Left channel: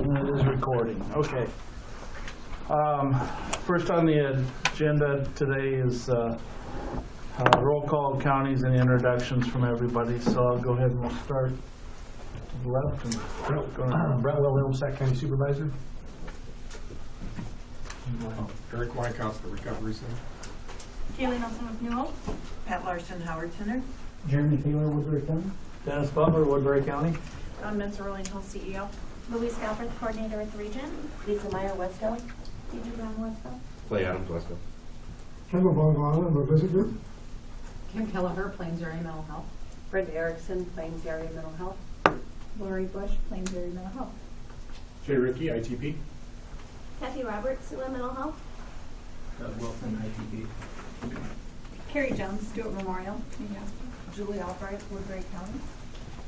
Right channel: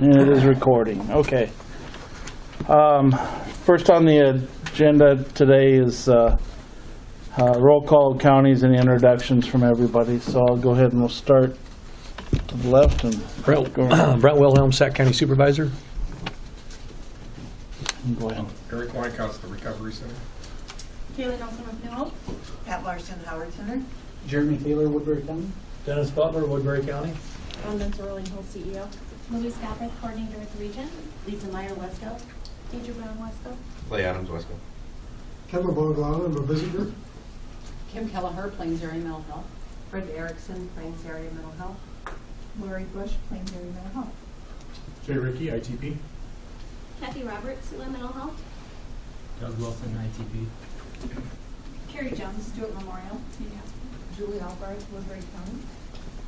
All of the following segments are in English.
And it is recording. Okay. First on the agenda today is roll call counties and introductions from everybody. So I'll go ahead and we'll start to the left. And Brent Wilhelm, Sac County Supervisor. go ahead. Eric Weinkaus, the Recovery Center. Kaylee Nelson of New Hope. Pat Larson, Howard Center. Jeremy Taylor, Woodbury County. Dennis Butler, Woodbury County. Don Mentor, Rolling Hill CEO. Louise Galbraith, Coordinator with the Region. Lisa Meyer, Westville. Deidre Brown, Westville. Clay Adams, Westville. Kevin Bongalana, I'm a visitor. Kim Kelleher, Plains Area Mental Health. Brenda Erickson, Plains Area Mental Health. Lori Bush, Plains Area Mental Health. Jay Ricky, ITP. Kathy Roberts, Siouxland Mental Health. Doug Wilson, ITP. Carrie Jones, Stewart Memorial. Julie Albright, Woodbury County.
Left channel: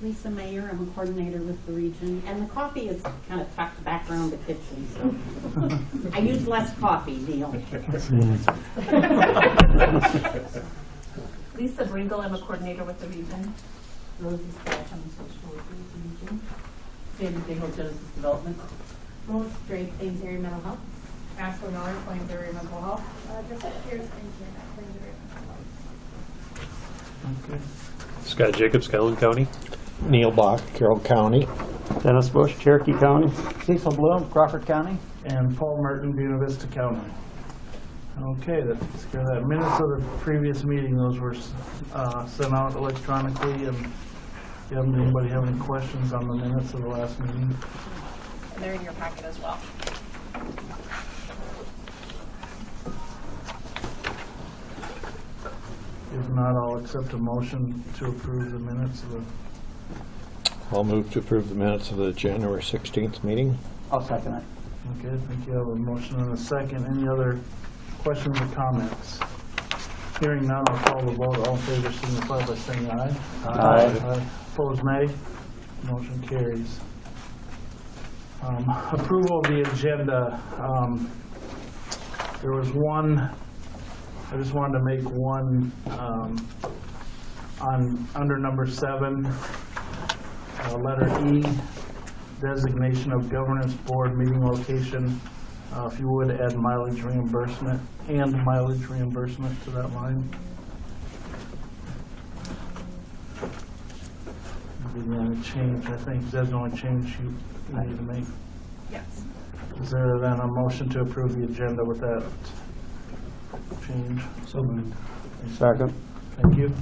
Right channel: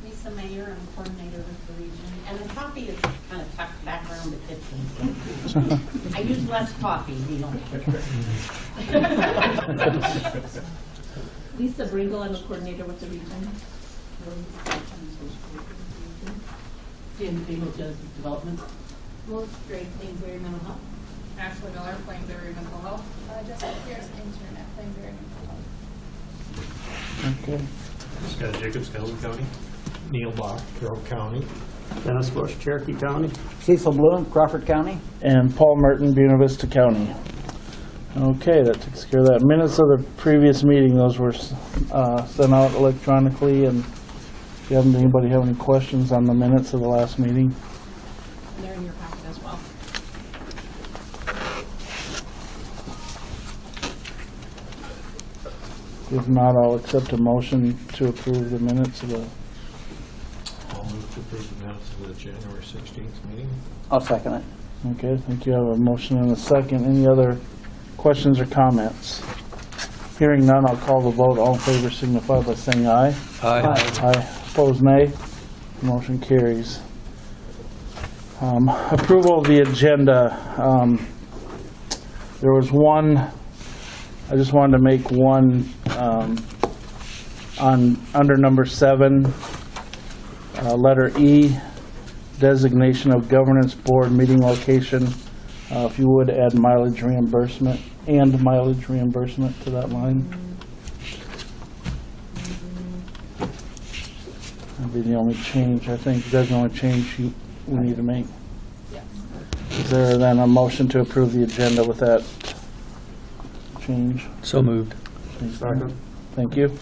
Lisa Mayer, I'm a coordinator with the region. And the coffee is kind of tucked back around the kitchen, so I use less coffee, Neil. Lisa Bringle, I'm a coordinator with the Region. Sandy Bingle, Genesis Development. Melissa Strait, Plains Area Mental Health. Ashley Miller, Plains Area Mental Health. Jessica Pierce, intern at Plains Area Mental Health. Okay. Scott Jacobs, Calhoun County. Neil Bach, Carroll County. Dennis Bush, Cherokee County. Cecil Bloom, Crawford County. And Paul Merton, Buena Vista County. Okay, that takes care of that. Minutes of the previous meeting, those were sent out electronically. And if you haven't, anybody have any questions on the minutes of the last meeting? And they're in your packet as well. If not, I'll accept a motion to approve the minutes of the. I'll move to approve the minutes of the January 16th meeting. I'll second it. Okay, I think you have a motion and a second. Any other questions or comments? Hearing none, I'll call the vote. All in favor signify by saying aye. Aye. Opposed, nay. Motion carries. Approval of the agenda. There was one, I just wanted to make one under number 7, letter E, designation of governance board meeting location. If you would add mileage reimbursement and mileage reimbursement to that line. That'd be the only change, I think. That's the only change we need to make. Yes. Is there then a motion to approve the agenda with that change? So moved. Second. Thank you.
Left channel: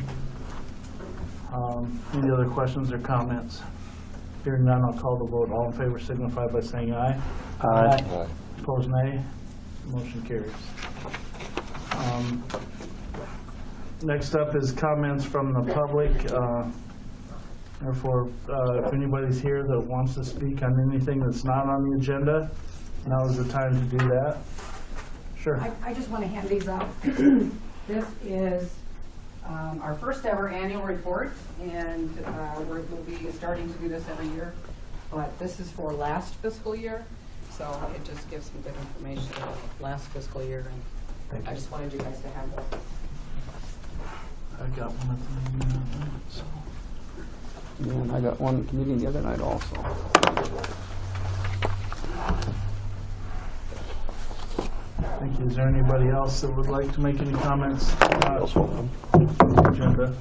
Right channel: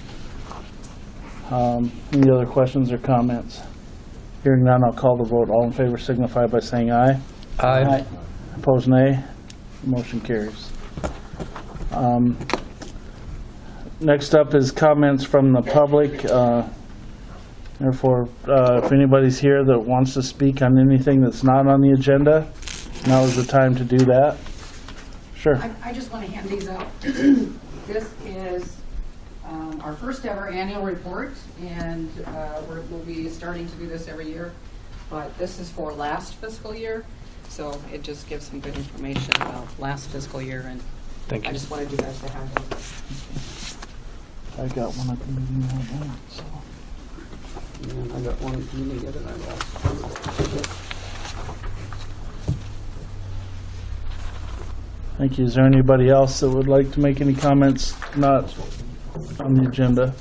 Any other questions or comments? Hearing none, I'll call the vote. All in favor signify by saying aye. Aye. Opposed, nay. Motion carries. Next up is comments from the public. Therefore, if anybody's here that wants to speak on anything that's not on the agenda, now is the time to do that. Sure. I just want to hand these out. This is our first ever annual report, and we'll be starting to do this every year. But this is for last fiscal year, so it just gives some good information about last fiscal year, and Thank I you. just wanted you guys to have it. I got one at the meeting right now, so. And I got one meeting the other night also. Thank you. Is there anybody else that would like to make any comments not on the agenda?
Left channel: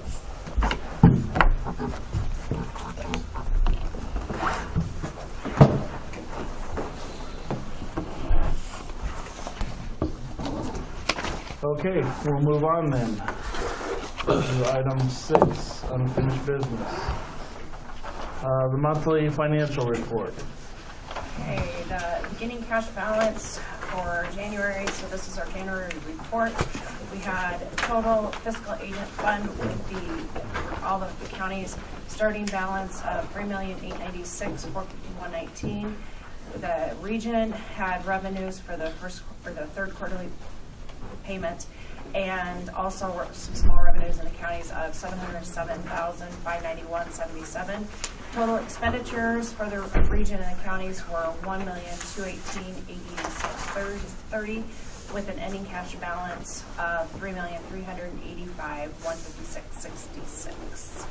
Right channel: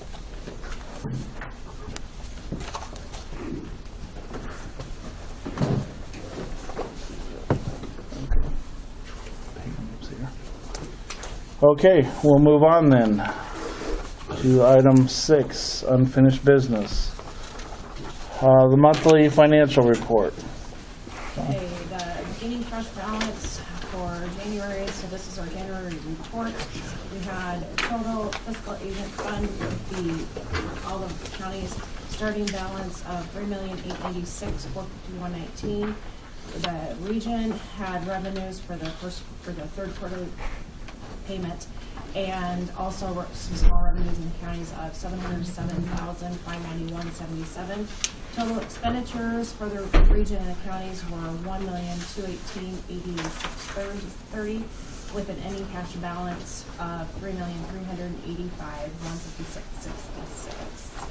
Okay, we'll move on then to item 6, unfinished business. The monthly financial report. Okay, the beginning cash balance for January, so this is our January report. We had total fiscal agent fund with all of the counties starting balance of $3,896,451.19. The region had revenues for the third quarterly payment, and also some small revenues in the counties of $707,591.77. Total expenditures for the region and the counties were $1,218,8630, with an ending cash balance of $3,385,156.66.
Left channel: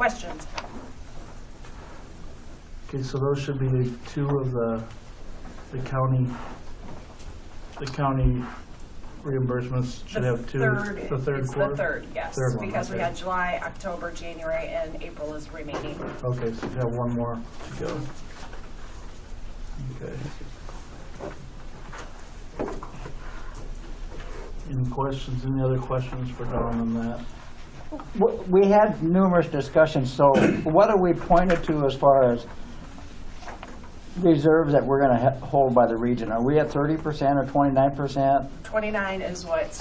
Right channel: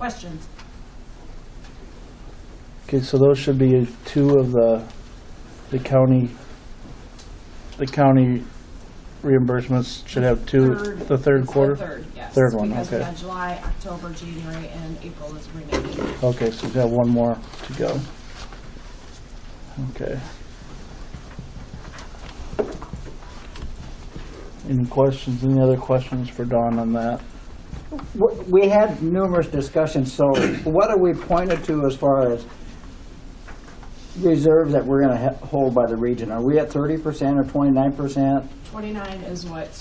questions? Okay, so those should be two of the county reimbursements should have two, the third It's quarter? the third, yes. Third one, Because we okay. had July, October, January, and April is remaining. Okay, so we've got one more to go. Okay. Any questions, any other questions for Don on that? We had numerous discussions, so what are we pointed to as far as reserves that we're gonna hold by the region? Are we at 30% or 29%? 29 is what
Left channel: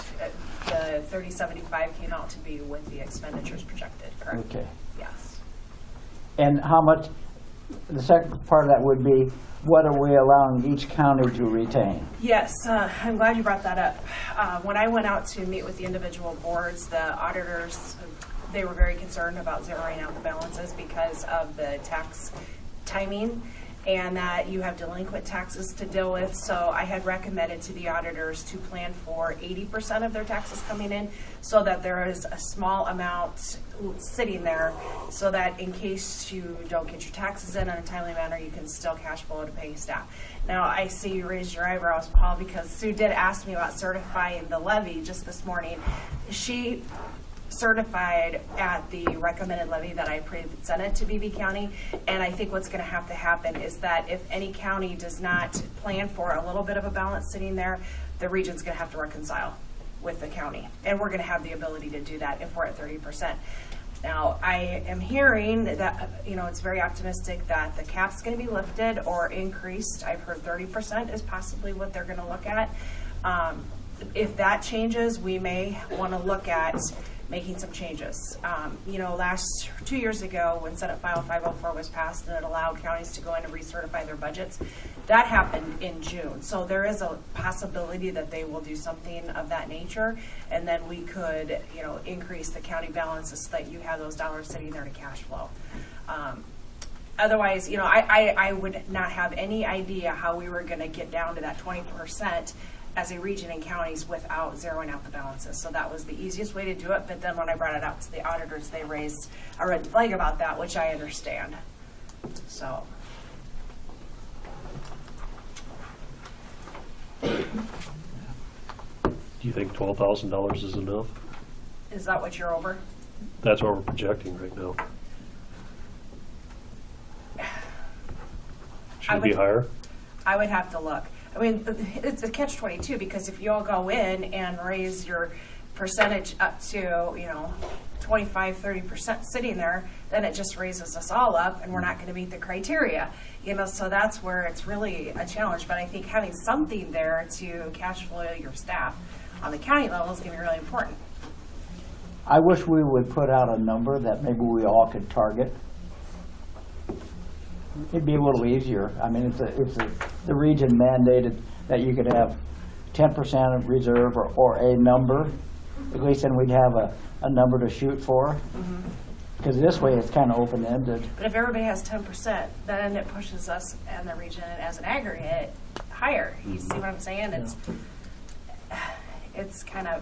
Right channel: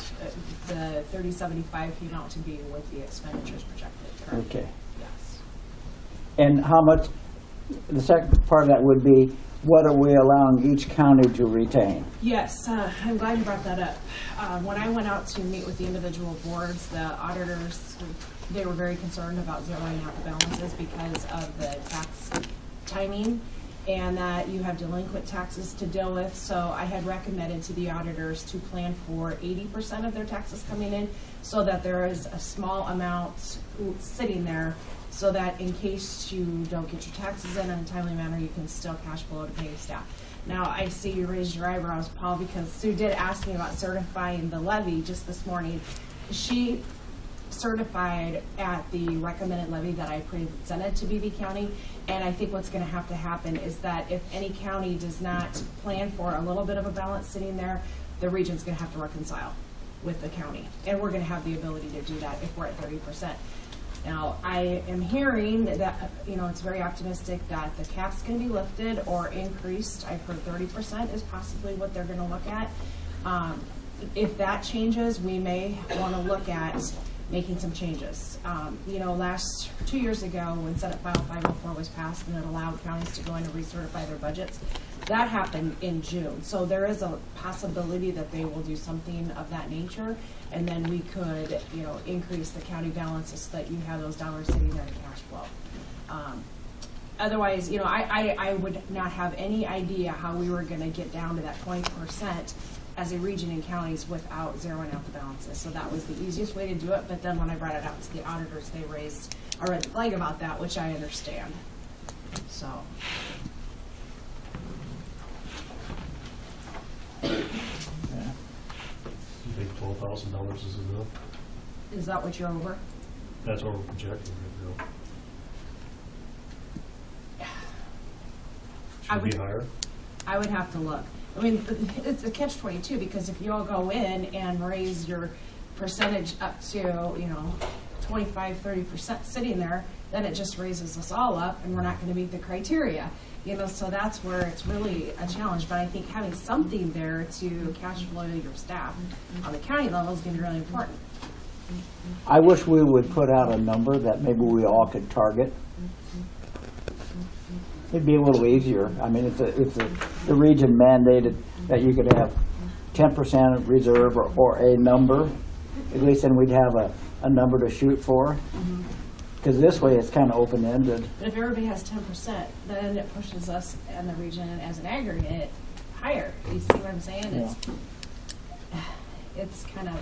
the 3075 came out to be with the expenditures projected, correct? Okay. Yes. And how much, the second part of that would be, what are we allowing each county to retain? Yes, I'm glad you brought that up. When I went out to meet with the individual boards, the auditors, they were very concerned about zeroing out the balances because of the tax timing and that you have delinquent taxes to deal with. So I had recommended to the auditors to plan for 80% of their taxes coming in so that there is a small amount sitting there so that in case you don't get your taxes in a timely manner, you can still cash flow to pay staff. Now, I see you raised your eyebrows, Paul, because Sue did ask me about certifying the levy just this morning. She certified at the recommended levy that I presented to BB County, and I think what's going to happen is that if any county does not plan for a little bit of a balance sitting there, the region's going to have to reconcile with the county, and we're going to have the ability to do that if we're at 30%. Now, I am hearing that, it's very optimistic that the cap's going to be lifted or increased. I've heard 30% is possibly what they're going to look at. If that changes, we may want to look at making some changes. 2 years ago, when Senate File 504 was passed and it allowed counties to go in and recertify their budgets, that happened in June. So there is a possibility that they will do something of that nature, and then we could, increase the county balances so that you have those dollars sitting there to cash flow. Otherwise, I would not have any idea how we were going to get down to that 20% as a region in counties without zeroing out the balances. So that was the easiest way to do it. But then when I brought it out to the auditors, they raised a red flag about that, which I understand. So. Do you think $12,000 is enough? Is that what you're over? That's what we're projecting right now. Should it be higher? I would have to look. I mean, it's a catch-22 because if you all go in and raise your percentage up to, 25, 30% sitting there, then it just raises us all up and we're not going to meet the criteria. So that's where it's really a challenge. But I think having something there to cash flow your staff on the county level is going to be really important. I wish we would put out a number that maybe we all could target. It'd be a little easier. I mean, if the region mandated that you could have 10% of reserve or a number, at least then we'd have a number to shoot for. Because this way it's kind of open-ended. But if everybody has 10%, then it pushes us and the region as an aggregate higher. You see what I'm saying? It's kind of,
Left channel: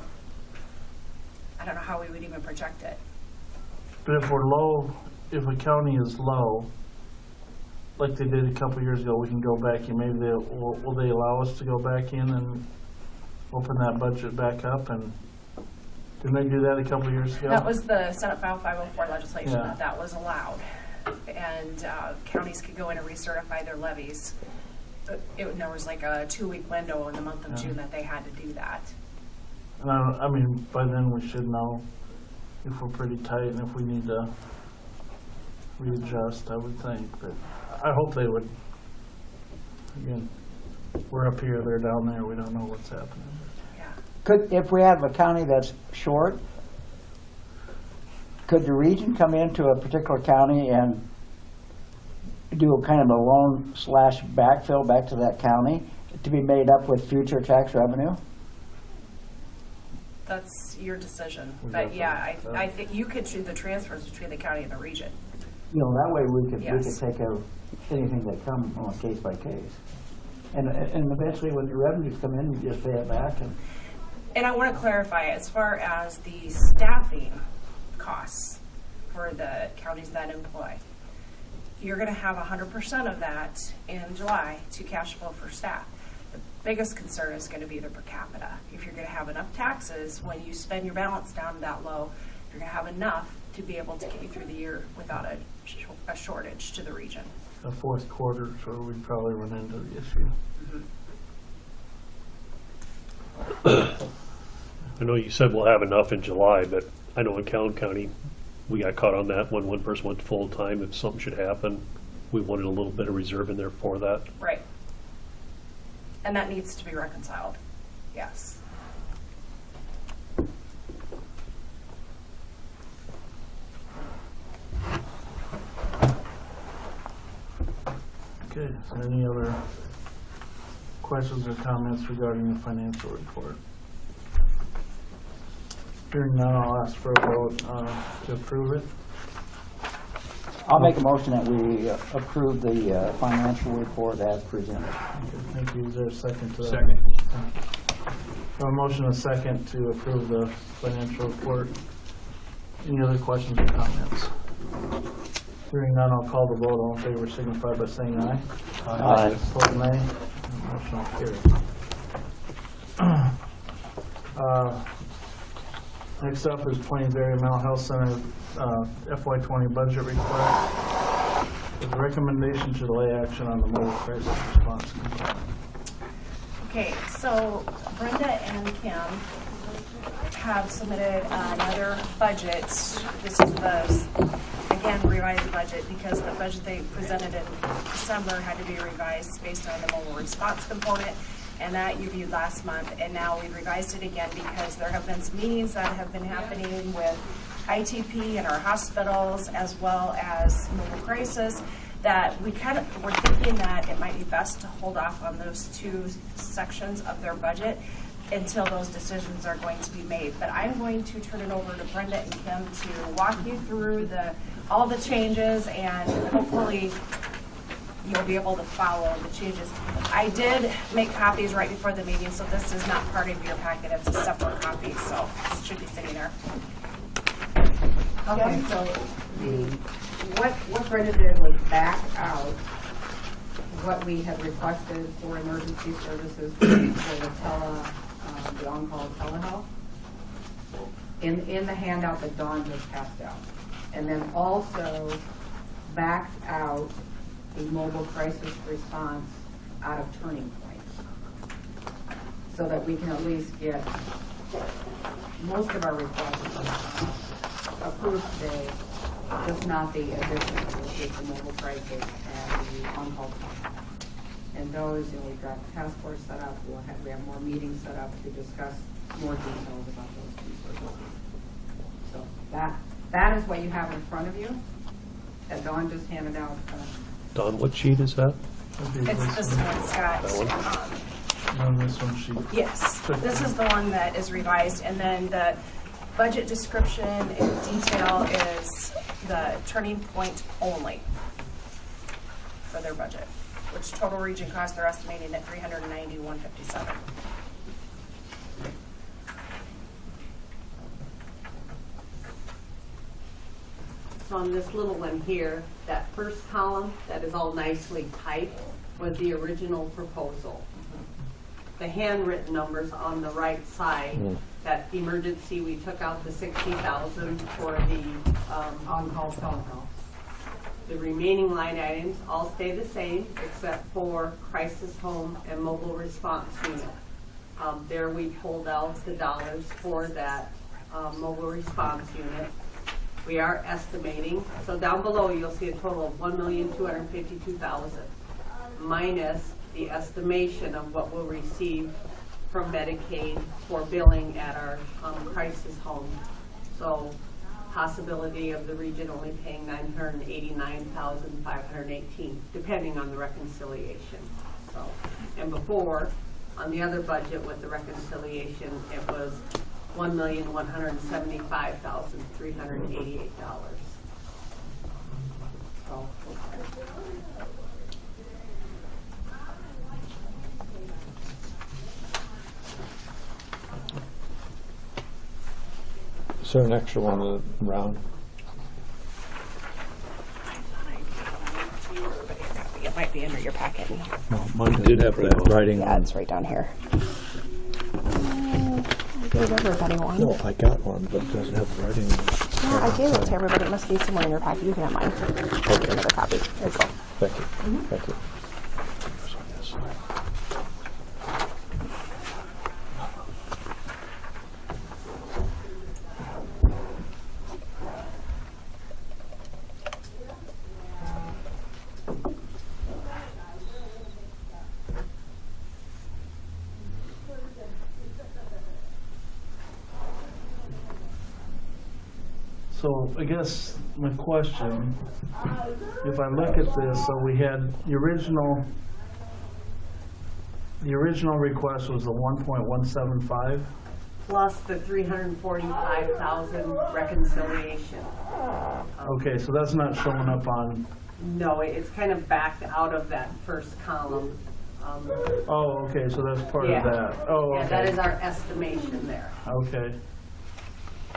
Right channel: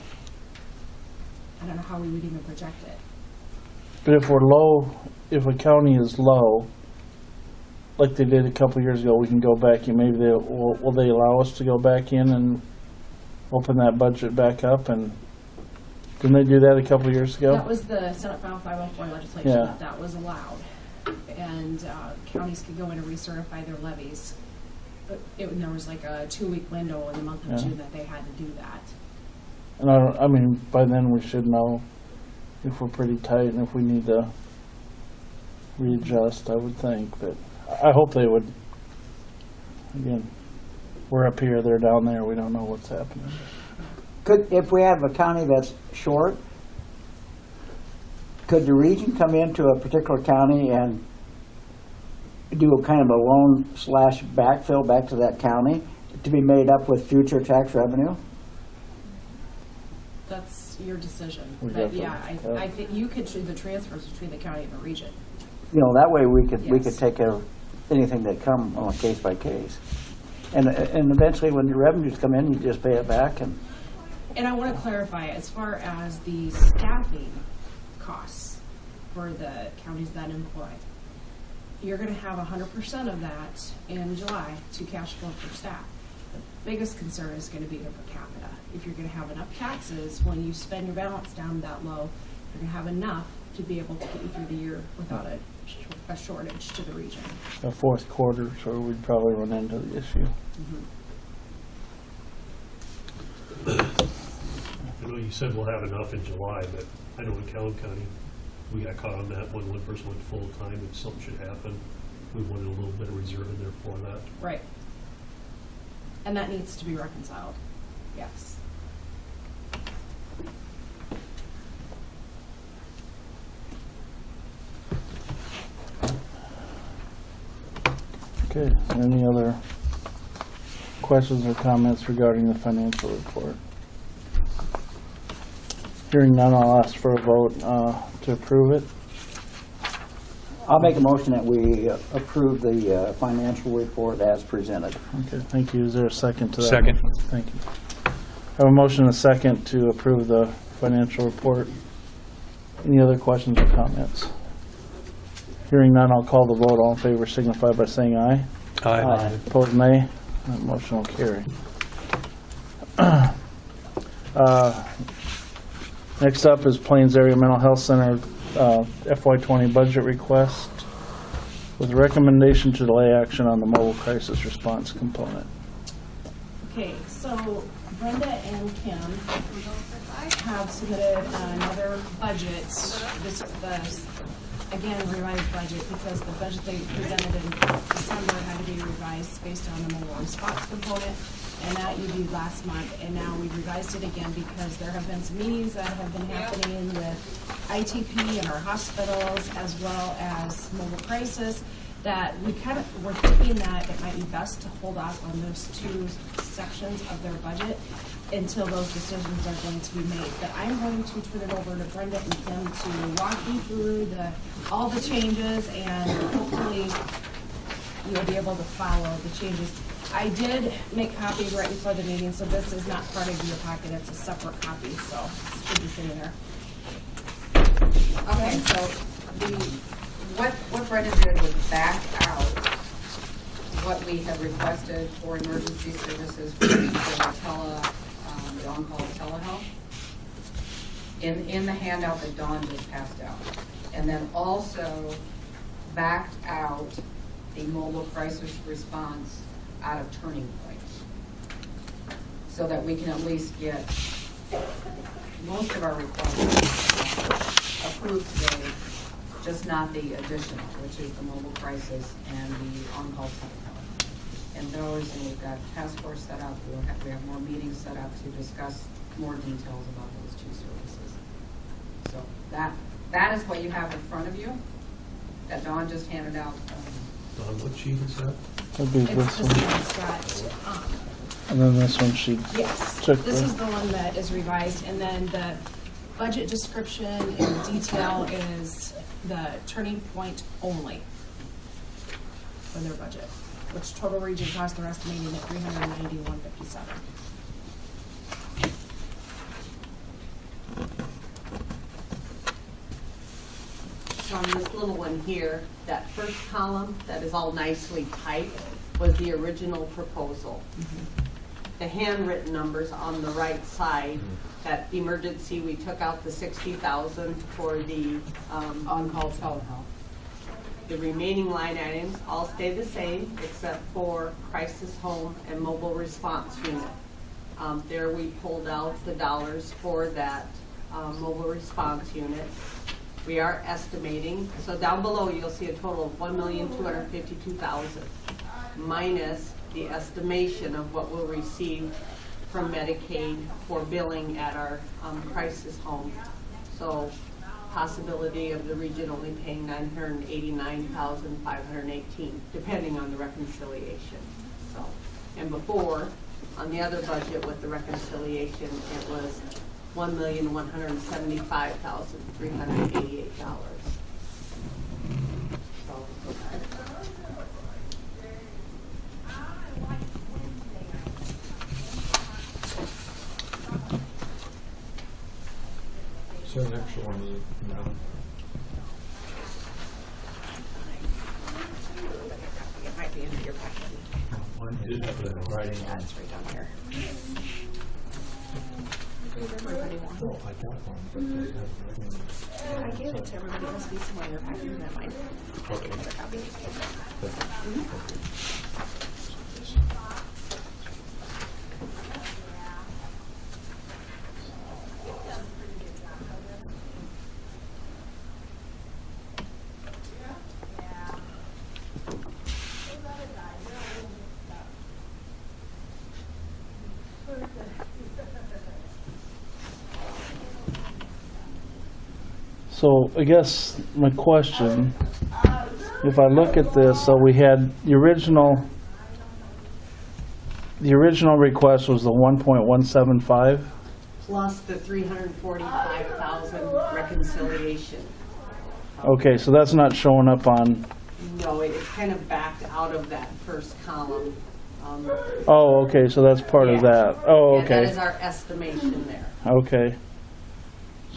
I don't know how we would even project it. But if we're low, if a county is low, like they did a couple years ago, we can go back and maybe will they allow us to go back in and open that budget back up? And didn't they do that a couple years ago? That was the Senate File 504 legislation Yeah. that was allowed. And counties could go in and recertify their levies. There was like a 2-week window in the month of Yeah. June that they had to do that. And I mean, by then we should know if we're pretty tight and if we need to readjust, I would think. But I hope they would. Again, we're up here, they're down there, we don't know what's happening. If we have a county that's short, could the region come into a particular county and do a kind of a loan/backfill back to that county to be made up with future tax revenue? That's your decision. We But have to- yeah, I think you could do the transfers between the county and the region. That way we could Yes. take care of anything that come on a case by case. And eventually when your revenues come in, you just pay it back and. And I want to clarify, as far as the staffing costs, for the counties that employ. You're gonna have 100% of that in July to cash flow for staff. The biggest concern is gonna be the per capita. If you're gonna have enough taxes, when you spend your balance down that low, you're gonna have enough to be able to get you through the year without a shortage to the region. The fourth quarter, so we'd probably run into the issue. I know you said we'll have enough in July, but I know in Calhoun County, we got caught on that when one person went full-time. If something should happen, we wanted a little bit of reserve in there for that. Right. And that needs to be reconciled, yes. Okay, is there any other questions or comments regarding the financial report? Hearing none, I'll ask for a vote to approve it. I'll make a motion that we approve the financial report as presented. Okay, thank you. Is there a second to that? Second. Thank you. I have a motion and a second to approve the financial report. Any other questions or comments? Hearing none, I'll call the vote. All in favor signify by saying aye. Aye. Opposed, nay. That motion will carry. Next up is Plains Area Mental Health Center FY20 budget request with recommendation to delay action on the mobile crisis response component. Okay, so Brenda and Kim have submitted another budget. This is the, again, revised budget because the budget they presented in December had to be revised based on the mobile response component, and that you viewed last month. And now we've revised it again because there have been some meetings that have been happening with ITP in our hospitals as well as mobile crisis, that we kind of were thinking that it might be best to hold off on those two sections of their budget until those decisions are going to be made. But I'm going to turn it over to Brenda and Kim to walk you through all the changes, and hopefully you'll be able to follow the changes. I did make copies right before the meeting, so this is not part of your packet. It's a separate copy, so it should be sitting there. Okay, so what Brenda did was back out what we had requested for emergency services for the on-call telehealth in the handout that Dawn just passed out. And then also backed out the mobile crisis response out of Turning Point, so that we can at least get most of our requests approved today, just not the addition, which is the mobile crisis and the on-call telehealth. And those, and we've got task force set up, we have more meetings set up to discuss more details about those two services. So that is what you have in front of you, that Dawn just handed out. Don, what sheet is that? That'd be It's this the one. same, Scott. And then this one she Yes, took. this is the one that is revised, and then the budget description and detail is the Turning Point only for their budget, which total region cost they're estimating at $391,57. So on this little one here, that first column that is all nicely typed was the original proposal. The handwritten numbers on the right side, that emergency, we took out the 60,000 for the, On-call telehealth. the remaining line items all stay the same except for crisis home and mobile response unit. There we pulled out the dollars for that mobile response unit. We are estimating, so down below you'll see a total of $1,252,000 minus the estimation of what we'll receive from Medicaid for billing at our crisis home. So possibility of the region only paying $989,518, depending on the reconciliation. So, and before, on the other budget with the reconciliation, it was $1,175,388. So, Is there an extra one round? It might be under your packet. Mine did have that writing Yeah, on. it's right down here. Give everybody one. No, I got one, but it doesn't have writing on it. Yeah, I gave it to everybody. It must be somewhere in your packet. You can have mine. Okay. Another copy. There you go. Thank you. Thank you. So I guess my question, if I look at this, so we had the original request was the 1.175. Plus the 345,000 reconciliation. Okay, so that's not showing up on, No, it's kind of backed out of that first column. oh, okay, so that's part Yeah. of that. Oh, Yeah, that okay, is our estimation there. okay.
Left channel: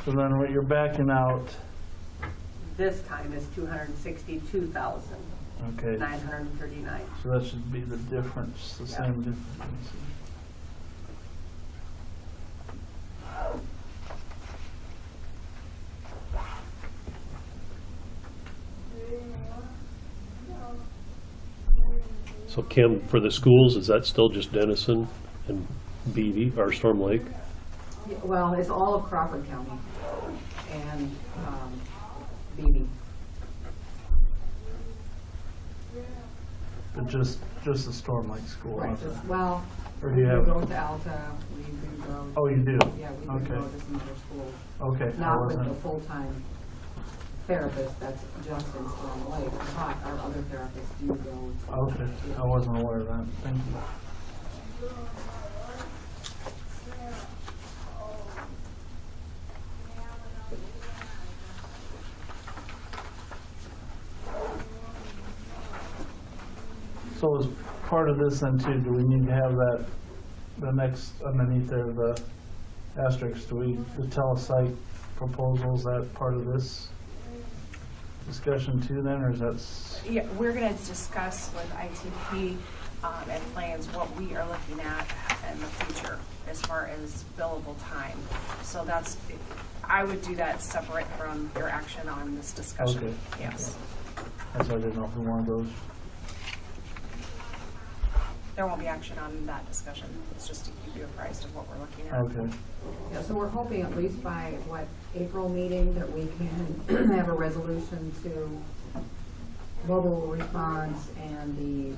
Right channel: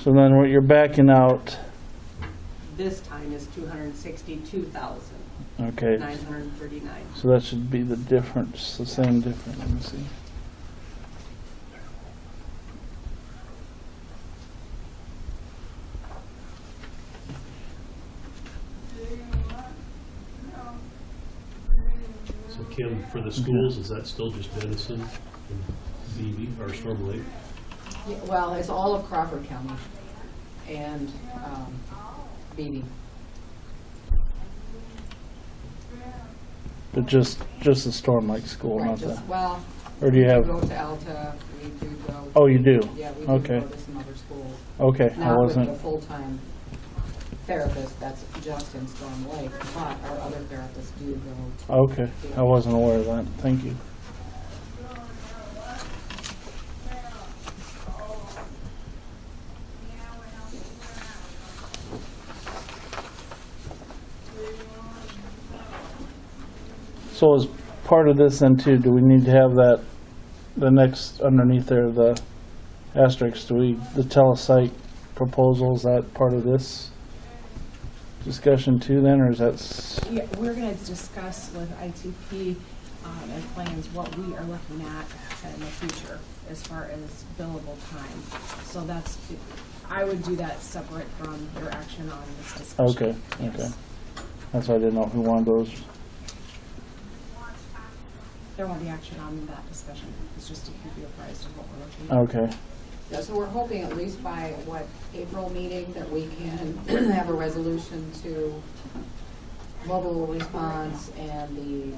So then what you're backing out, This time is 262,939. okay, so that should be the difference, the same difference, let me see. So Kim, for the schools, is that still just Denison and Beatty, or Storm Lake? Yeah, well, it's all of Crawford County and Beatty. But just the Storm Lake School, Right, not the, just, well, or do you we have, go to Alta, we do go. oh, you do? Yeah, we do Okay, go to some other schools. okay, I Not with wasn't, the full-time therapist, that's just in Storm Lake, but our other therapists do go to. okay, I wasn't aware of that, thank you. So as part of this then too, do we need to have that, the next underneath there, the asterisk, the telesite proposal, is that part of this discussion too then, or is that? Yeah, we're gonna discuss with ITP and plans what we are looking at in the future as far as billable time. So that's, I would do that separate from your action on this discussion. Okay, Yes. okay. That's why I didn't know if we wanted those. There won't be action on that discussion. It's just to keep you apprised of what we're looking at. Okay, Yeah, so we're hoping at least by, April meeting, that we can have a resolution to mobile response and the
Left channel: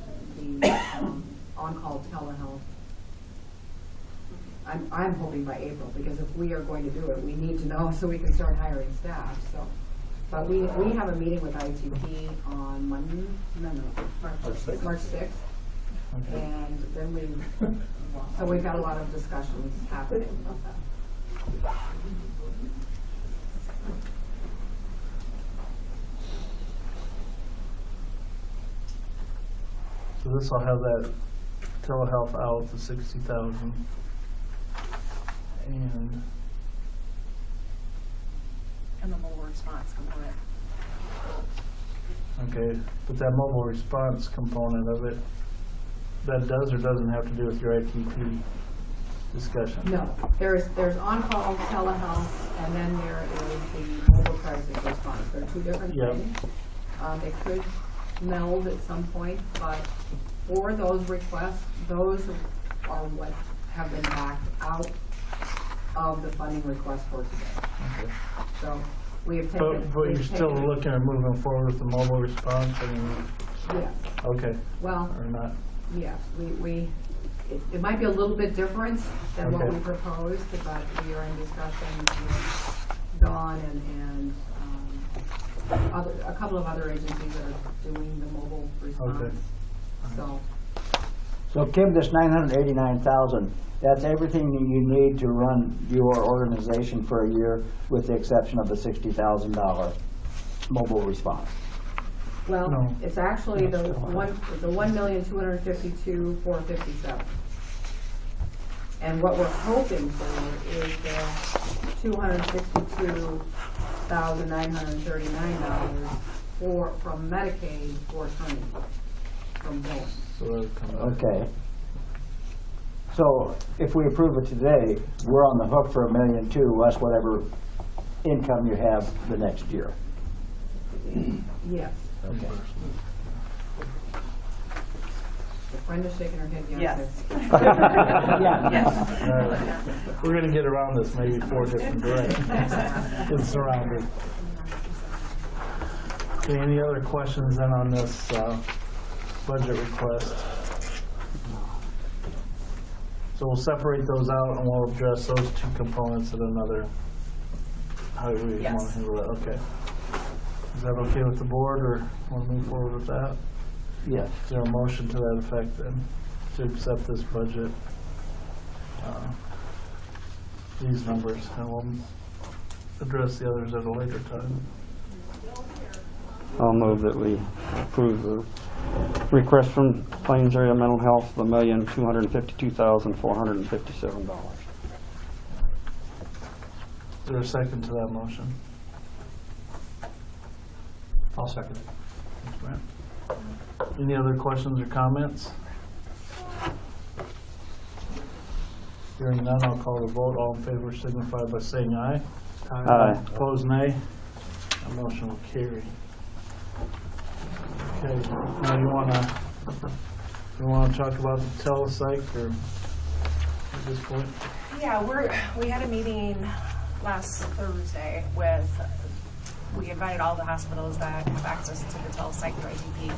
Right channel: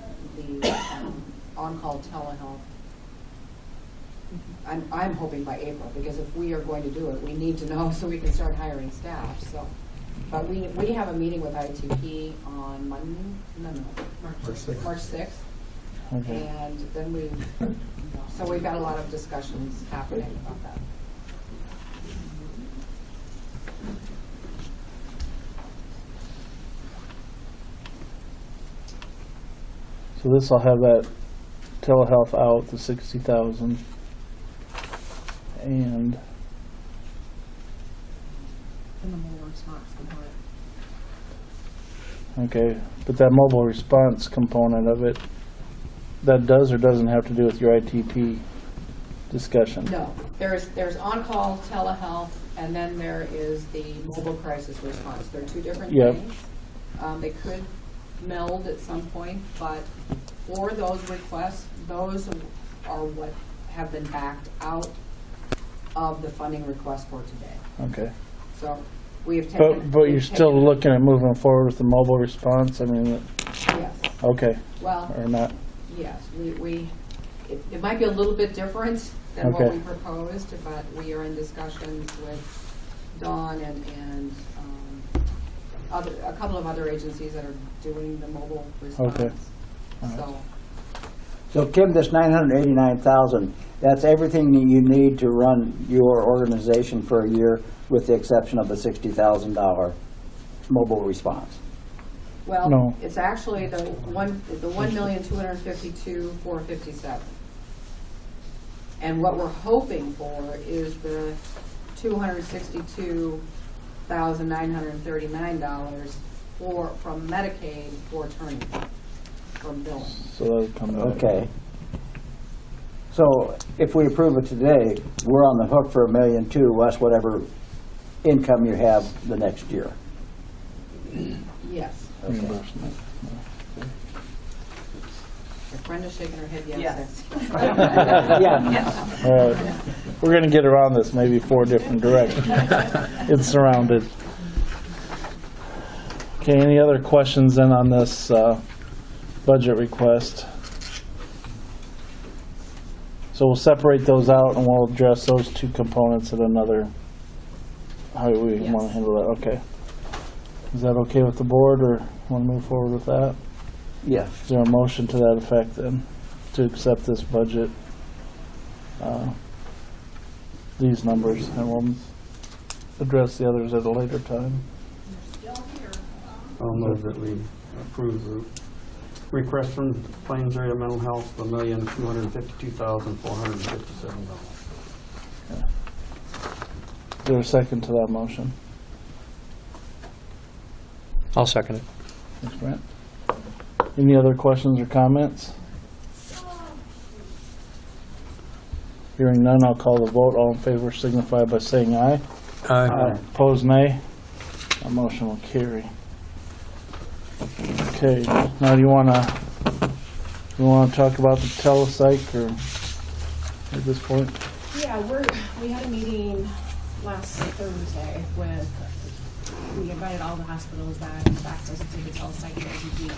on-call telehealth. I'm hoping by April, because if we are going to do it, we need to know so we can start hiring staff, so. But we have a meeting with ITP on Monday, March 6th. okay. And then so we've got a lot of discussions happening about that. So this will have that telehealth out, the 60,000. And, And the mobile response component. okay, but that mobile response component of it, that does or doesn't have to do with your ITP discussion? No, there's on-call telehealth, and then there is the mobile crisis response. They're two different Yep. things. They could meld at some point, but for those requests, those are what have been backed out of the funding request for today. Okay. So we have taken. But you're we've still taken- looking at moving forward with the mobile response, I mean, Yes, okay, well, or not? yes, it might be a little bit different than what Okay. we proposed, but we are in discussions with Dawn and a couple of other agencies that are doing the mobile response. Okay. All right. So, So Kim, this 989,000, that's everything that you need to run your organization for a year, with the exception of the $60,000 mobile response. well, No. it's actually the 1,252,457. And what we're hoping for is the $262,939 from Medicaid for attorney, from billing. So that'll come back. Okay. So if we approve it today, we're on the hook for $1.2 million less whatever income you have the next year. Yes. Reimbursement. If Brenda's shaking her head, yes. Yes. Yes. All right. We're gonna get around this maybe 4 different directions. It's surrounded. Okay, any other questions then on this budget request? So we'll separate those out and we'll address those 2 components at another, how we want to Yes. handle that, okay. Is that okay with the board, or want to move forward with that? Yes. Is there a motion to that effect then, to accept this budget? These numbers, and we'll address the others at a later time. I'll move that we approve the request from Plains Area Mental Health, $1,252,457. Is there a second to that motion? I'll second it. Thanks, Brent. Any other questions or comments? Hearing none, I'll call the vote. All in favor signify by saying aye. Aye. Opposed, nay. That motion will carry. Okay, now you wanna talk about the telepsych, or at this point? Yeah, we had a meeting last Thursday with, we invited all the hospitals that have access to the telepsych ITP,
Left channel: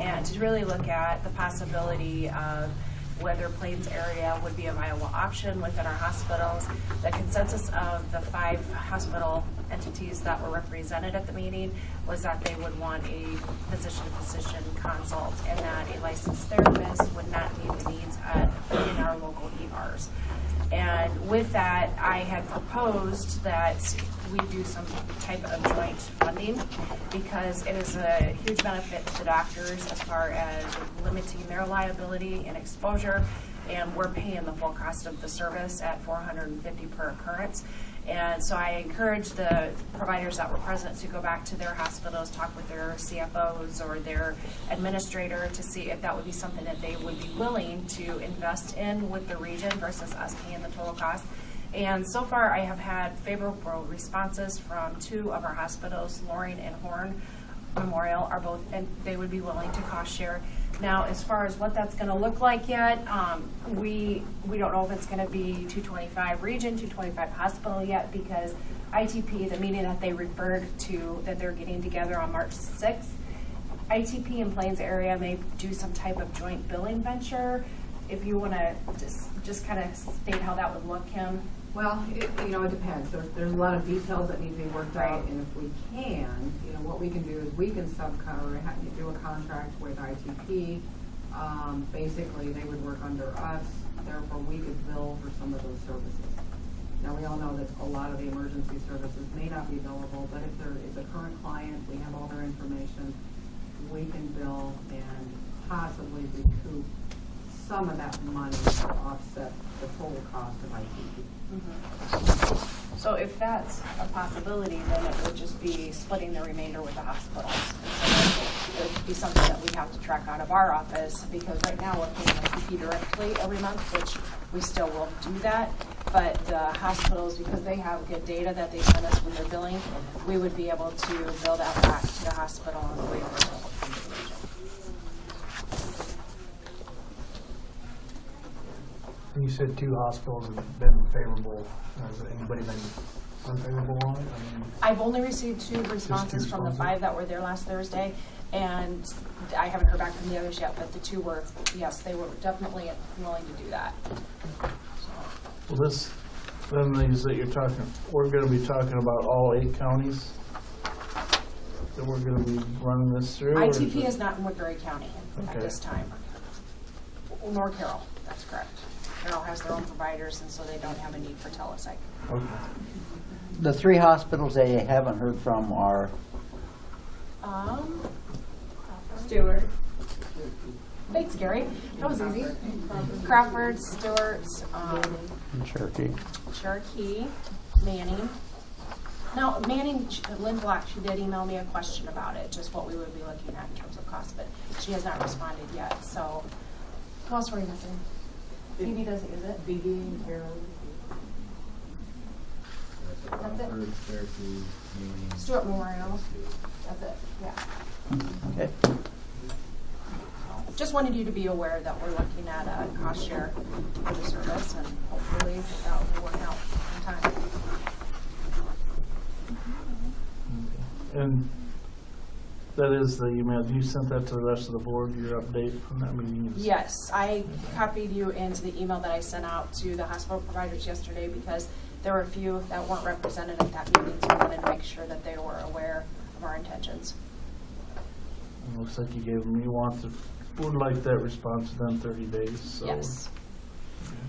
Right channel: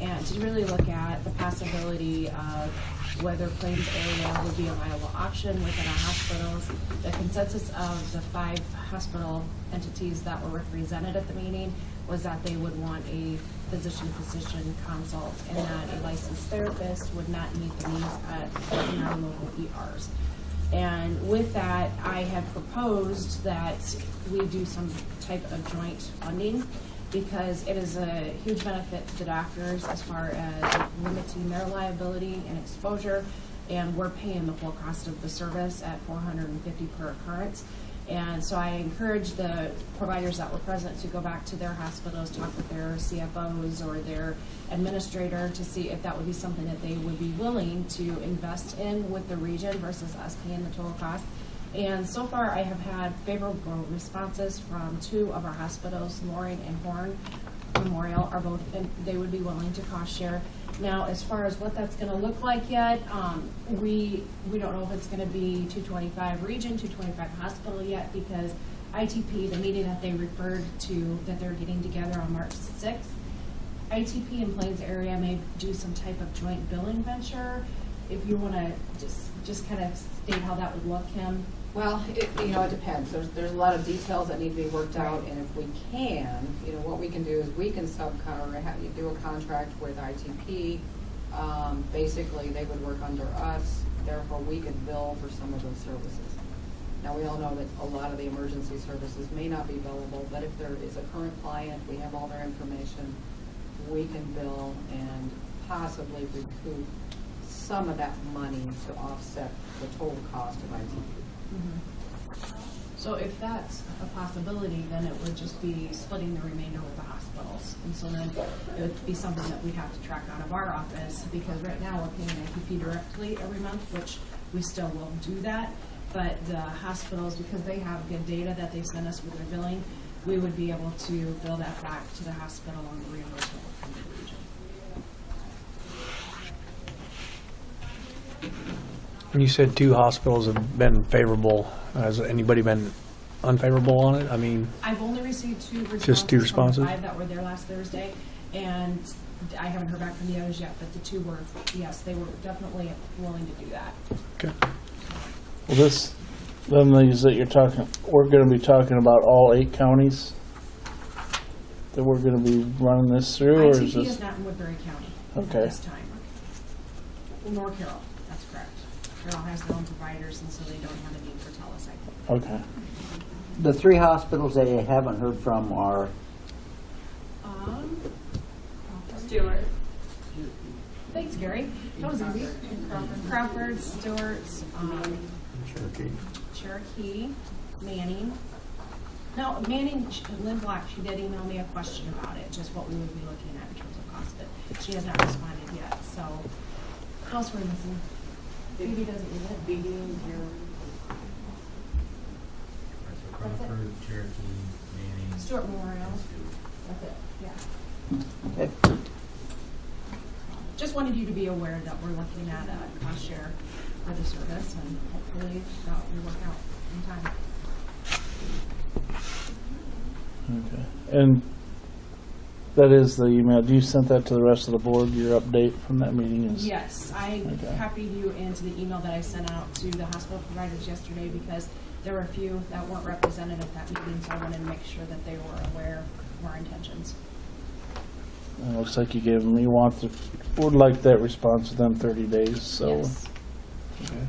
and to really look at the possibility of whether Plains area would be a viable option within our hospitals. The consensus of the 5 hospital entities that were represented at the meeting was that they would want a physician-physician consult, and that a licensed therapist would not meet the needs in our local ERs. And with that, I had proposed that we do some type of joint funding, because it is a huge benefit to the doctors as far as limiting their liability and exposure, and we're paying the full cost of the service at $450 per occurrence. And so I encourage the providers that were present to go back to their hospitals, talk with their CFOs or their administrator to see if that would be something that they would be willing to invest in with the region versus us paying the total cost. And so far, I have had favorable responses from 2 of our hospitals, Loring and Horn Memorial are both, and they would be willing to cost share. Now, as far as what that's gonna look like yet, we don't know if it's gonna be 225 region, 225 hospital yet, because ITP, the meeting that they referred to, that they're getting together on March 6th, ITP and Plains area may do some type of joint billing venture. If you wanna just kind of state how that would look, Kim. Well, it depends. There's a lot of details that need to be worked out, and if we can, what we can do is we can subcover, do a contract with ITP. Basically, they would work under us, therefore we could bill for some of those services. Now, we all know that a lot of the emergency services may not be billable, but if there is a current client, we have all their information, we can bill and possibly recoup some of that money to offset the total cost of ITP. So if that's a possibility, then it would just be splitting the remainder with the hospitals. And so it would be something that we have to track out of our office, because right now we're paying ITP directly every month, which we still will do that. But the hospitals, because they have good data that they send us with their billing, we would be able to bill that back to the hospital on the reimbursement from the region. You said 2 hospitals have been favorable. Has anybody been unfavorable on it? I mean, I've only received 2 responses, Just 2 from responses? the 5 that were there last Thursday, and I haven't heard back from the others yet, but the 2 were, yes, they were definitely willing to do that. okay. Well, these that you're talking, we're gonna be talking about all 8 counties that we're gonna be running this through, or is ITP this? is not in Woodbury County at Okay. this time. Nor Carroll, that's correct. Carroll has their own providers, and so they don't have a need for telepsych. Okay. The 3 hospitals they haven't heard from are, Stewart. Thanks, Gary. That was easy. Crawford, Stewart, Cherokee. Cherokee, Manning, Now, Manning, Lynn Black, she did email me a question about it, just what we would be looking at in terms of cost, but she has not responded yet, so. Who else were we missing? Phoebe does it, is it? Phoebe and Carolyn. That's it? Stuart Memorial. That's it, yeah. Okay. Just wanted you to be aware that we're looking at a cost share for the service, and hopefully that will work out in time. Okay. And that is the email. Do you send that to the rest of the board? Your update from that meeting is? Yes, I Okay. copied you into the email that I sent out to the hospital providers yesterday because there were a few that weren't represented at that meeting, so I wanted to make sure that they were aware of our intentions. It looks like you gave them, would like that response within 30 days, so. Yes. Okay.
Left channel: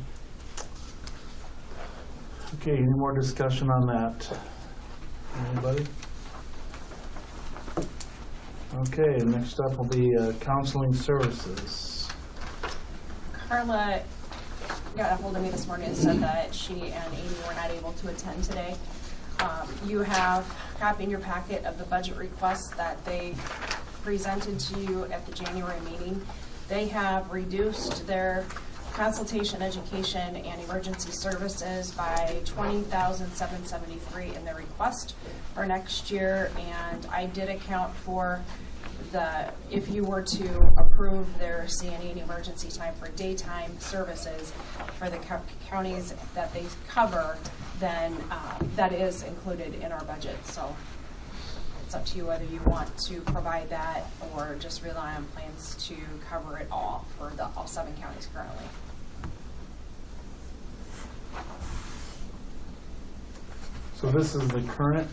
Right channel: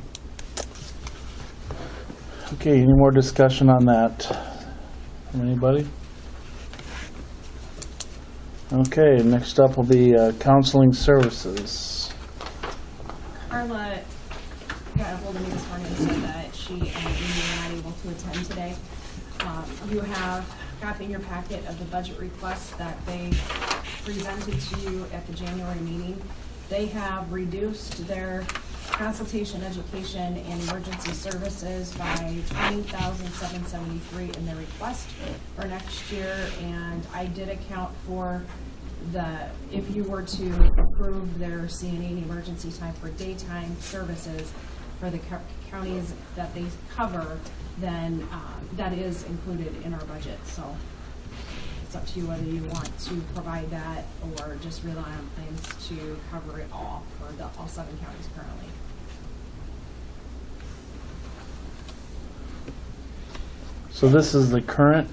Okay, any more discussion on that? Anybody? Okay, next up will be counseling services. Carla got a hold of me this morning and said that she and Amy were not able to attend today. You have a copy in your packet of the budget requests that they presented to you at the January meeting. They have reduced their consultation, education, and emergency services by $20,773 in their request for next year. And I did account for if you were to approve their CNA and emergency time for daytime services for the counties that they cover, then that is included in our budget. So it's up to you whether you want to provide that or just rely on plans to cover it all for all 7 counties currently. So this is the current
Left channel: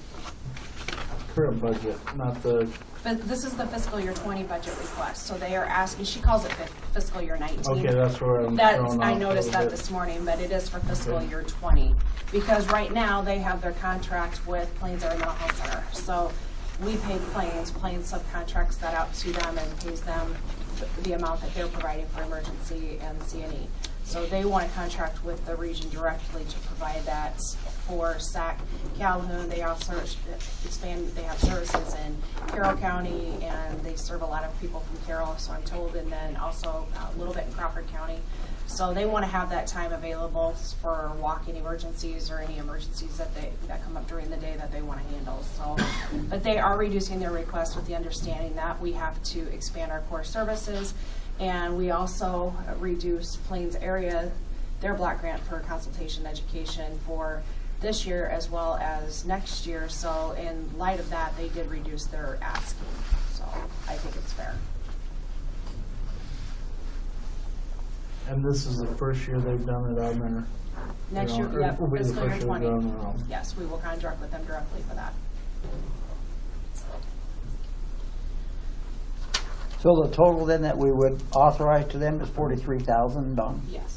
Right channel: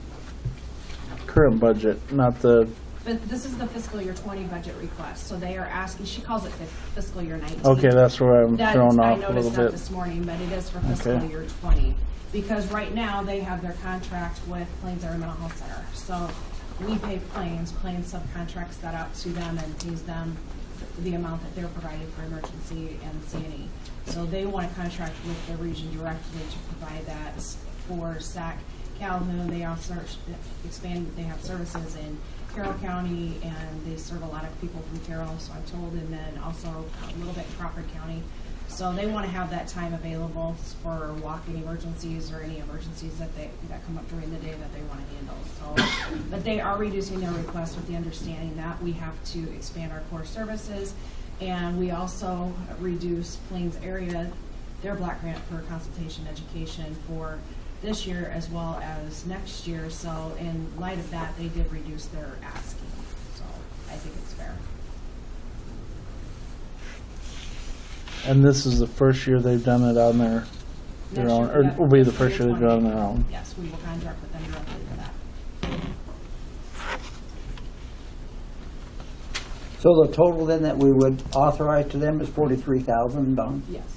budget, not the, But this is the fiscal year 20 budget request. So they are asking, she calls it fiscal year 19. okay, that's where I'm thrown off I a noticed little that bit. this morning, but it is for fiscal Okay. year 20. Because right now, they have their contract with Plains Area Mental Health Center. So we pay Plains subcontracts that out to them and pays them the amount that they're providing for emergency and CNE. So they want to contract with the region directly to provide that for SAC Calhoun. They also expand, they have services in Carroll County, and they serve a lot of people from Carroll, so I'm told, and then also a little bit in Crawford County. So they want to have that time available for walk-in emergencies or any emergencies that come up during the day that they want to handle. So, but they are reducing their request with the understanding that we have to expand our core services, and we also reduce Plains Area, their block grant for consultation education for this year as well as next year. So in light of that, they did reduce their asking. So I think it's fair. And this is the first year they've done it on their Next own, year, or yep, will be the fiscal first year year they've done 20. on their own? Yes, we will contract with them directly for that. So the total then that we would authorize to them is 43,000, Don? Yes.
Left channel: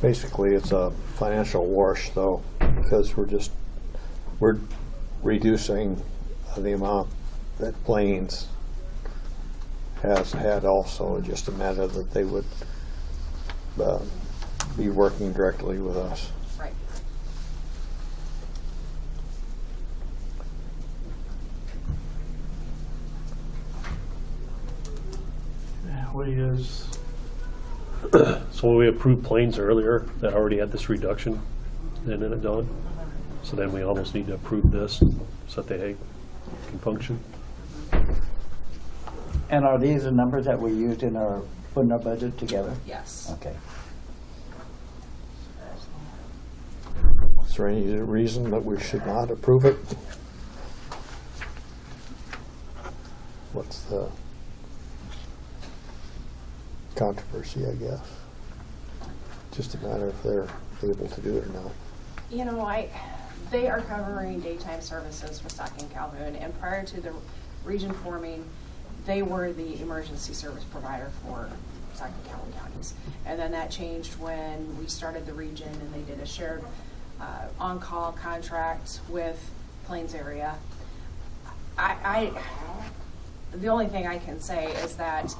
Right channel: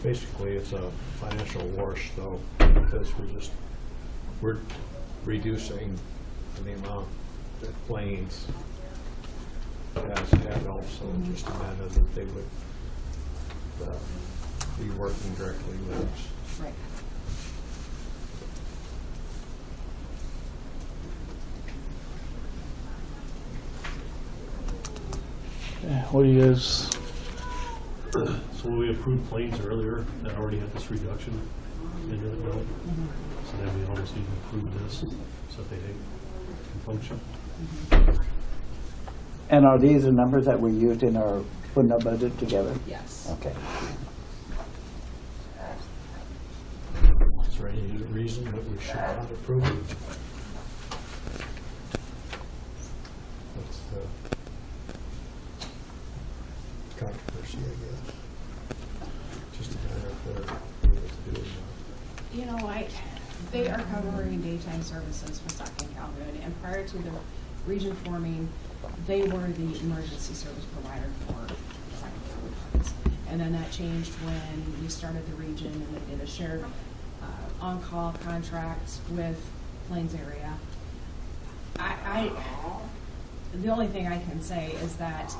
Basically, it's a financial wash though, because we're reducing the amount that Plains has had also, just a matter that they would be working directly with us. Right. Yeah, what do you guys, So when we approved Plains earlier, that already had this reduction, and then it done. So then we almost need to approve this so that they can function. And are these the numbers that we used in our, putting our budget together? Yes. Okay. Is there any reason that we should not approve it? What's the controversy, I guess? Just a matter if they're able to do it now. You know, they are covering daytime services for SAC and Calhoun, and prior to the region forming, they were the emergency service provider for SAC and Calhoun counties. And then that changed when we started the region, and they did a shared on-call contract with Plains Area. the only thing I can say is that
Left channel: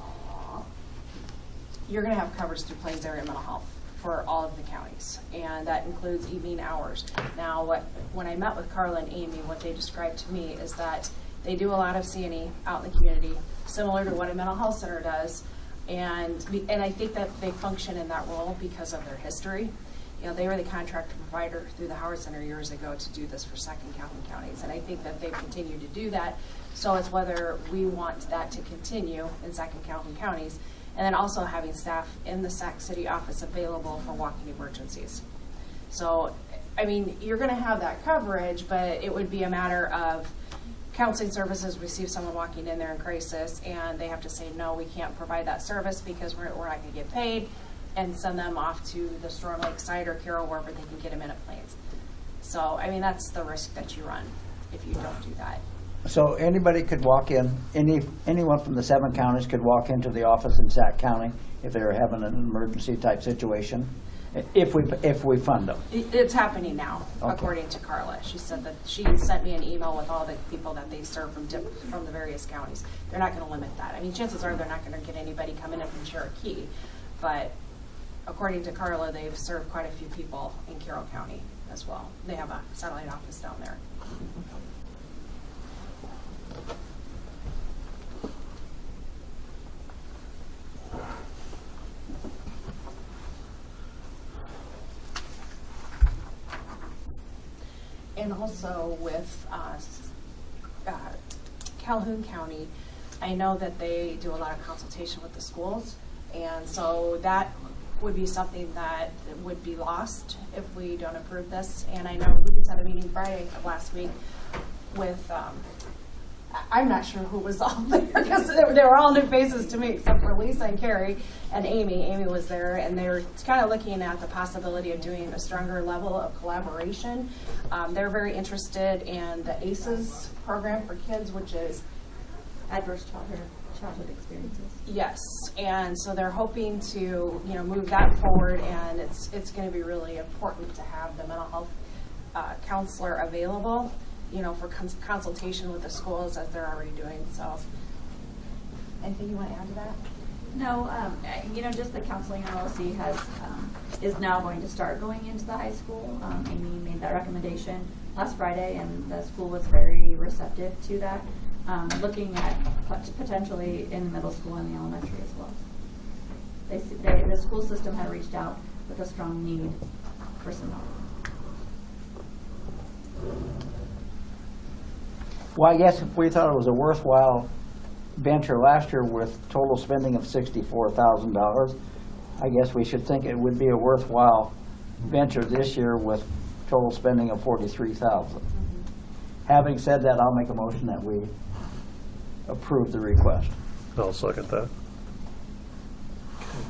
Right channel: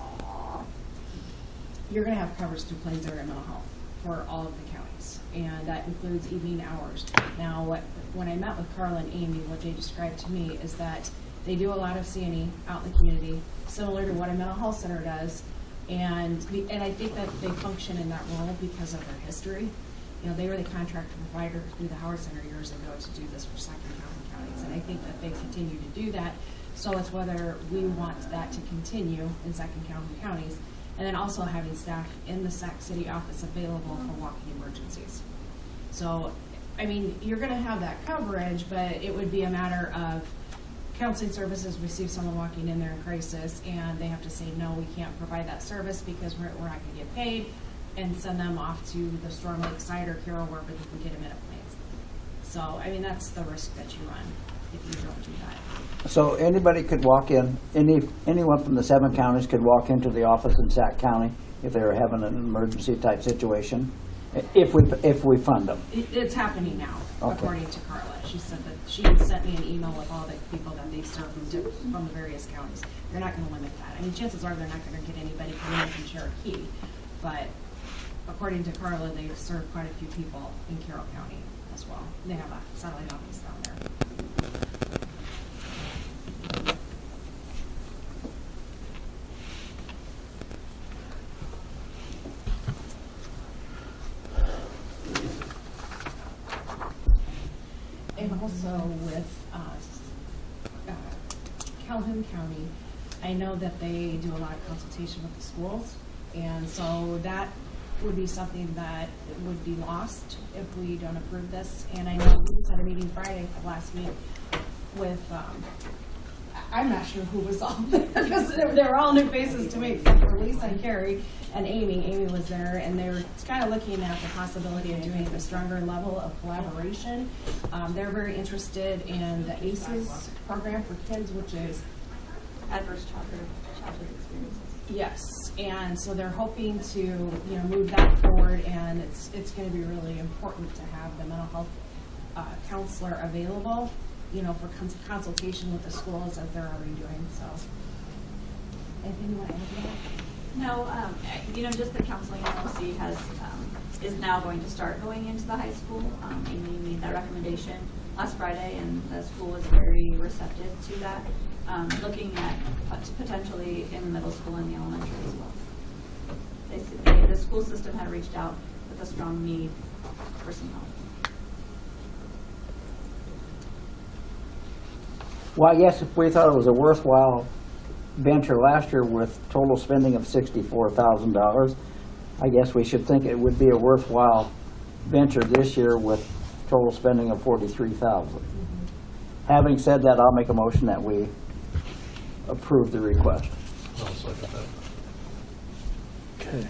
you're gonna have coverage through Plains Area Mental Health for all of the counties, and that includes evening hours. Now, when I met with Carla and Amy, what they described to me is that they do a lot of C&E out in the community, similar to what a mental health center does, and I think that they function in that role because of their history. You know, they were the contractor provider through the Howard Center years ago to do this for Sac and Calhoun counties, and I think that they continue to do that. So it's whether we want that to continue in Sac and Calhoun counties, and then also having staff in the Sac City office available for walking emergencies. So, I mean, you're gonna have that coverage, but it would be a matter of counseling services receive someone walking in there in crisis, and they have to say, no, we can't provide that service because we're not gonna get paid, and send them off to the Storm Lake side or Carroll, wherever they can get them in at Plains. So, I mean, that's the risk that you run if you don't do that. So anybody could walk in, anyone from the 7 counties could walk into the office in Sac County if they were having an emergency type situation, if we fund them. It's happening now, Okay. according to Carla. She said that she sent me an email with all the people that they serve from the various counties. They're not gonna limit that. I mean, chances are they're not gonna get anybody coming in from Cherokee, but according to Carla, they've served quite a few people in Carroll County as well. They have a satellite office down there. And also with Calhoun County, I know that they do a lot of consultation with the schools, and so that would be something that would be lost if we don't approve this. And I know we just had a meeting Friday of last week with, I'm not sure who was all there, because they were all new faces to me, except for Lisa and Carrie and Amy. Amy was there, and they were kind of looking at the possibility of doing a stronger level of collaboration. They're very interested in the ACEs program for kids, which is Adverse childhood experiences. yes, and so they're hoping to, move that forward, and it's going to be really important to have the mental health counselor available, for consultation with the schools as they're already doing. So, anything you want to add to that? No, just the counseling LLC is now going to start going into the high school. Amy made that recommendation last Friday, and the school was very receptive to that. Looking at potentially in middle school and the elementary as well. The school system had reached out with a strong need for some help. Well, I guess if we thought it was a worthwhile venture last year with total spending of $64,000, I guess we should think it would be a worthwhile venture this year with total spending of $43,000. Having said that, I'll make a motion that we approve the request. I'll second that. Okay.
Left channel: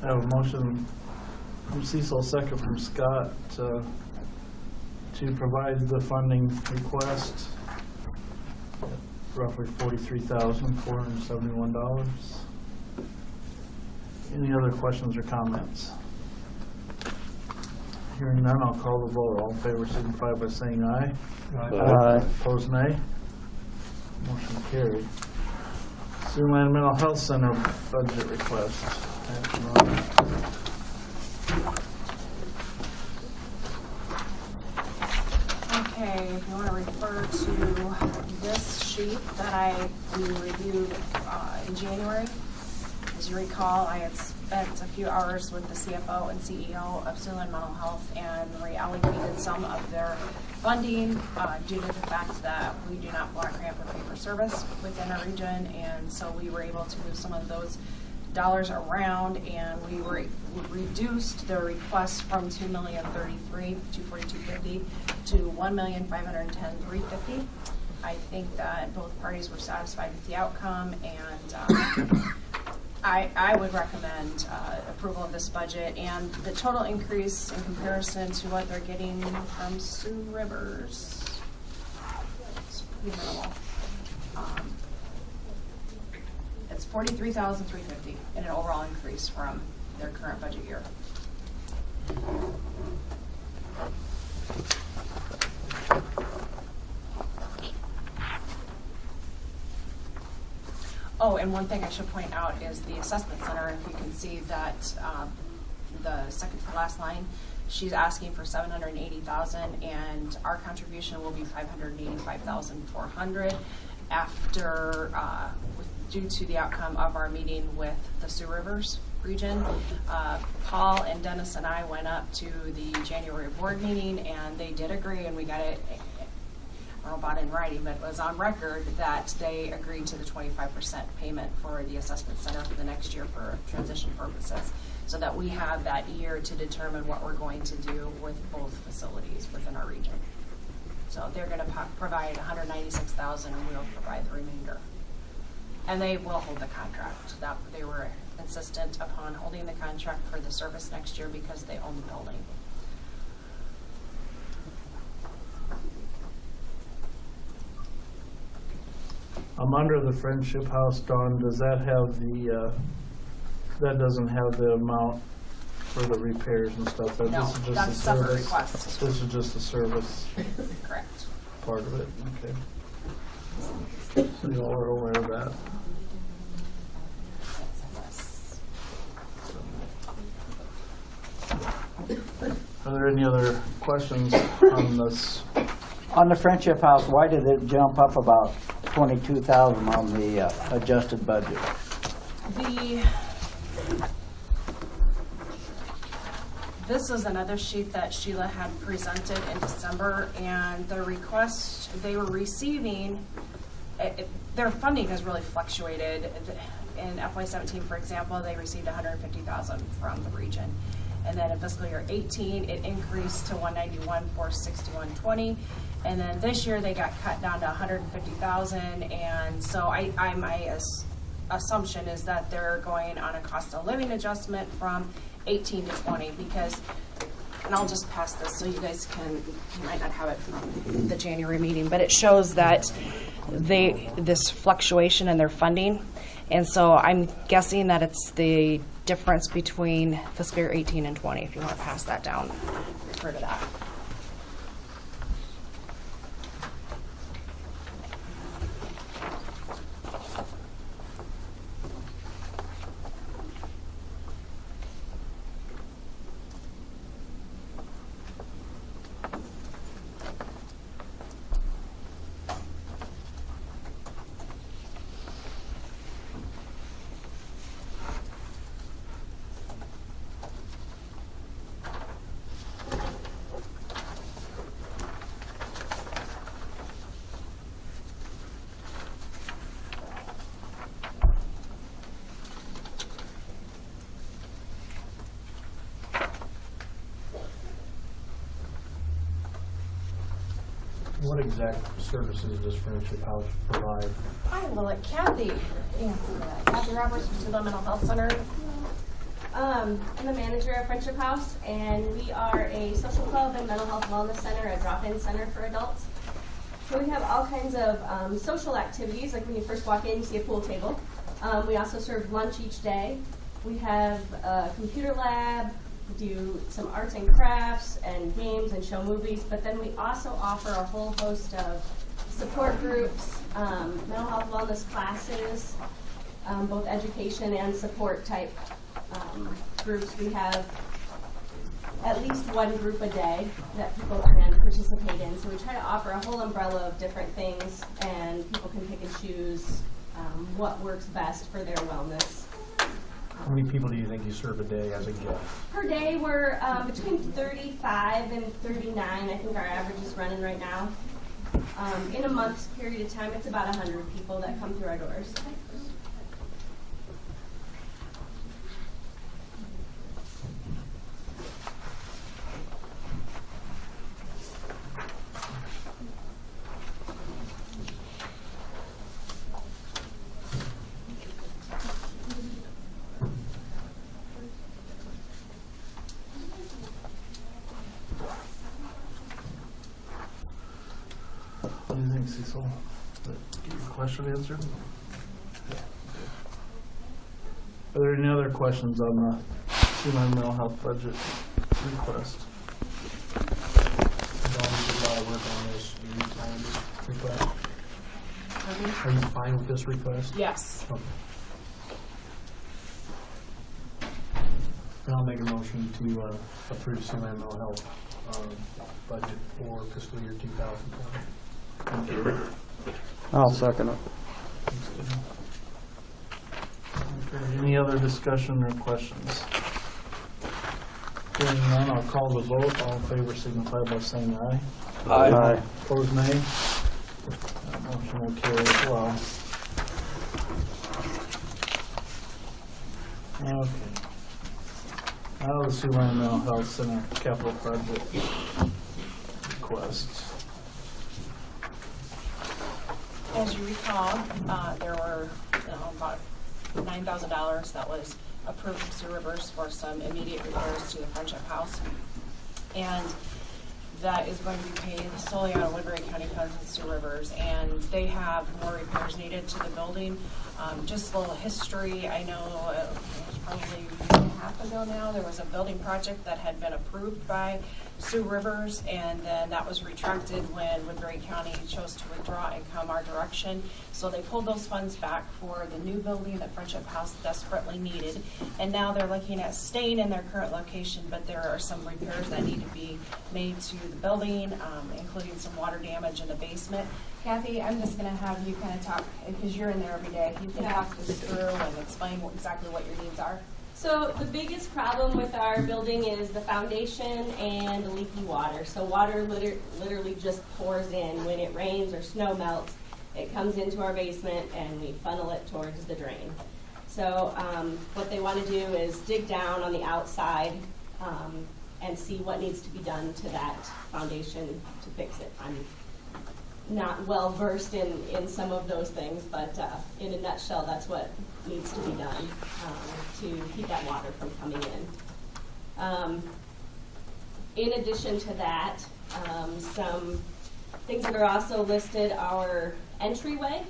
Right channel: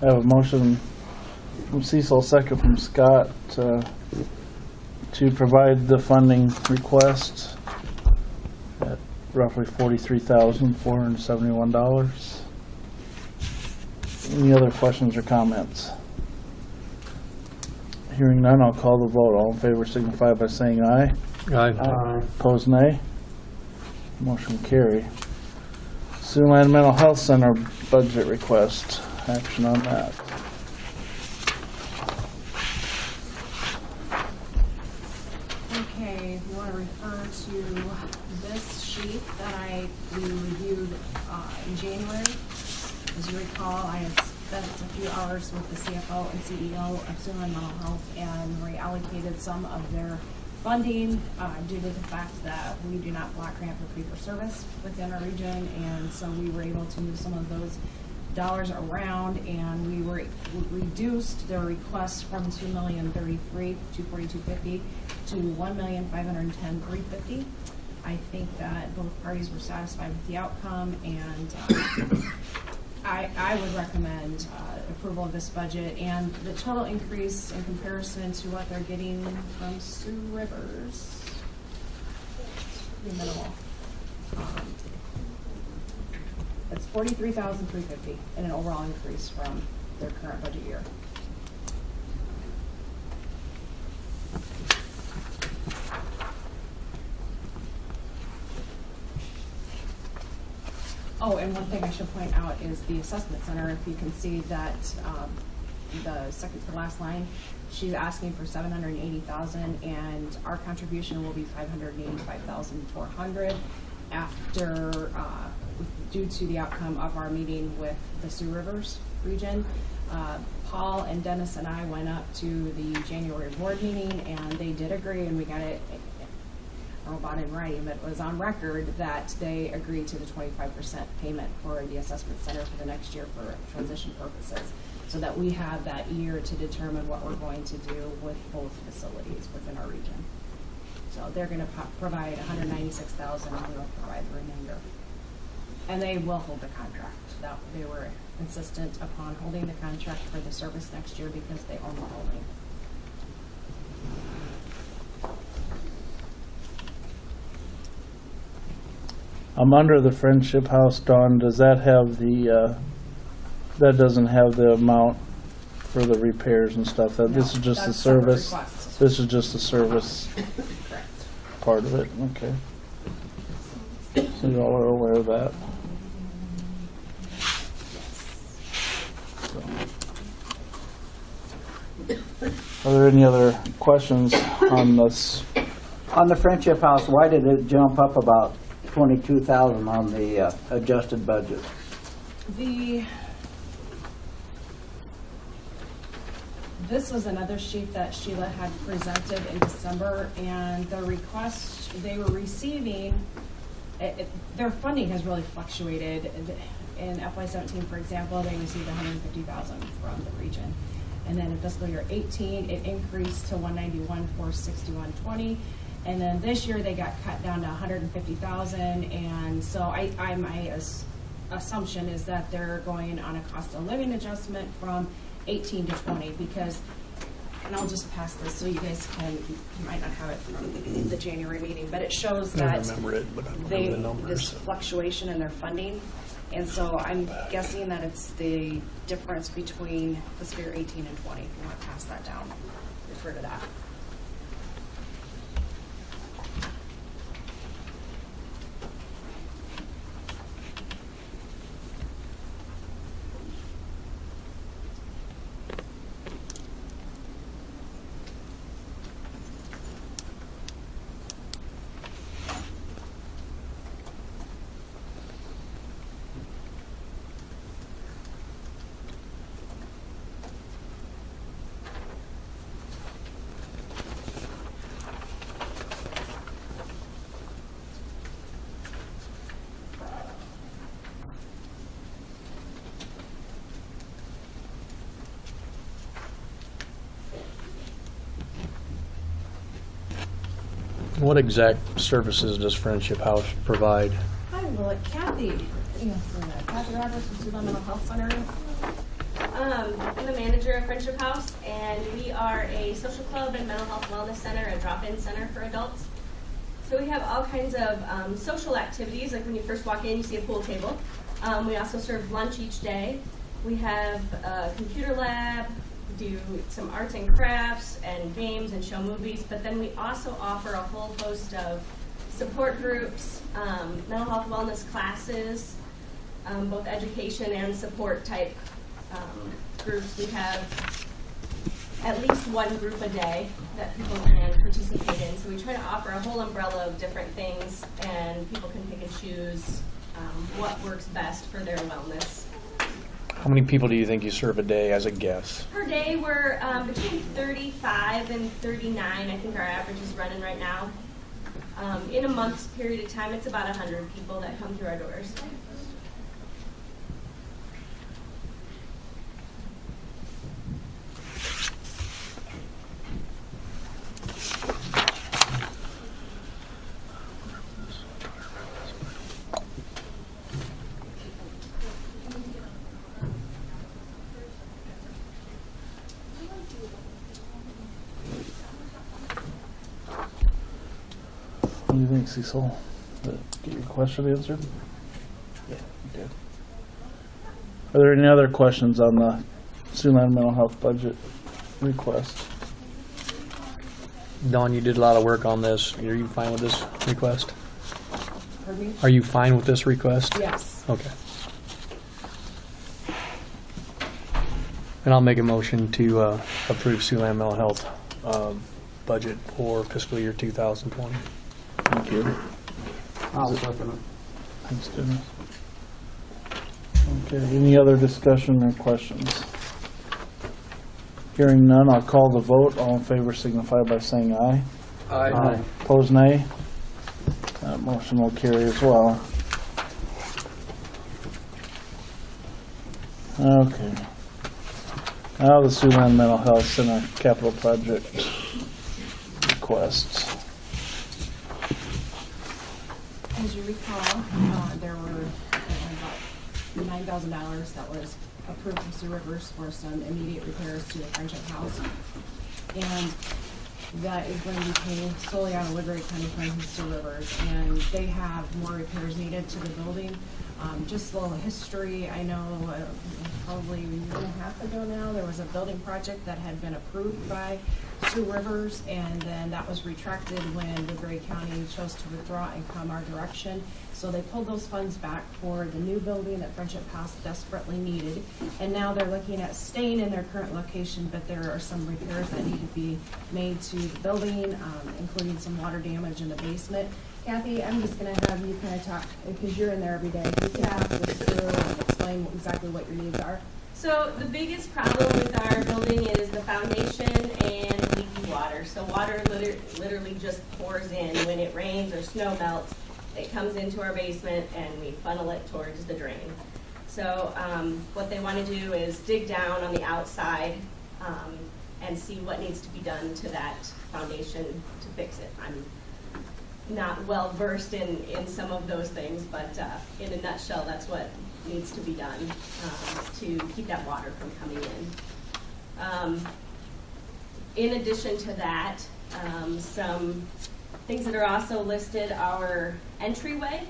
I have a motion from Cecil, second from Scott, to provide the funding request at roughly $43,471. Any other questions or comments? Hearing none, I'll call the vote. All in favor signify by saying aye. Aye. Opposed, nay. Motion carried. Siouxland Mental Health Center budget request. Action on that. Okay, if you want to refer to this sheet that we reviewed in January. As you recall, I had spent a few hours with the CFO and CEO of Siouxland Mental Health and reallocated some of their funding due to the fact that we do not block grant for fee-for-service within our region, and so we were able to move some of those dollars around, and we reduced their request from $2,033,242.50 to $1,510,350. I think that both parties were satisfied with the outcome, and I would recommend approval of this budget, and the total increase in comparison to what they're getting from Sioux Rivers is pretty minimal. It's $43,350 in an overall increase from their current budget year. one thing I should point out is the assessment center. If you can see that, the second to last line, she's asking for $780,000, and our contribution will be $585,400 after, due to the outcome of our meeting with the Sioux Rivers region. Paul and Dennis and I went up to the January board meeting, and they did agree, and we got it, I don't know about in writing, but it was on record that they agreed to the 25% payment for the assessment center for the next year for transition purposes, so that we have that year to determine what we're going to do with both facilities within our region. So they're gonna provide $196,000, and we'll provide the remainder. And they will hold the contract. That, they were insistent upon holding the contract for the service next year because they own the building. I'm under the Friendship House, Dawn, does that have the, that doesn't have the amount for the repairs and stuff? This No, is just the that's separate service? request. This is just the service Correct. part of it, okay. So y'all are aware of that? Are there any other questions on this? On the Friendship House, why did it jump up about 22,000 on the adjusted budget? This is another sheet that Sheila had presented in December, and the request they were receiving, their funding has really fluctuated. In FY17, for example, they received $150,000 from the region. And then in fiscal year 18, it increased to $191,461.20. And then this year they got cut down to $150,000. And so my assumption is that they're going on a cost of living adjustment from 18 to 20, because, and I'll just pass this so you guys can, you might not have it from the January meeting, but it shows that this fluctuation in their funding. And so I'm guessing that it's the difference between fiscal year 18 and 20, if you want to pass that down, refer to that. What exact services does Friendship House provide? I will let Kathy Roberts from the Mental Health Center. I'm the manager of Friendship House, and we are a social club and mental health wellness center, a drop-in center for adults. So we have all kinds of social activities, like when you first walk in, you see a pool table. We also serve lunch each day. We have a computer lab, do some arts and crafts and games and show movies, but then we also offer a whole host of support groups, mental health wellness classes, both education and support type groups. We have at least one group a day that people can participate in. So we try to offer a whole umbrella of different things, and people can pick and choose what works best for their wellness. How many people do you think you serve a day as a guess? Per day, we're between 35 and 39. I think our average is running right now. In a month's period of time, it's about 100 people that come through our doors. What do you think, Cecil? Did that get your question answered? Okay. Are there any other questions on the Siouxland mental health budget request? Dawn, you did a lot of work on this. Are you fine with this request? Are you fine with this request? Yes. Okay. And I'll make a motion to approve Siouxland Mental Health budget for fiscal year 2020. Thank you. I'll second it. Thanks, Dennis. Okay, any other discussion or questions? Hearing none, I'll call the vote. All in favor signify by saying aye. Aye. Opposed, nay. That motion will carry as well. Okay. Now the Siouxland Mental Health Center capital project requests. As you recall, there were about $9,000 that was approved from Sioux Rivers for some immediate repairs to the Friendship House. And that is going to be paid solely out of Woodbury County funds and Sioux Rivers. And they have more repairs needed to the building. Just a little history, I know it was probably a year and a half ago now, there was a building project that had been approved by Sioux Rivers, and then that was retracted when Woodbury County chose to withdraw and come our direction. So they pulled those funds back for the new building that Friendship House desperately needed. And now they're looking at staying in their current location, but there are some repairs that need to be made to the building, including some water damage in the basement. Kathy, I'm just gonna have you kind of talk, because you're in there every day, you can talk this through and explain exactly what your needs are. So the biggest problem with our building is the foundation and leaky water. So water literally just pours in when it rains or snow melts. It comes into our basement and we funnel it towards the drain. So what they want to do is dig down on the outside and see what needs to be done to that foundation to fix it. I'm not well versed in some of those things, but in a nutshell, that's what needs to be done to keep that water from coming in. In addition to that, some things that are also listed are entryway.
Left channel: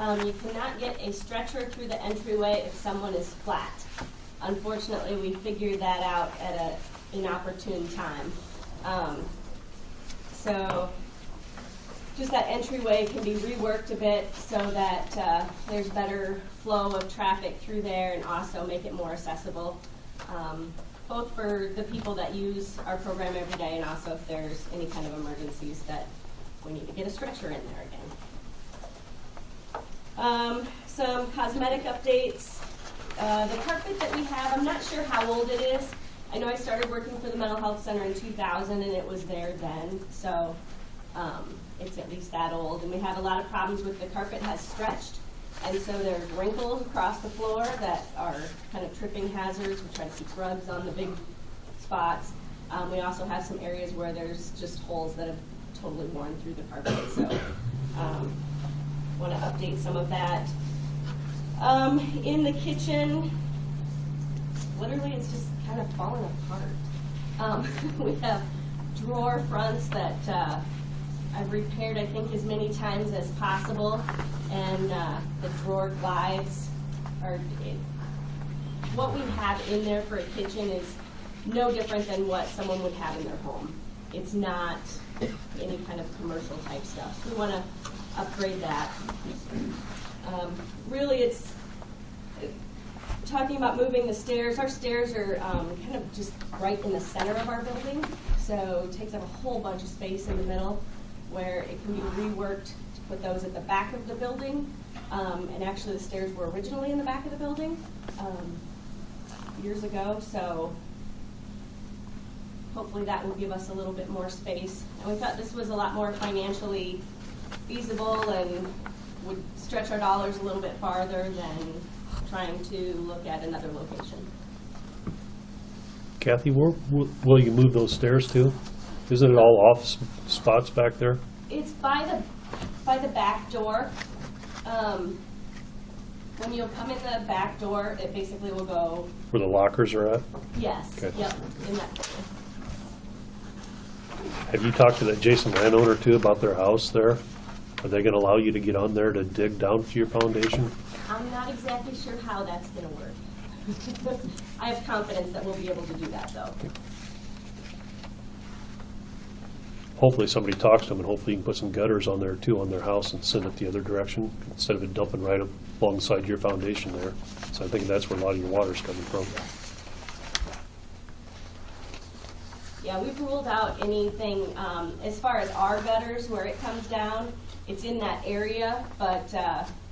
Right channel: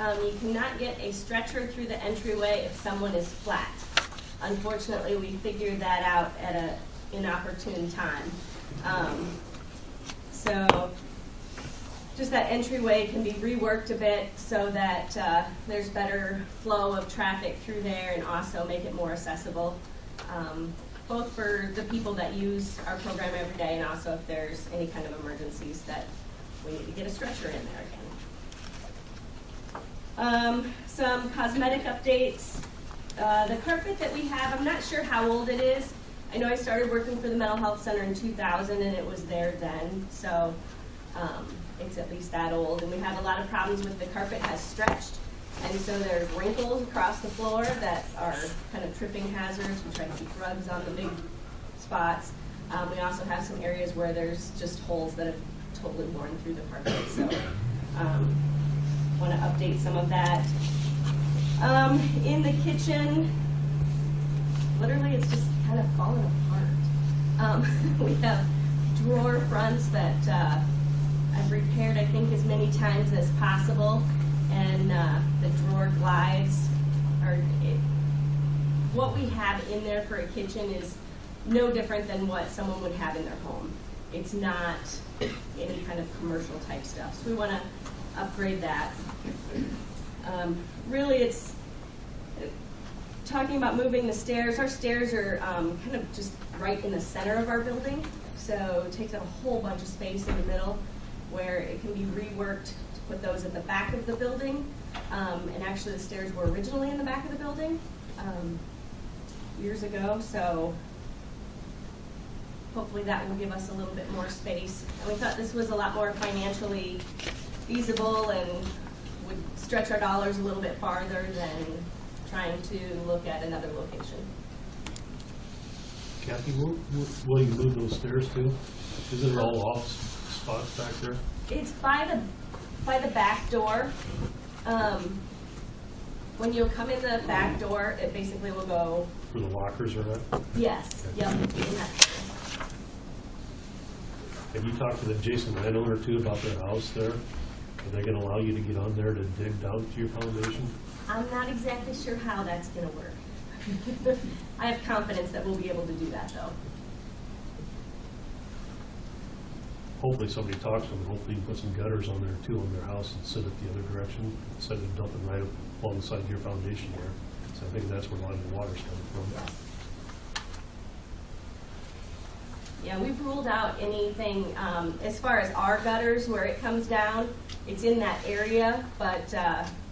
You cannot get a stretcher through the entryway if someone is flat. Unfortunately, we figured that out at an inopportune time. So just that entryway can be reworked a bit so that there's better flow of traffic through there and also make it more accessible, both for the people that use our program every day and also if there's any kind of emergencies that we need to get a stretcher in there again. Some cosmetic updates. The carpet that we have, I'm not sure how old it is. I know I started working for the Mental Health Center in 2000 and it was there then, so it's at least that old. And we have a lot of problems with the carpet has stretched, and so there's wrinkles across the floor that are kind of tripping hazards. We try to keep rugs on the big spots. We also have some areas where there's just holes that have totally worn through the carpet, so want to update some of that. In the kitchen, literally it's just kind of falling apart. We have drawer fronts that I've repaired, I think, as many times as possible, and the drawer glides are, what we have in there for a kitchen is no different than what someone would have in their home. It's not any kind of commercial type stuff, so we want to upgrade that. Really, it's talking about moving the stairs. Our stairs are kind of just right in the center of our building, so it takes up a whole bunch of space in the middle, where it can be reworked to put those at the back of the building. And actually the stairs were originally in the back of the building years ago, so hopefully that will give us a little bit more space. And we thought this was a lot more financially feasible and would stretch our dollars a little bit farther than trying to look at another location. Kathy, where will you move those stairs to? Isn't it all office spots back there? It's by the back door. When you'll come in the back door, it basically will go. Where the lockers are at? Yes. Okay. Yep. In that. Have you talked to the adjacent landowner too about their house there? Are they gonna allow you to get on there to dig down to your foundation? I'm not exactly sure how that's going to work. I have confidence that we'll be able to do that, though. Hopefully somebody talks to them and hopefully you can put some gutters on there too on their house and send it the other direction instead of it dumping right up alongside your foundation there. So I think that's where a lot of your water's coming from. Yeah, we've ruled out anything, as far as our gutters where it comes down, it's in that area, but,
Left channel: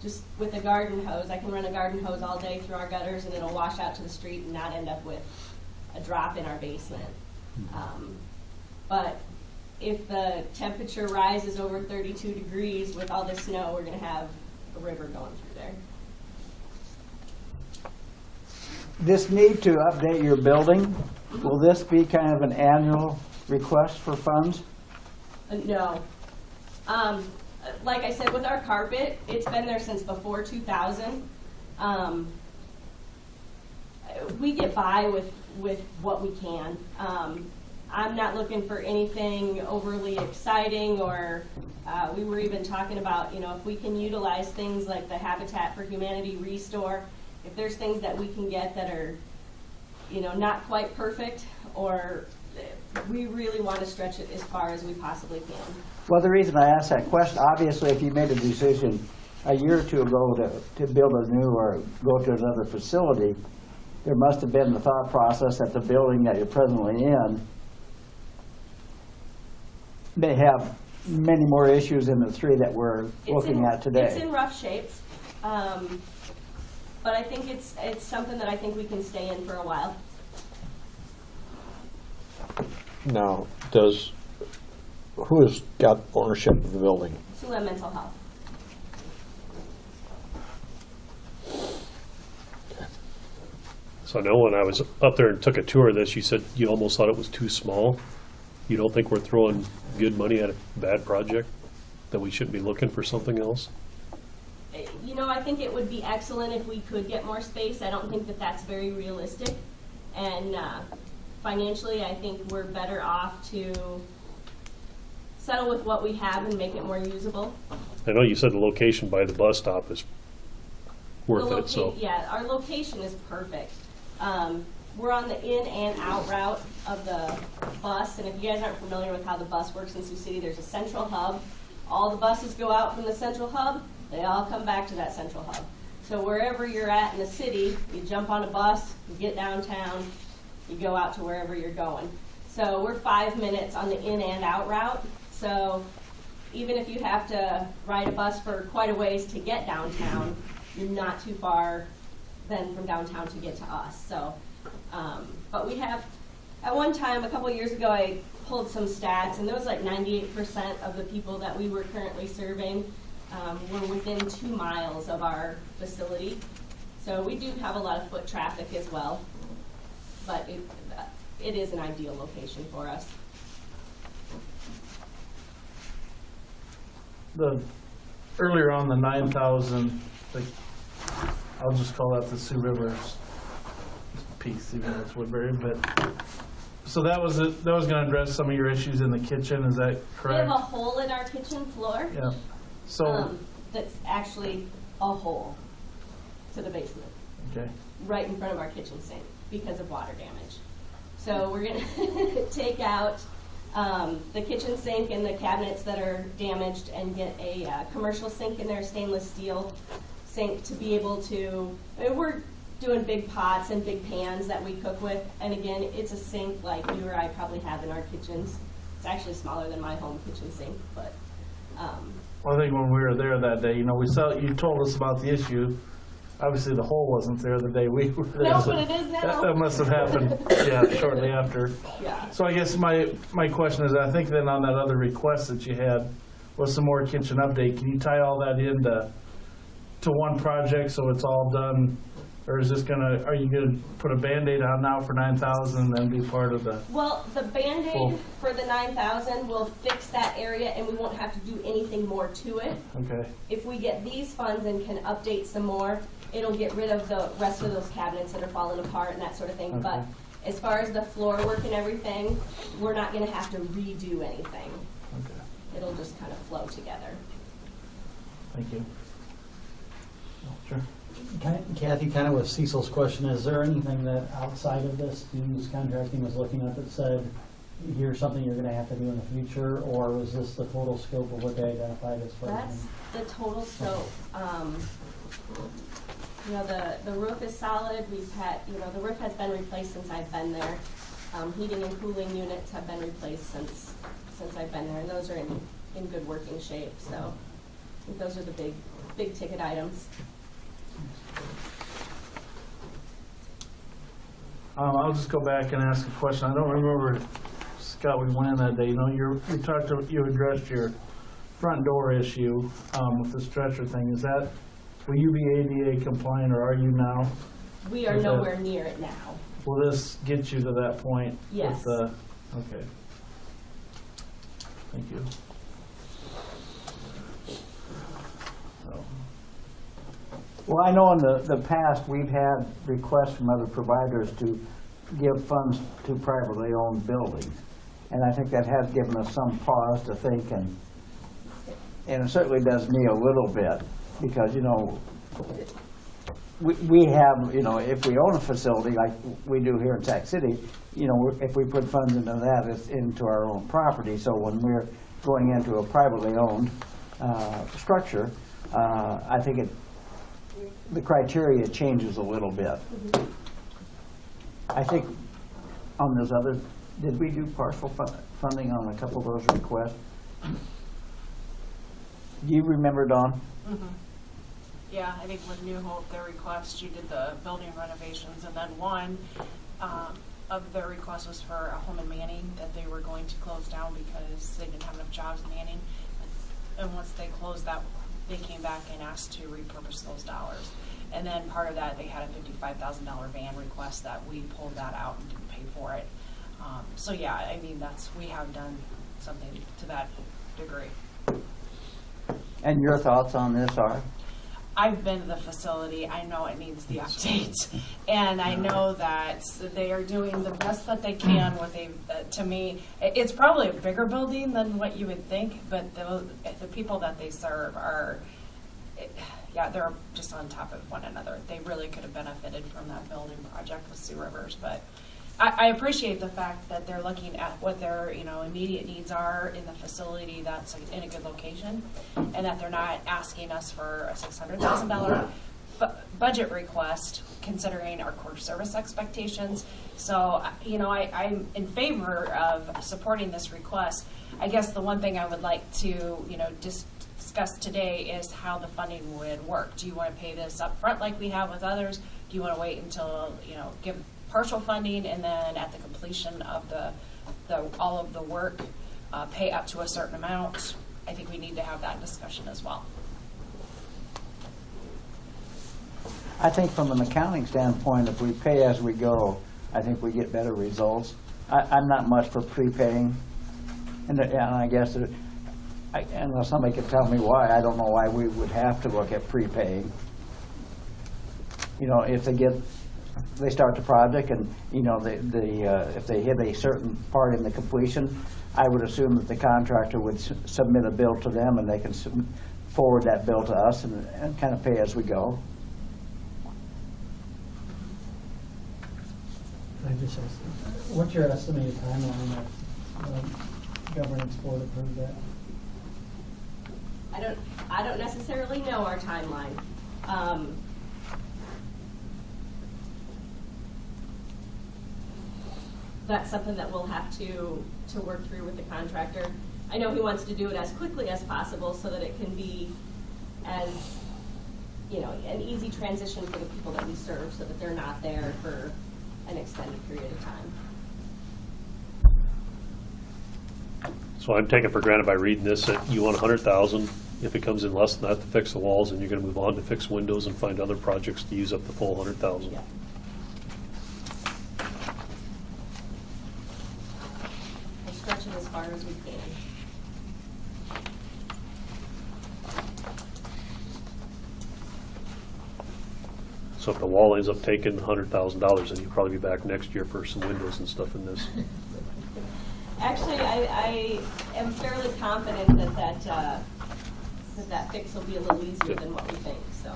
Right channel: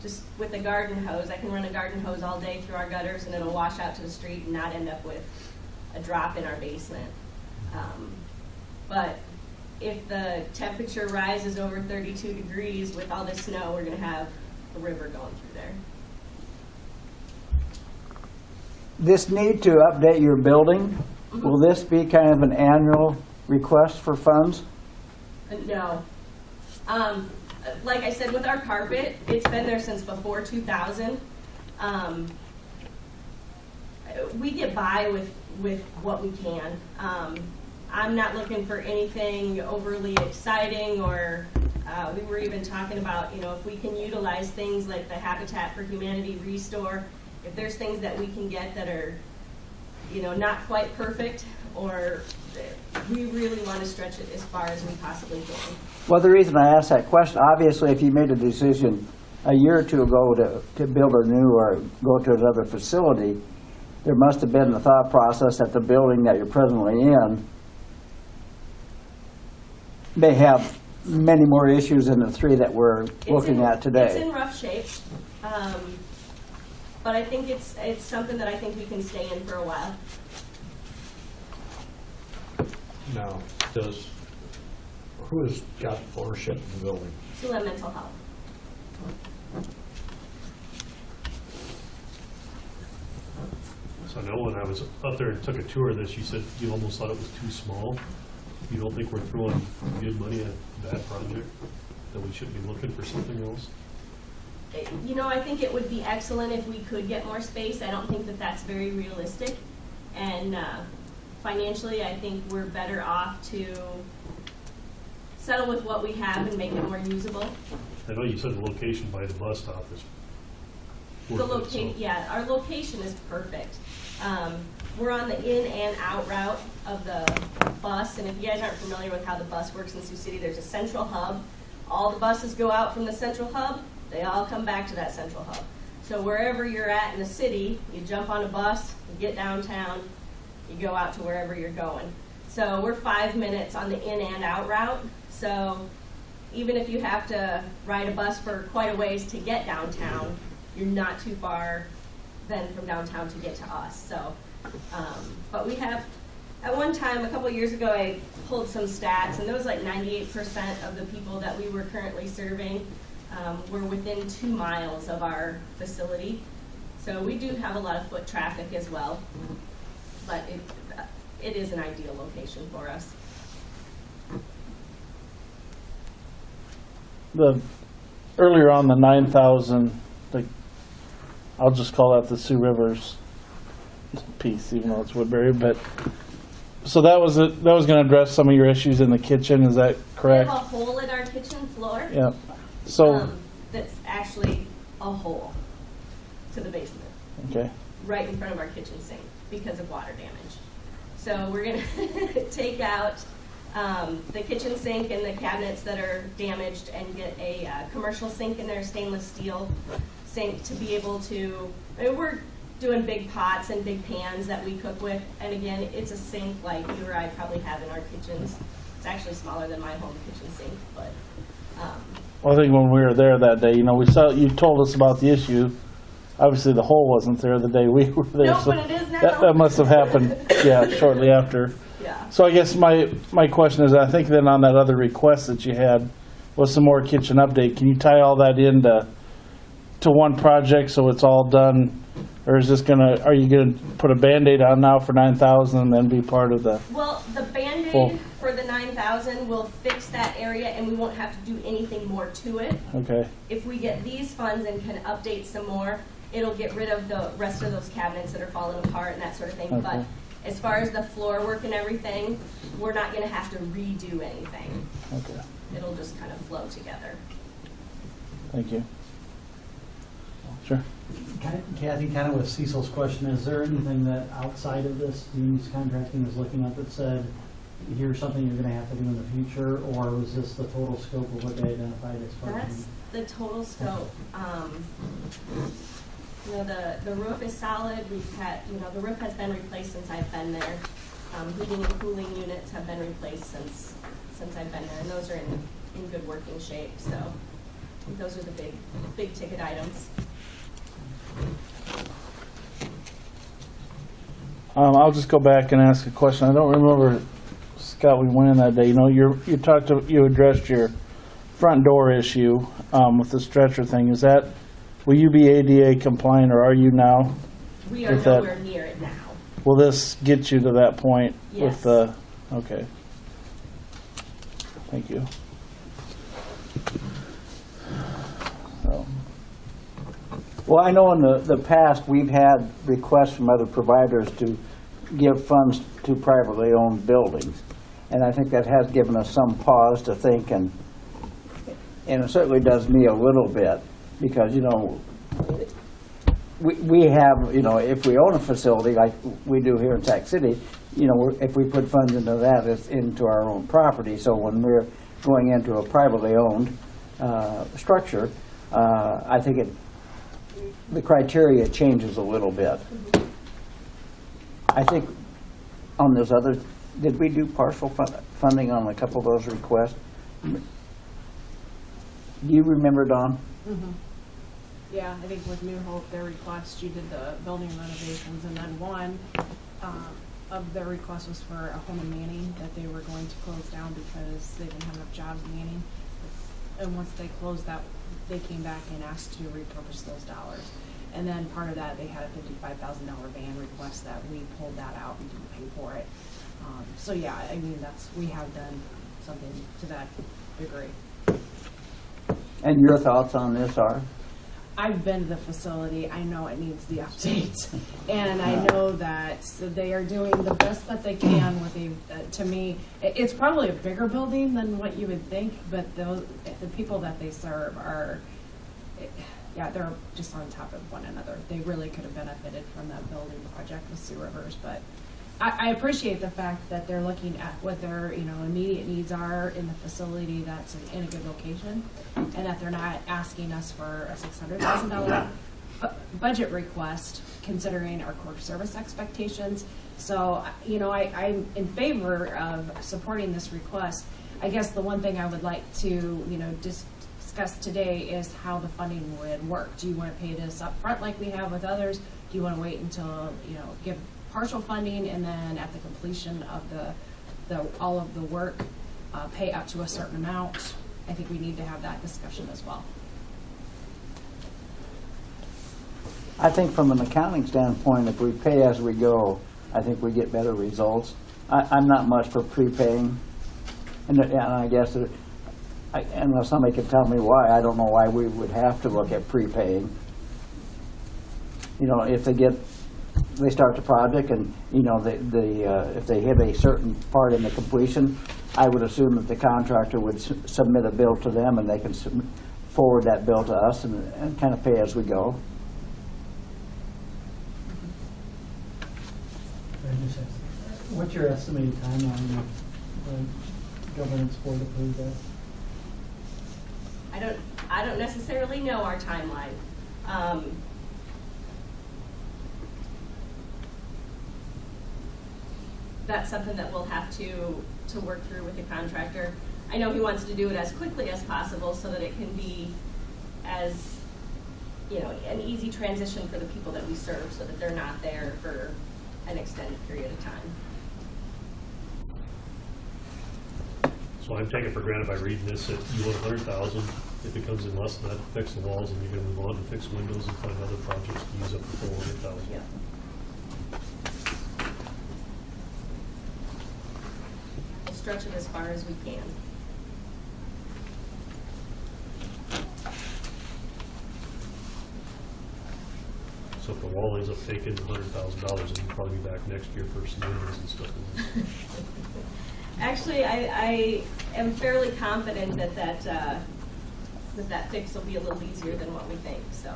just with a garden hose, I can run a garden hose all day through our gutters and it'll wash out to the street and not end up with a drop in our basement. But if the temperature rises over 32 degrees with all this snow, we're gonna have a river going through there. This need to update your building, will this be kind of an annual request for funds? No. Like I said, with our carpet, it's been there since before 2000. We get by with what we can. I'm not looking for anything overly exciting, or we were even talking about, you know, if we can utilize things like the Habitat for Humanity Restore, if there's things that we can get that are, you know, not quite perfect, or we really want to stretch it as far as we possibly can. Well, the reason I asked that question, obviously, if you made a decision a year or two ago to build a new or go to another facility, there must have been the thought process that the building that you're presently in may have many more issues than the three that we're looking at today. It's in rough shape, but I think it's something that I think we can stay in for a while. Now, who has got ownership of the building? Sula Mental Health. So I know when I was up there and took a tour of this, you said you almost thought it was too small. You don't think we're throwing good money at a bad project, that we shouldn't be looking for something else? You know, I think it would be excellent if we could get more space. I don't think that that's very realistic. And financially, I think we're better off to settle with what we have and make it more usable. I know you said the location by the bus stop is worth it, so. Yeah, our location is perfect. We're on the in and out route of the bus, and if you guys aren't familiar with how the bus works in Sioux City, there's a central hub. All the buses go out from the central hub, they all come back to that central hub. So wherever you're at in the city, you jump on a bus, you get downtown, you go out to wherever you're going. So we're 5 minutes on the in and out route. So even if you have to ride a bus for quite a ways to get downtown, you're not too far then from downtown to get to us. So, but we have, at one time, a couple of years ago, I pulled some stats, and there was like 98% of the people that we were currently serving were within 2 miles of our facility. So we do have a lot of foot traffic as well, but it is an ideal location for us. Earlier on the 9,000, I'll just call that the Sioux Rivers piece, even though it's Woodbury, but, so that was gonna address some of your issues in the kitchen, is that We correct? have a hole in our kitchen floor. Yeah, so, That's actually a hole to the basement, okay, right in front of our kitchen sink because of water damage. So we're gonna take out the kitchen sink and the cabinets that are damaged and get a commercial sink in there, stainless steel sink, to be able to, I mean, we're doing big pots and big pans that we cook with, and again, it's a sink like you or I probably have in our kitchens. It's actually smaller than my home kitchen sink, but well, I think when we were there that day, you know, you told us about the issue. Obviously, the hole wasn't there the day we were there. No, so but it is now. That must have happened, yeah, shortly after. yeah. So I guess my question is, I think then on that other request that you had was some more kitchen update. Can you tie all that into one project so it's all done? Or is this are you gonna put a Band-Aid on now for 9,000 and then be part of the? Well, the Band-Aid Full. for the 9,000 will fix that area, and we won't have to do anything more to it. Okay, If we get these funds and can update some more, it'll get rid of the rest of those cabinets that are falling apart and that sort of thing. But Okay. as far as the floor work and everything, we're not gonna have to redo anything. okay, It'll just kind of flow together. thank you. Sure. Kathy, kind of with Cecil's question, is there anything that outside of this Unions Contracting was looking at that said, here's something you're gonna have to do in the future, or was this the total scope of what they identified as far as? That's the total scope. You know, the roof is solid. We've had, you know, the roof has been replaced since I've been there. Heating and cooling units have been replaced since I've been there, and those are in good working shape, so I think those are the big ticket items. I'll just go back and ask a question. I don't remember, Scott, we went in that day. You know, you addressed your front door issue with the stretcher thing. Will you be ADA compliant, or are you now? We are With that- nowhere near it now. Will this get you to that point Yes. with the, okay. Thank you. So, Well, I know in the past, we've had requests from other providers to give funds to privately owned buildings. And I think that has given us some pause to think, and it certainly does me a little bit, because, you know, we have, you know, if we own a facility like we do here in Sac City, you know, if we put funds into that, it's into our own property. So when we're going into a privately owned structure, I think the criteria changes a little bit. I think on those other, did we do partial funding on a couple of those requests? Do you remember, Dawn? Yeah, I think with New Hope, their request, you did the building renovations, and then one of their requests was for a home in Manning that they were going to close down because they didn't have enough jobs in Manning. And once they closed that, they came back and asked to repurpose those dollars. And then part of that, they had a $55,000 van request that we pulled that out and didn't pay for it. So yeah, I mean, we have done something to that degree. And your thoughts on this are? I've been to the facility. I know it needs the update. And I know that they are doing the best that they can with to me, it's probably a bigger building than what you would think, but the people that they serve are, yeah, they're just on top of one another. They really could have benefited from that building project with Sioux Rivers, but I appreciate the fact that they're looking at what their, you know, immediate needs are in the facility that's in a good location, and that they're not asking us for a $600,000 budget request, considering our core service expectations. So, you know, I'm in favor of supporting this request. I guess the one thing I would like to, you know, discuss today is how the funding would work. Do you want to pay this up front like we have with others? Do you want to wait until, you know, give partial funding, and then at the completion of all of the work, pay up to a certain amount? I think we need to have that discussion as well. I think from an accounting standpoint, if we pay as we go, I think we get better results. I'm not much for prepaying, and I guess unless somebody can tell me why, I don't know why we would have to look at prepaying. You know, if they start the project, and you know, if they hit a certain part in the completion, I would assume that the contractor would submit a bill to them, and they can forward that bill to us and kind of pay as we go. I just asked, what's your estimated timeline of governance board approve that? I don't necessarily know our timeline. That's something that we'll have to work through with the contractor. I know he wants to do it as quickly as possible so that it can be as, you know, an easy transition for the people that we serve, so that they're not there for an extended period of time. So I'm taking for granted by reading this that you want 100,000. If it comes in less than that to fix the walls, and you're going to move on to fix windows and find other projects to use up the full 100,000. Yeah. We'll stretch it as far as we can. So if the wall ends up taking $100,000, then you'll probably be back next year for some windows and stuff in this. Actually, I am fairly confident that fix will be a little easier than what we think, so.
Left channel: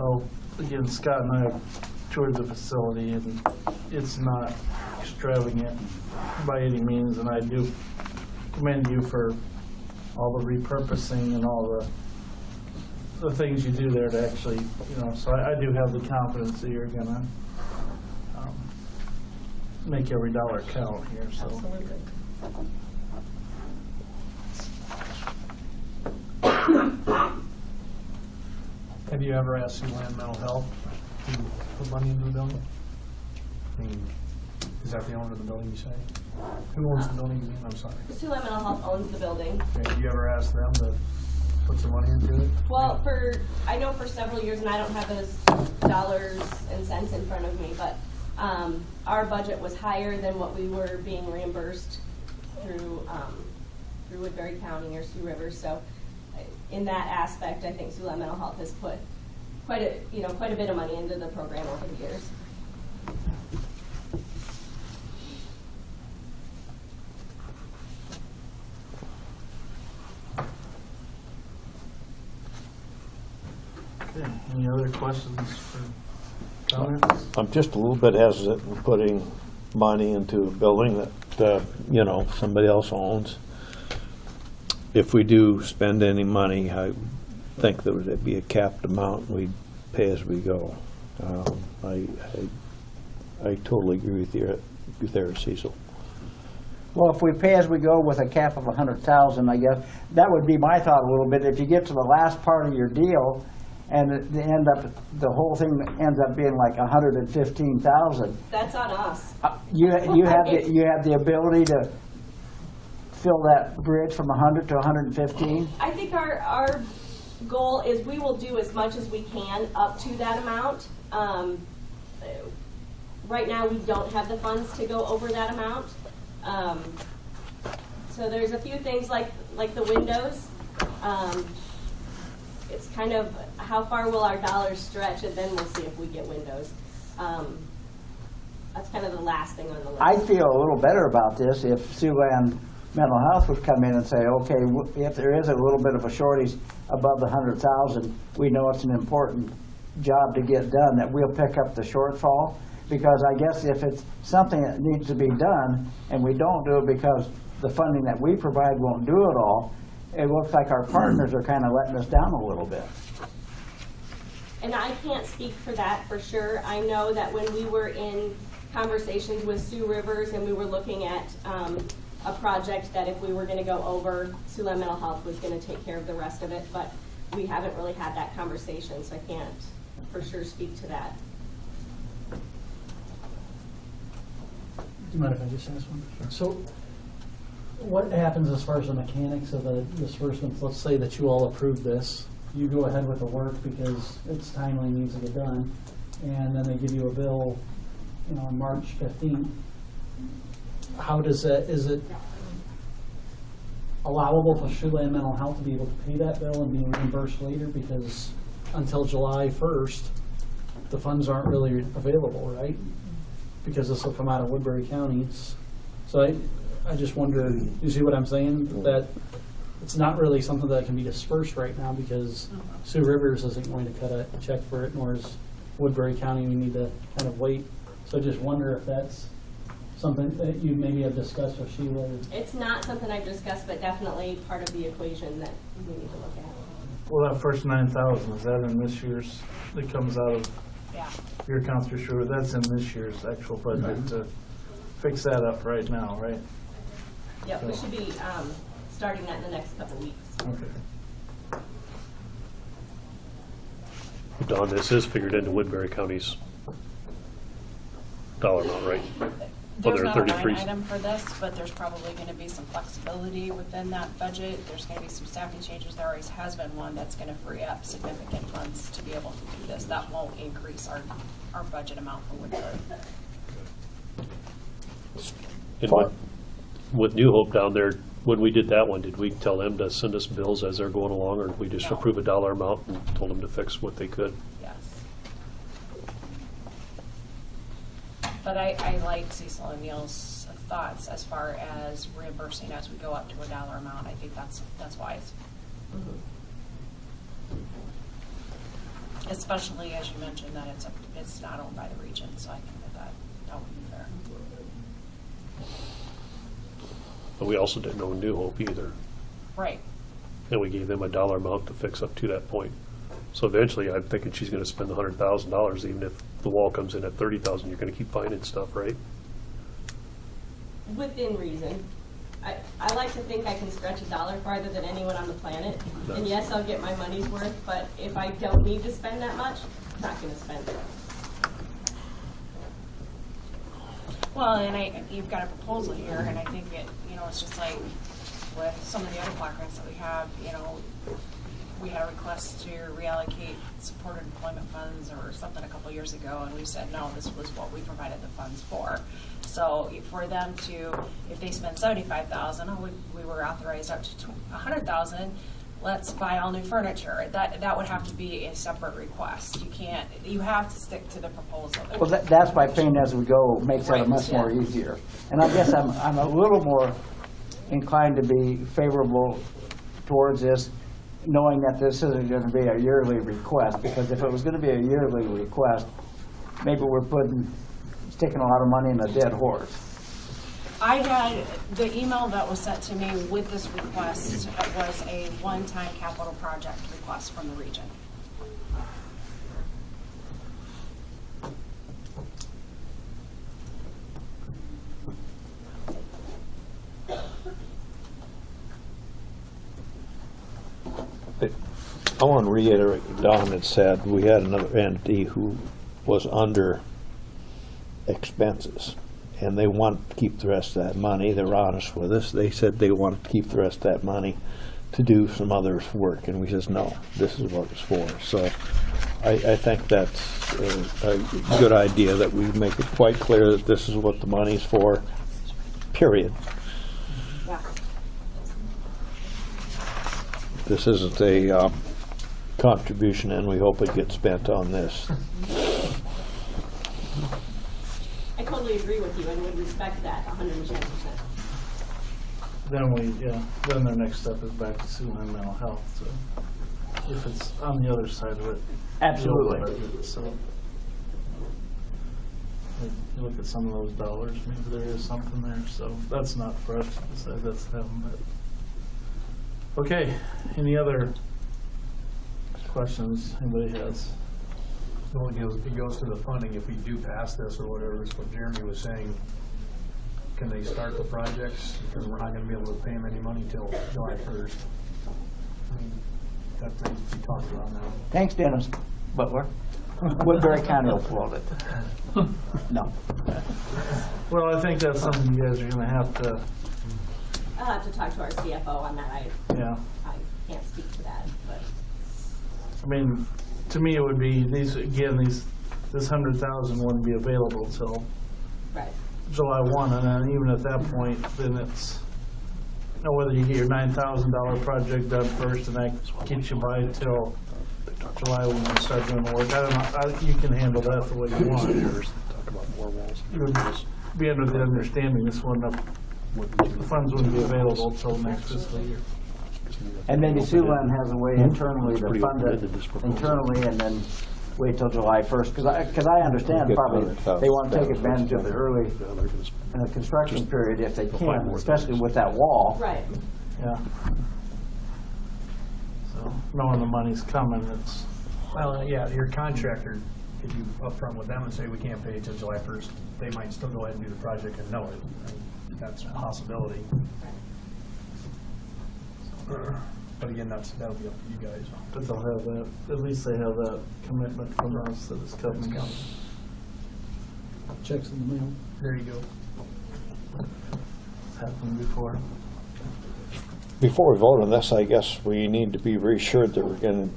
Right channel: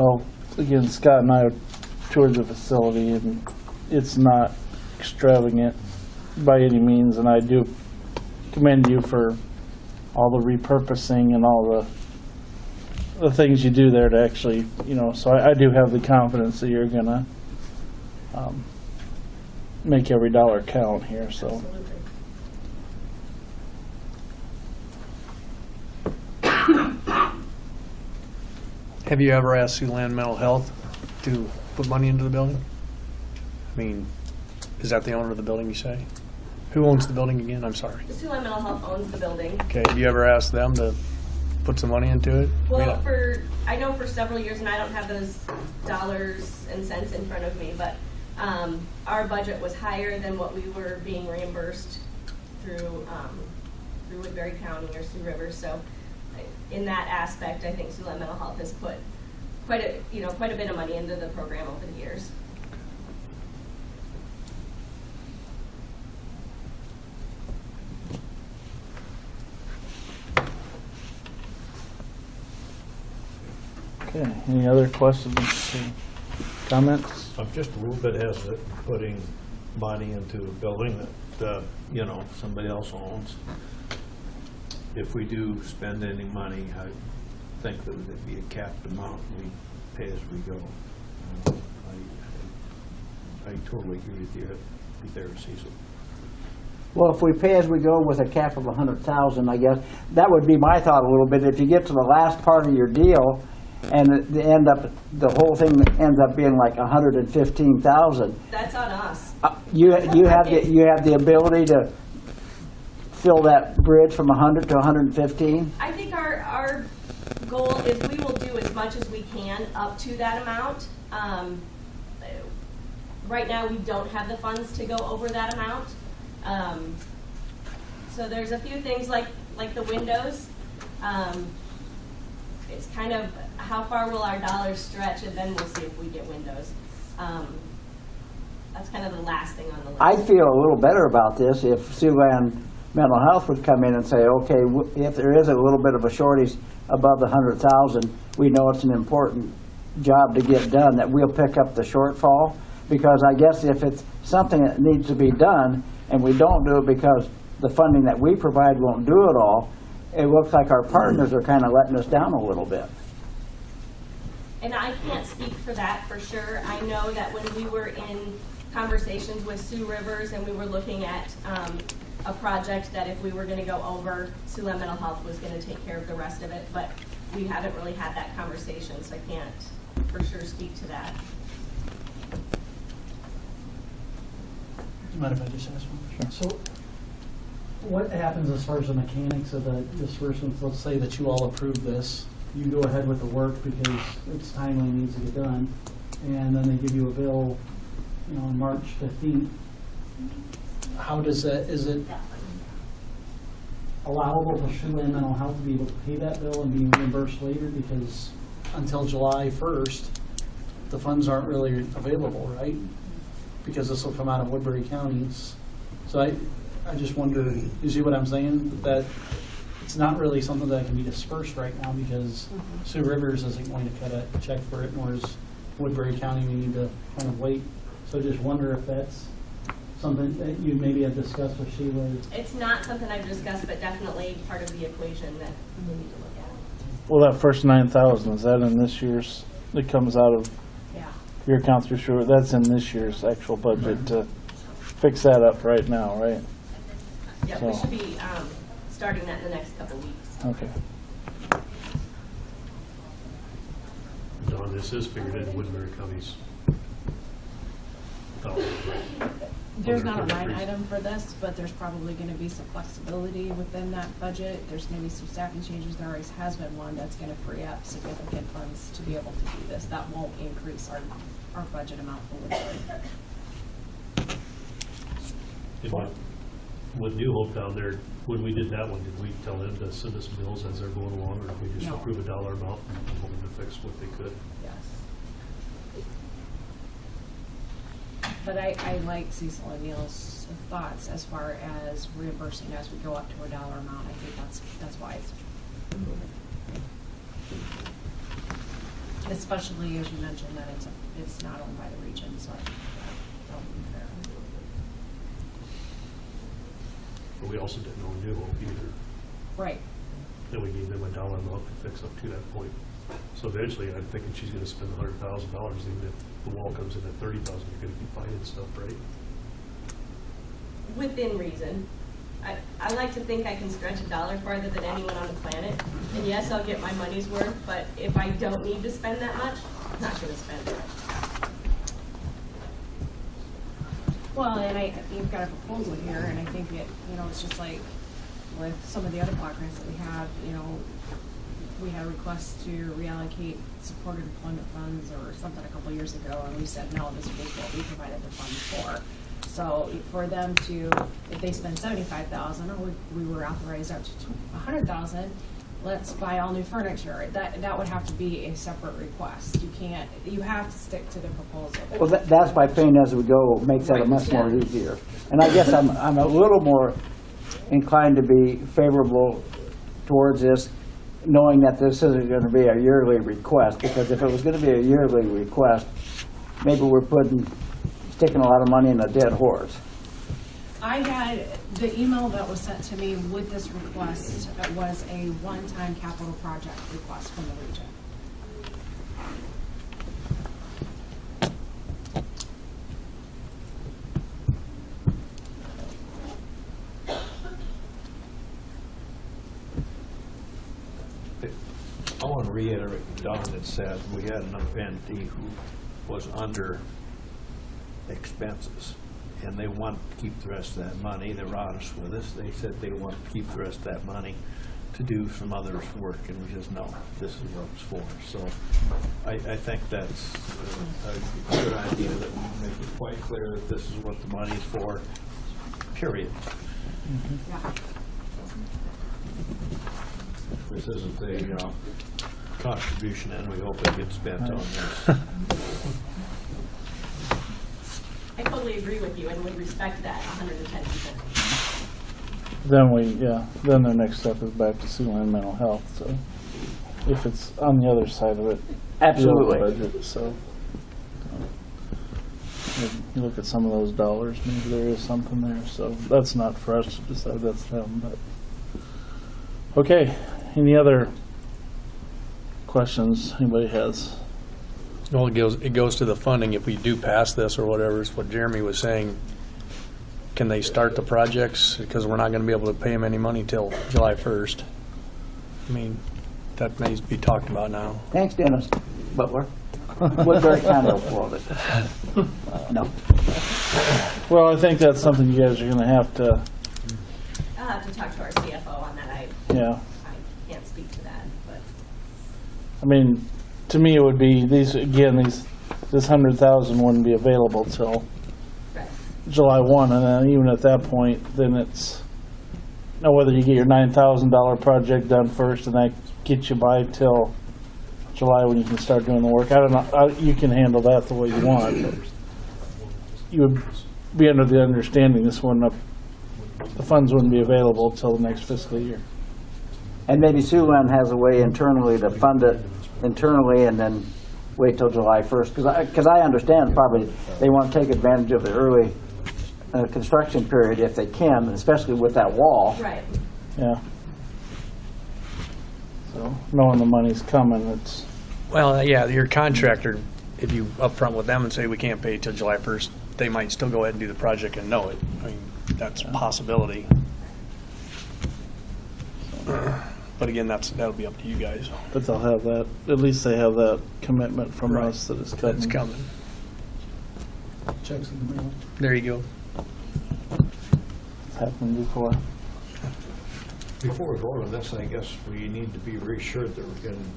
well, again, Scott and I toured the facility, and it's not extravagant by any means, and I do commend you for all the repurposing and all the things you do there to actually, so I do have the confidence that you're gonna make every dollar count here, so. Have you ever asked Siouxland Mental Health to put money into the building? I mean, is that the owner of the building, you say? Who owns the building again? I'm sorry. Siouxland Mental Health owns the building. Okay, have you ever asked them to put some money into it? Well, I know for several years, and I don't have those dollars and cents in front of me, but our budget was higher than what we were being reimbursed through Woodbury County or Sioux Rivers. So in that aspect, I think Siouxland Mental Health has put quite a bit of money into the program over the years. Okay, any other questions or comments? I'm just a little bit hesitant in putting money into a building that, somebody else owns. If we do spend any money, I think that would be a capped amount, we'd pay as we go. I totally agree with you there, Cecil. Well, if we pay as we go with a cap of 100,000, I guess, that would be my thought a little bit. If you get to the last part of your deal and the whole thing ends up being like 115,000. That's on us. You have the ability to fill that bridge from 100 to 115? I think our goal is we will do as much as we can up to that amount. Right now, we don't have the funds to go over that amount. So there's a few things like the windows. It's kind of how far will our dollars stretch, and then we'll see if we get windows. That's kind of the last thing on the list. I feel a little better about this if Siouxland Mental Health would come in and say, okay, if there is a little bit of a shortage above the 100,000, we know it's an important job to get done, that we'll pick up the shortfall. Because I guess if it's something that needs to be done and we don't do it because the funding that we provide won't do it all, it looks like our partners are kind of letting us down a little bit. And I can't speak for that for sure. I know that when we were in conversations with Sioux Rivers and we were looking at a project that if we were going to go over, Siouxland Mental Health was going to take care of the rest of it, but we haven't really had that conversation, so I can't for sure speak to that. Do you mind if I just ask one? Sure. So what happens as far as the mechanics of the disbursements? Let's say that you all approve this. You go ahead with the work because it's timely, needs to get done, and then they give you a bill, on March 15th. How does that, is it allowable for Siouxland Mental Health to be able to pay that bill and be reimbursed later? Because until July 1st, the funds aren't really available, right? Because this will come out of Woodbury counties. So I just wonder, you see what I'm saying? That it's not really something that can be dispersed right now because Sioux Rivers isn't going to cut a check for it, nor is Woodbury County. We need to kind of wait. So I just wonder if that's something that you maybe have discussed with Sheila. It's not something I've discussed, but definitely part of the equation that we need to look at. Well, that first 9,000, is that in this year's, that comes out of Yeah. your accounts for sure? That's in this year's actual budget to fix that up right now, right? Yeah, we So- should be starting that in the next couple weeks. Okay. Don, this is figured into Woodbury County's dollar amount, right? There's Other not a line 33. item for this, but there's probably gonna be some flexibility within that budget. There's gonna be some staffing changes. There always has been one that's gonna free up significant funds to be able to do this. That won't increase our budget amount for Woodbury. And with New Hope down there, when we did that one, did we tell them to send us bills as they're going along, or did we just No. approve a dollar amount and told them to fix what they could? Yes. But I like Cecil and Neil's thoughts as far as reimbursing as we go up to a dollar amount. I think that's wise. Especially as you mentioned that it's not owned by the region, so I think that would be fair. But we also didn't own New Hope either. Right. And we gave them a dollar amount to fix up to that point. So eventually, I'm thinking she's gonna spend $100,000, even if the wall comes in at 30,000, you're gonna keep finding stuff, right? Within reason. I like to think I can stretch a dollar farther than anyone on the planet. And yes, I'll get my money's worth, but if I don't need to spend that much, I'm not gonna spend it. Well, and you've got a proposal here, and I think it, it's just like with some of the other block grants that we have, we had a request to reallocate supported employment funds or something a couple years ago, and we said, no, this was what we provided the funds for. So for them to, if they spend $75,000, we were authorized up to $100,000, let's buy all new furniture. That would have to be a separate request. You have to stick to the proposal. Well, that's why paying as we go makes that Right, much more yeah. easier. And I guess I'm a little more inclined to be favorable towards this, knowing that this isn't going to be a yearly request, because if it was going to be a yearly request, maybe we're sticking a lot of money in a dead horse. I had, the email that was sent to me with this request was a one-time capital project request from the region. I want to reiterate what Don had said. We had another entity who was under expenses, and they wanted to keep the rest of that money. They were honest with us. They said they wanted to keep the rest of that money to do some other work, and we says, no, this is what it's for. So I think that's a good idea, that we make it quite clear that this is what the money's for, period. Yeah. This isn't a contribution, and we hope it gets spent on this. I totally agree with you and would respect that 110%. Then the next step is back to Siouxland Mental Health, so if it's on the other side of it. Absolutely. the budget, so. You look at some of those dollars, maybe there is something there, so that's not for us to decide, that's them, but. Okay, any other questions anybody has? Well, it goes to the funding. If we do pass this or whatever, is what Jeremy was saying. Can they start the projects? Because we're not going to be able to pay them any money till July 1st. I mean, that may be talked about now. Thanks, Dennis Butler. We're very kind of for it. No. Well, I think that's something you guys are gonna have to, I'll have to talk to our CFO on that. yeah. I can't speak to that, but. I mean, to me, it would be this 100,000 wouldn't be available till Right. July 1, and then even at that point, then it's, now whether you get your $9,000 project done first and that gets you by till July when you can start doing the work. I don't know, you can handle that the way you want. You would be under the understanding this wouldn't have, the funds wouldn't be available till next fiscal year. And maybe Siouxland has a way internally to fund it internally and then wait till July 1st. Because I understand probably they want to take advantage of the early construction period if they can, especially with that wall. Right. Yeah. So knowing the money's coming, it's, Well, yeah, your contractor, if you upfront with them and say we can't pay till July 1st, they might still go ahead and do the project and know it. I mean, that's a possibility. But again, that'll be up to you guys. but they'll have that, at least they have that commitment from Right. us that it's coming. That's coming. Checks in the mail. There you go. It's happened before. Before we vote on this, I guess we need to be reassured that we're going to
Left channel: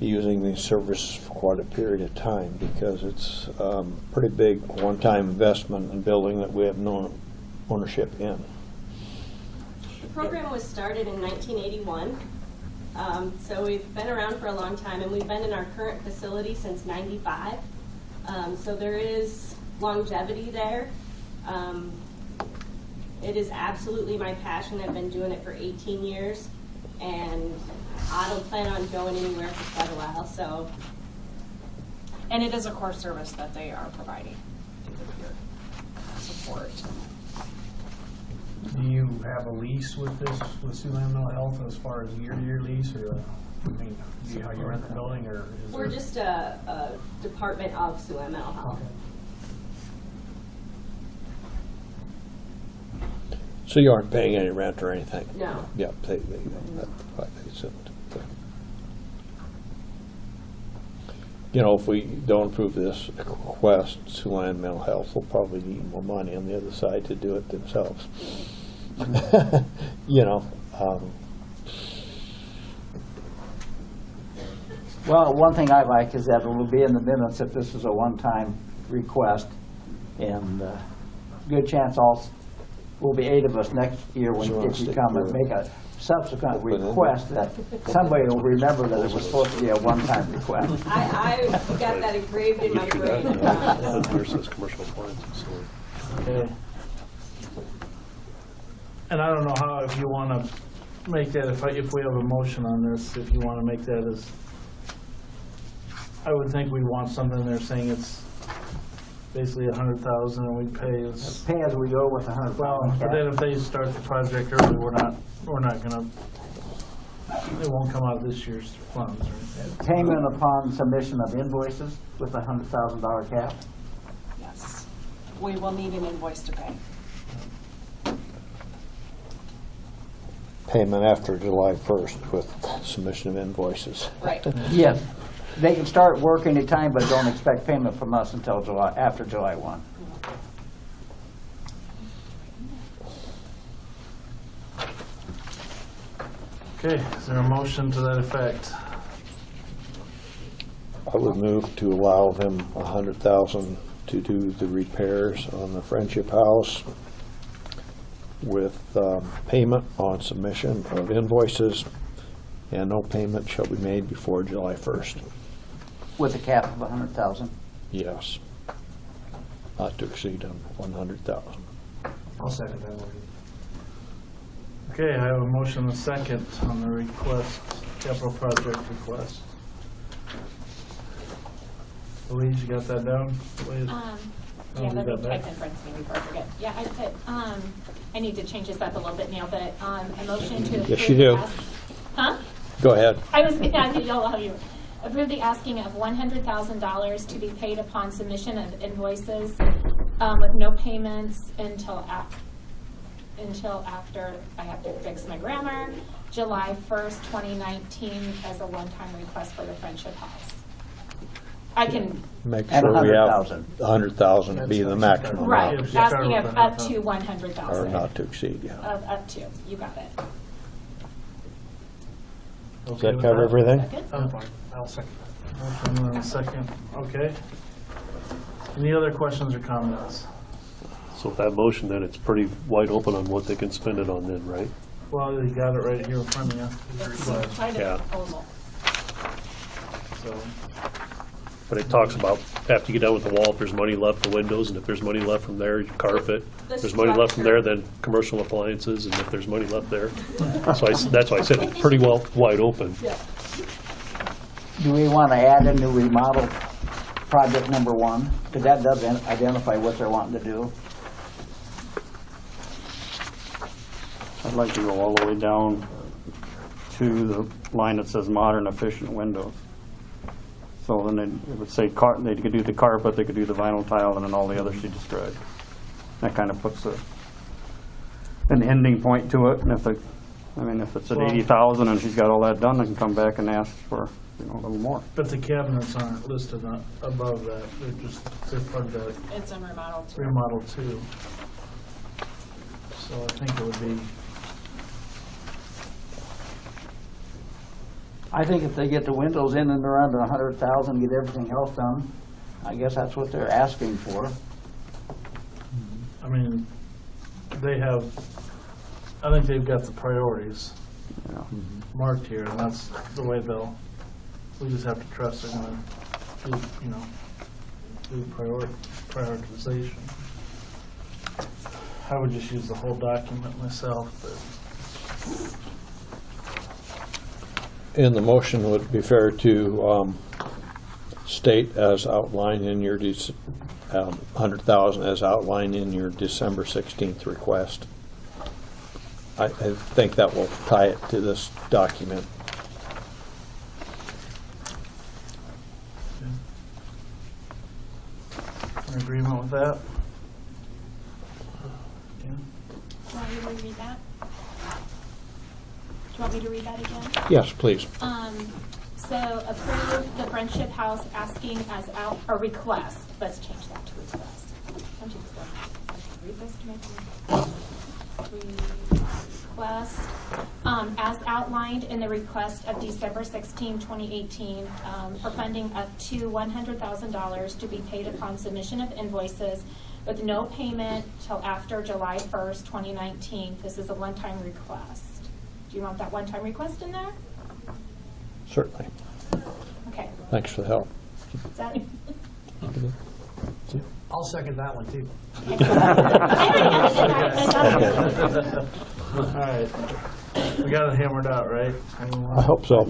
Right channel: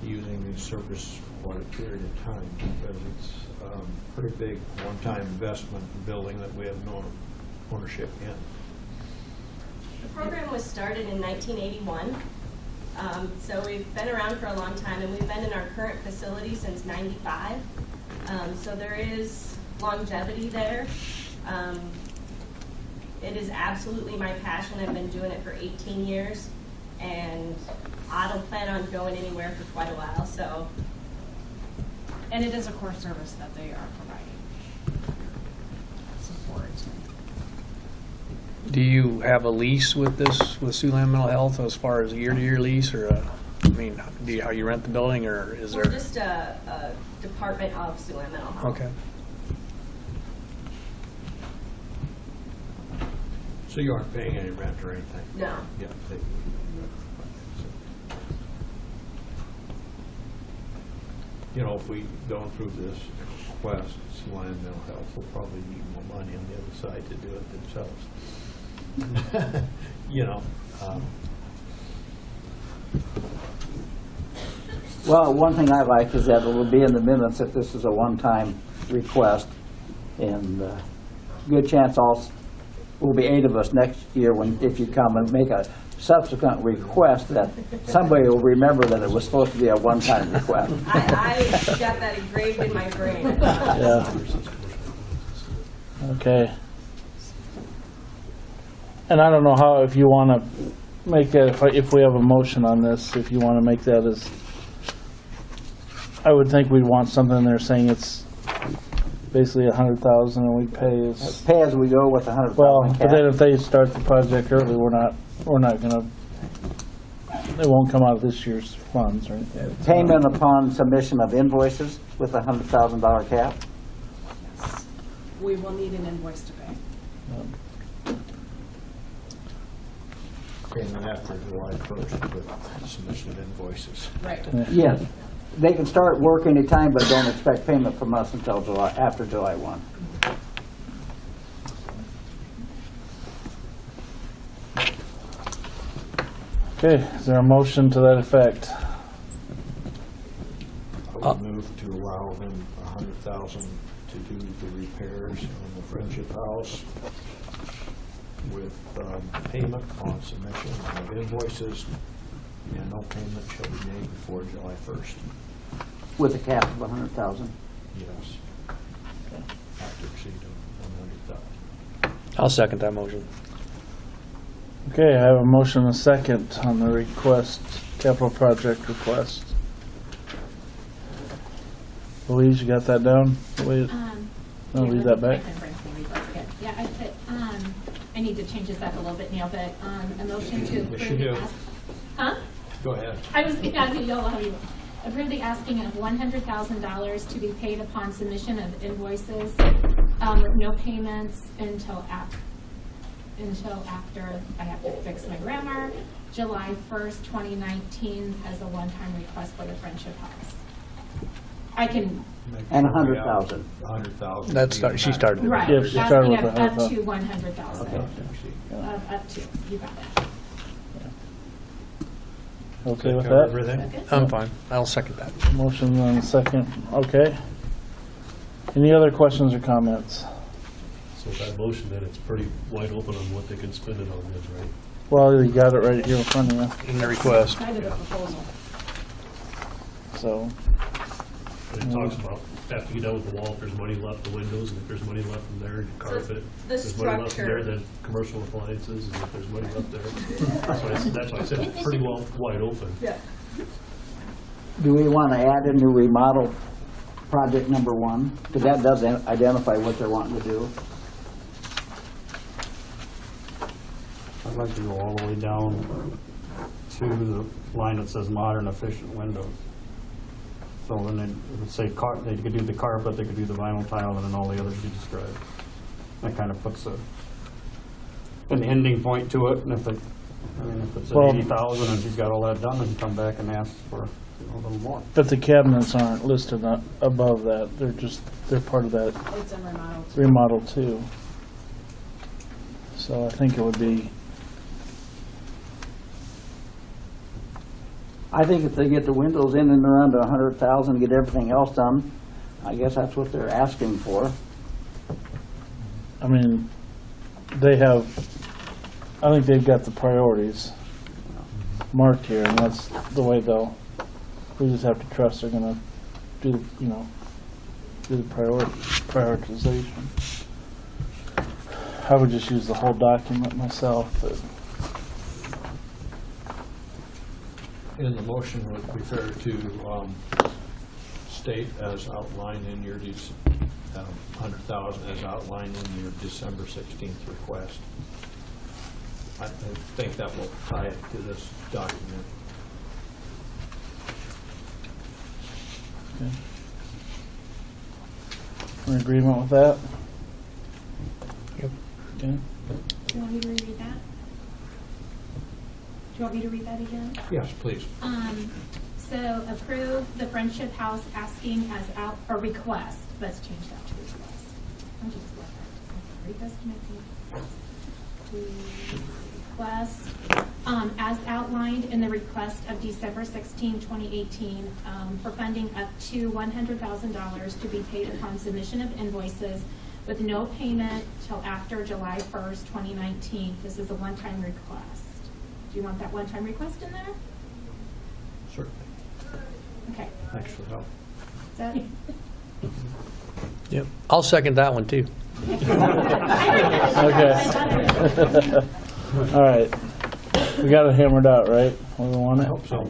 be using these services for quite a period of time, because it's pretty big one-time investment in building that we have no ownership in. The program was started in 1981, so we've been around for a long time, and we've been in our current facility since '95. So there is longevity there. It is absolutely my passion. I've been doing it for 18 years, and I don't plan on going anywhere for quite a while. So, And it is a core service that they are providing. Support. Do you have a lease with this, with Siouxland Mental Health as far as a year-to-year lease or I mean, how you rent the building or is there? We're just a department of Siouxland Mental Health. Okay. So you aren't paying any rent or anything? No. Yeah, so, you know, if we don't approve this request, Siouxland Mental Health will probably need more money on the other side to do it themselves. You know, Well, one thing I like is that it will be in the minutes if this is a one-time request. And good chance will be 8 of us next year if you come and make a subsequent request that somebody will remember that it was supposed to be a one-time request. I got that engraved in my brain. Versus commercial appliances. Okay. And I don't know how, if you want to make that, if we have a motion on this, if you want to make that as, I would think we'd want something in there saying it's basically 100,000 and we pay as, Pay as we go with the 100,000 well, cap. but then if they start the project early, we're not gonna, it won't come out of this year's funds or anything. Payment upon submission of invoices with a $100,000 cap. Yes. We will need an invoice to pay. payment after July 1st with submission of invoices. Right. Yes, they can start work anytime, but don't expect payment from us until after July 1. Okay, is there a motion to that effect? I would move to allow him $100,000 to do the repairs on the Friendship House with payment on submission of invoices, and no payment shall be made before July 1st. With a cap of 100,000. Yes. Not to exceed 100,000. I'll second that motion. Okay, I have a motion and a second on the request, capital project request. Louise, you got that down? Louise? Yeah, leave let that me back. type in front of me before I forget. Yeah, I put, I need to change this up a little bit, Neil, but, a motion to approve. Yes, you do. Huh? Go ahead. I was gonna ask y'all how you approve the asking of $100,000 to be paid upon submission of invoices, with no payments until after, I have to fix my grammar, July 1st, 2019 as a one-time request for the Friendship House. I can, Make And sure we have 100,000. 100,000 That's being the she started maximum. right, Yes, you started asking with of the up 100,000. to Or 100,000. not to exceed, yeah. Up to, you got it. Does Okay that with cover that? everything? I'm fine. I'll second that. Motion and a second, okay. Any other questions or comments? So if that motion, then it's pretty wide open on what they can spend it on then, right? Well, you got it right here in front of you, In the request. Kind of Yeah. a proposal. so. But it talks about, after you get done with the wall, if there's money left, the windows, and if there's money left from there, you carpet. The If there's money left from there, structure. then commercial appliances, and if there's money left there. So that's why I said it's pretty well wide open. Yeah. Do we want to add a new remodel project number 1? Because that doesn't identify what they're wanting to do. I'd like to go all the way down to the line that says modern efficient windows. So then it would say they could do the carpet, they could do the vinyl tile, and then all the others she described. That kind of puts an ending point to it, and if it's at Well- 80,000 and she's got all that done, they can come back and ask for, a little more. But the cabinets aren't listed above that, they're part of that It's a remodel too. remodel too. So I think it would be, I think if they get the windows in and around 100,000, get everything else done, I guess that's what they're asking for. I mean, I think they've got the priorities marked here, and that's the way we just have to trust they're gonna do the prioritization. I would just use the whole document myself, but And the motion would be fair to state as outlined in your 100,000 as outlined in your December 16th request. I think that will tie it to this document. In agreement with that? Okay. Do you want me to reread that? Do you want me to read that again? Yes, please. So approve the Friendship House asking as out, or request, let's change that to request. Don't you just read this to make request, as outlined in the request of December 16, 2018, for funding up to $100,000 to be paid upon submission of invoices with no payment till after July 1st, 2019. This is a one-time request. Do you want that one-time request in there? Certainly. Okay. Thanks for the help. Is that? Yep. I'll second that one too. Okay. All right. We got it hammered out, right? Everyone? I hope so.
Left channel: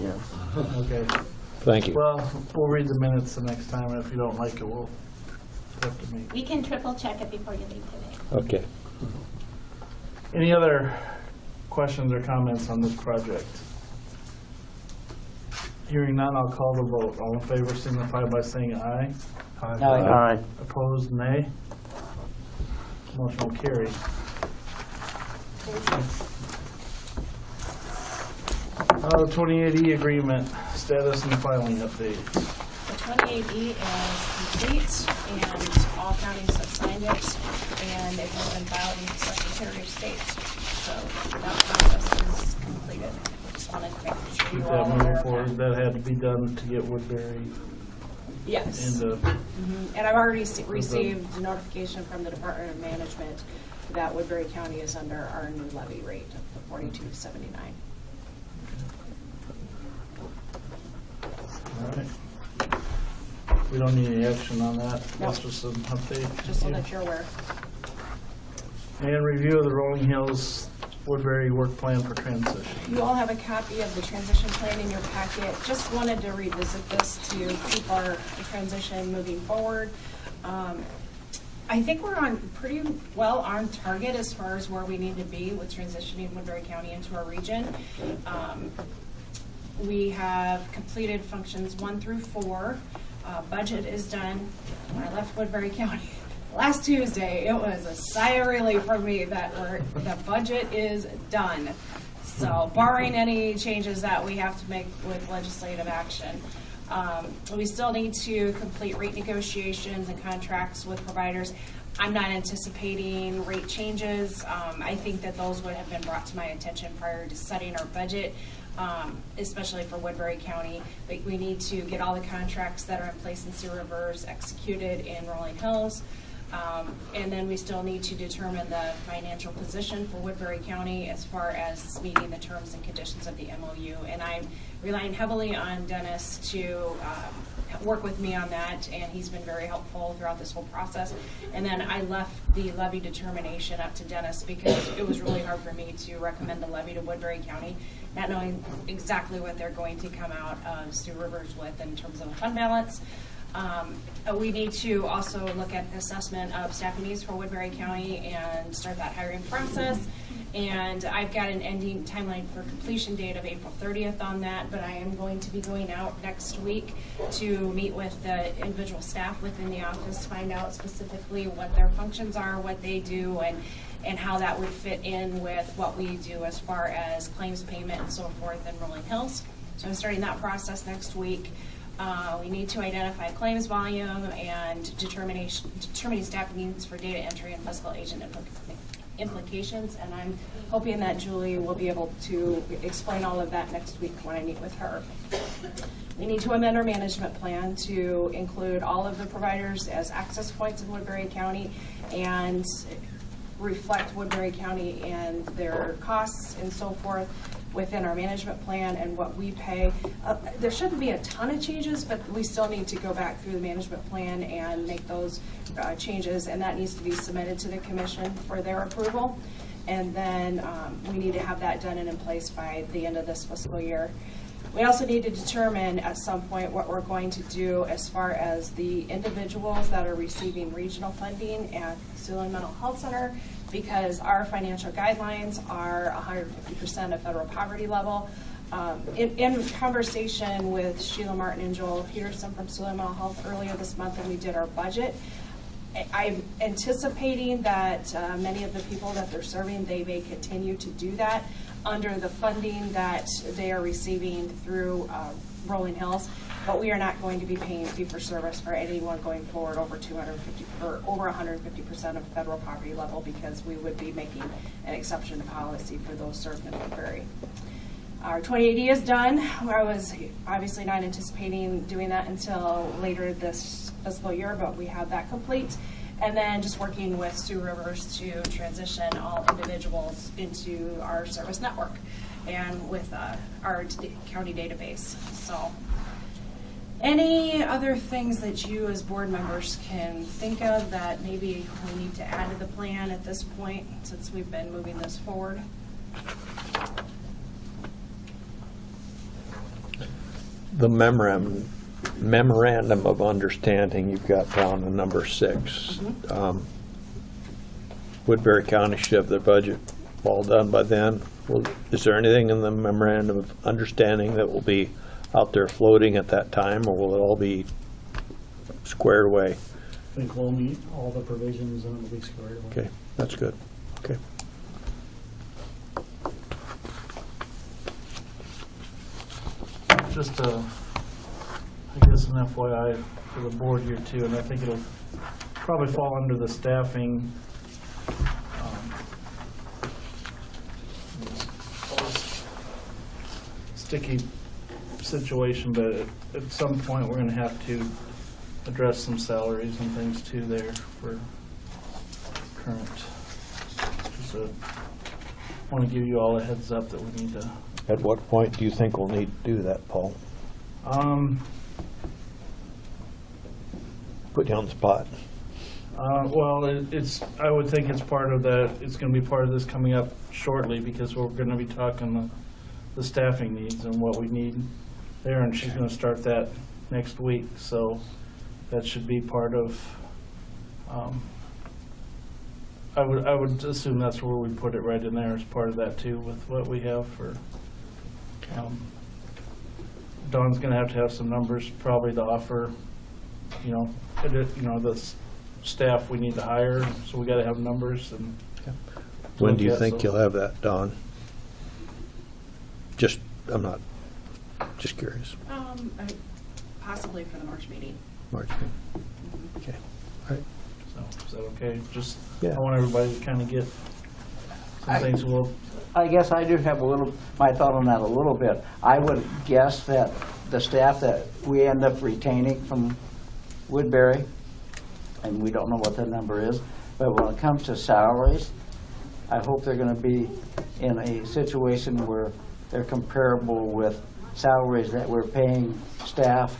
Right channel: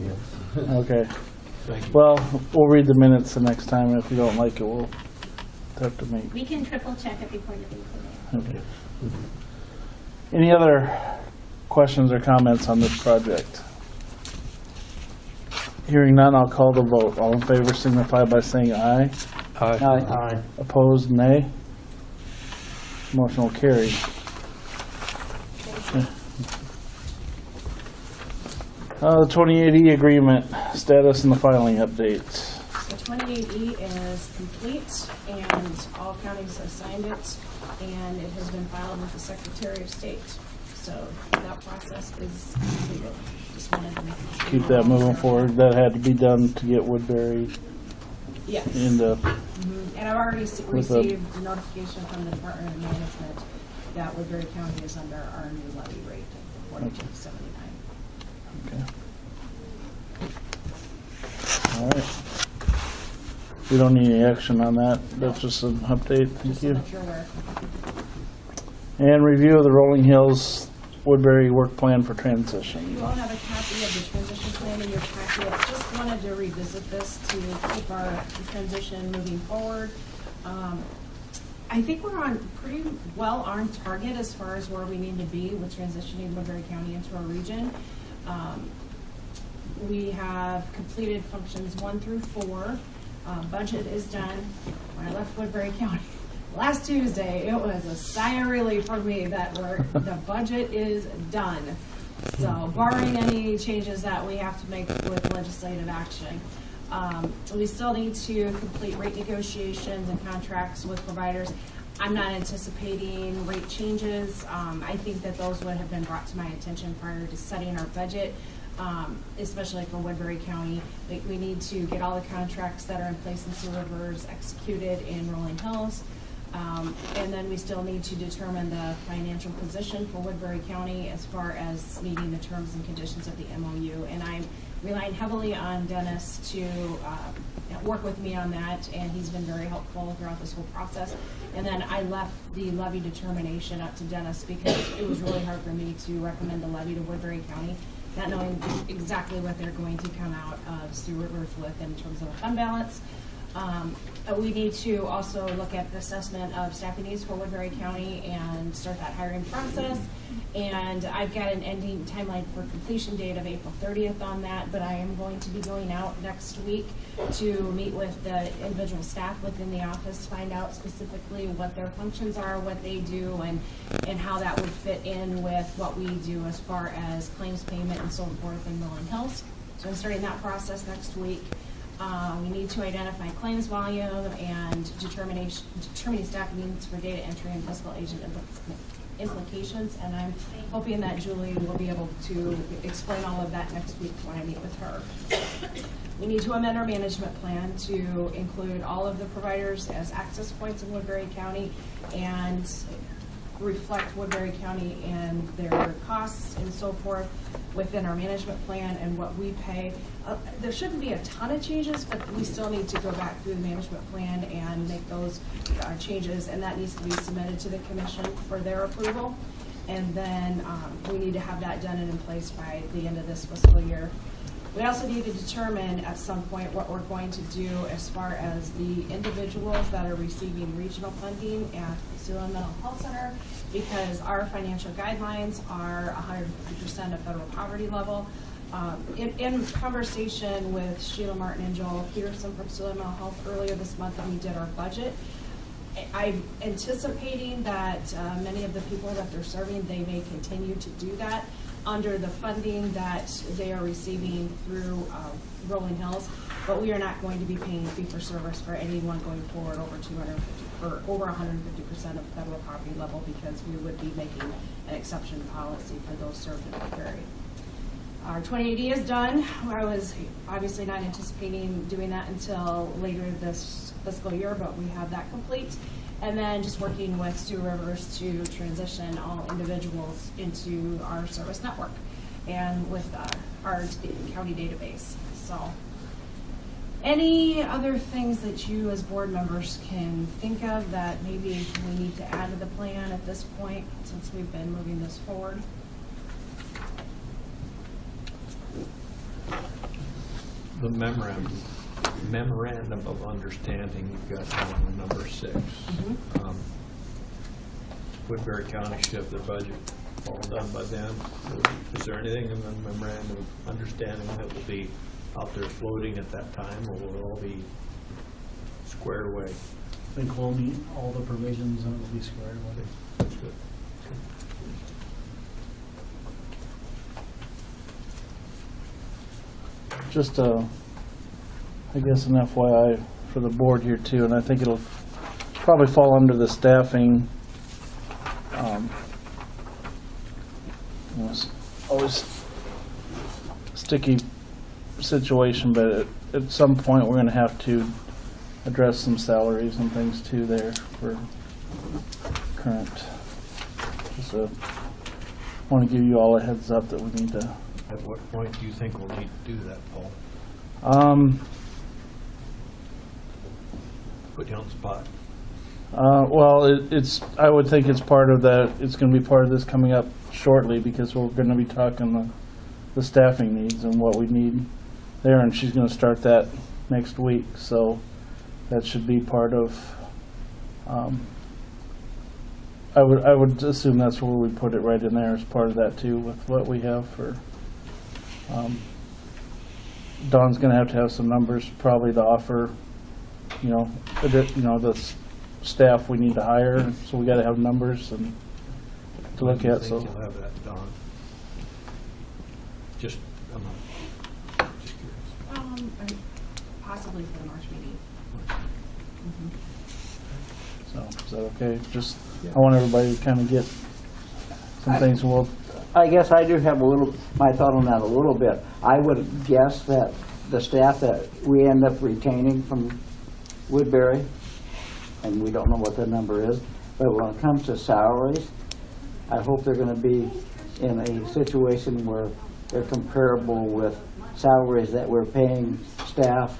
Okay. Thank you. Well, we'll read the minutes the next time, and if you don't like it, we'll have to meet. We can triple check it before you leave today. Okay. Any other questions or comments on this project? Hearing none, I'll call the vote. All in favor signify by saying aye. Aye. Opposed, nay. Motion will carry. The 28E agreement, status and the filing updates. The 28E is complete, and all counties have signed it, and it has been filed with the Secretary of State. So that process is completed. Just wanted to make sure. Keep you that all moving aware of forward. That had to be done to get Woodbury Yes. into, And I've already received the notification from the Department of Management that Woodbury County is under our new levy rate of $42.79. okay. All right. We don't need any action on that. That's just an update. Just so Thank that you're aware. you. And review of the Rolling Hills Woodbury work plan for transition. You all have a copy of the transition plan in your packet. Just wanted to revisit this to keep our transition moving forward. I think we're on pretty well on target as far as where we need to be with transitioning Woodbury County into our region. We have completed functions 1 through 4. Budget is done. When I left Woodbury County last Tuesday, it was a sigh of relief for me that the budget is done. So barring any changes that we have to make with legislative action. We still need to complete rate negotiations and contracts with providers. I'm not anticipating rate changes. I think that those would have been brought to my attention prior to setting our budget, especially for Woodbury County. We need to get all the contracts that are in place in Sioux Rivers executed in Rolling Hills. And then we still need to determine the financial position for Woodbury County as far as meeting the terms and conditions of the MOU. And I'm relying heavily on Dennis to work with me on that, and he's been very helpful throughout this whole process. And then I left the levy determination up to Dennis because it was really hard for me to recommend the levy to Woodbury County, not knowing exactly what they're going to come out of Sioux Rivers with in terms of a fund balance. We need to also look at assessment of staffing needs for Woodbury County and start that hiring process. And I've got an ending timeline for completion date of April 30th on that, but I am going to be going out next week to meet with the individual staff within the office to find out specifically what their functions are, what they do, and how that would fit in with what we do as far as claims payment and so forth in Rolling Hills. So I'm starting that process next week. We need to identify claims volume and determining staffing needs for data entry and fiscal agent implications, and I'm hoping that Julie will be able to explain all of that next week when I meet with her. We need to amend our management plan to include all of the providers as access points in Woodbury County and reflect Woodbury County and their costs and so forth within our management plan and what we pay. There shouldn't be a ton of changes, but we still need to go back through the management plan and make those changes, and that needs to be submitted to the commission for their approval. And then we need to have that done and in place by the end of this fiscal year. We also need to determine at some point what we're going to do as far as the individuals that are receiving regional funding at the Siouxland Mental Health Center because our financial guidelines are 150% of federal poverty level. In conversation with Sheila Martin and Joel Peterson from Sullivan Mental Health earlier this month when we did our budget, I'm anticipating that many of the people that they're serving, they may continue to do that under the funding that they are receiving through Rolling Hills, but we are not going to be paying fee-for-service for anyone going forward over 250 or over 150% of federal poverty level, because we would be making an exception policy for those served in the prairie. Our 2080 is done. I was obviously not anticipating doing that until later this fiscal year, but we have that complete. And then just working with Sioux Rivers to transition all individuals into our service network and with our county database. So any other things that you as board members can think of that maybe we need to add to the plan at this point, since we've been moving this forward? The memorandum of understanding you've got down in number 6. Woodbury County should have their budget all done by then. Is there anything in the memorandum of understanding that will be out there floating at that time, or will it all be squared away? I think we'll meet all the provisions and it'll be squared away. Okay, that's good. Okay. Just I guess an FYI for the board here too, and I think it'll probably fall under the staffing. It's always sticky situation, but at some point we're going to have to address some salaries and things too there for current. So want to give you all a heads up that we need to. At what point do you think we'll need to do that, Paul? Put you on the spot. Well, I would think it's part of that. It's going to be part of this coming up shortly, because we're going to be talking the staffing needs and what we need there, and she's going to start that next week. So that should be part of. I would assume that's where we put it, right in there as part of that too, with what we have for. Dawn's going to have some numbers probably to offer, the staff we need to hire, so we got to have numbers. And When do you think you'll have that, Dawn? I'm not, just curious. Possibly for the March meeting. March. Okay. All right. So is that okay? Just Yeah. I want everybody to kind of get some things. I guess I do have my thought on that a little bit. I would guess that the staff that we end up retaining from Woodbury, and we don't know what that number is, but when it comes to salaries, I hope they're going to be in a situation where they're comparable with salaries that we're paying staff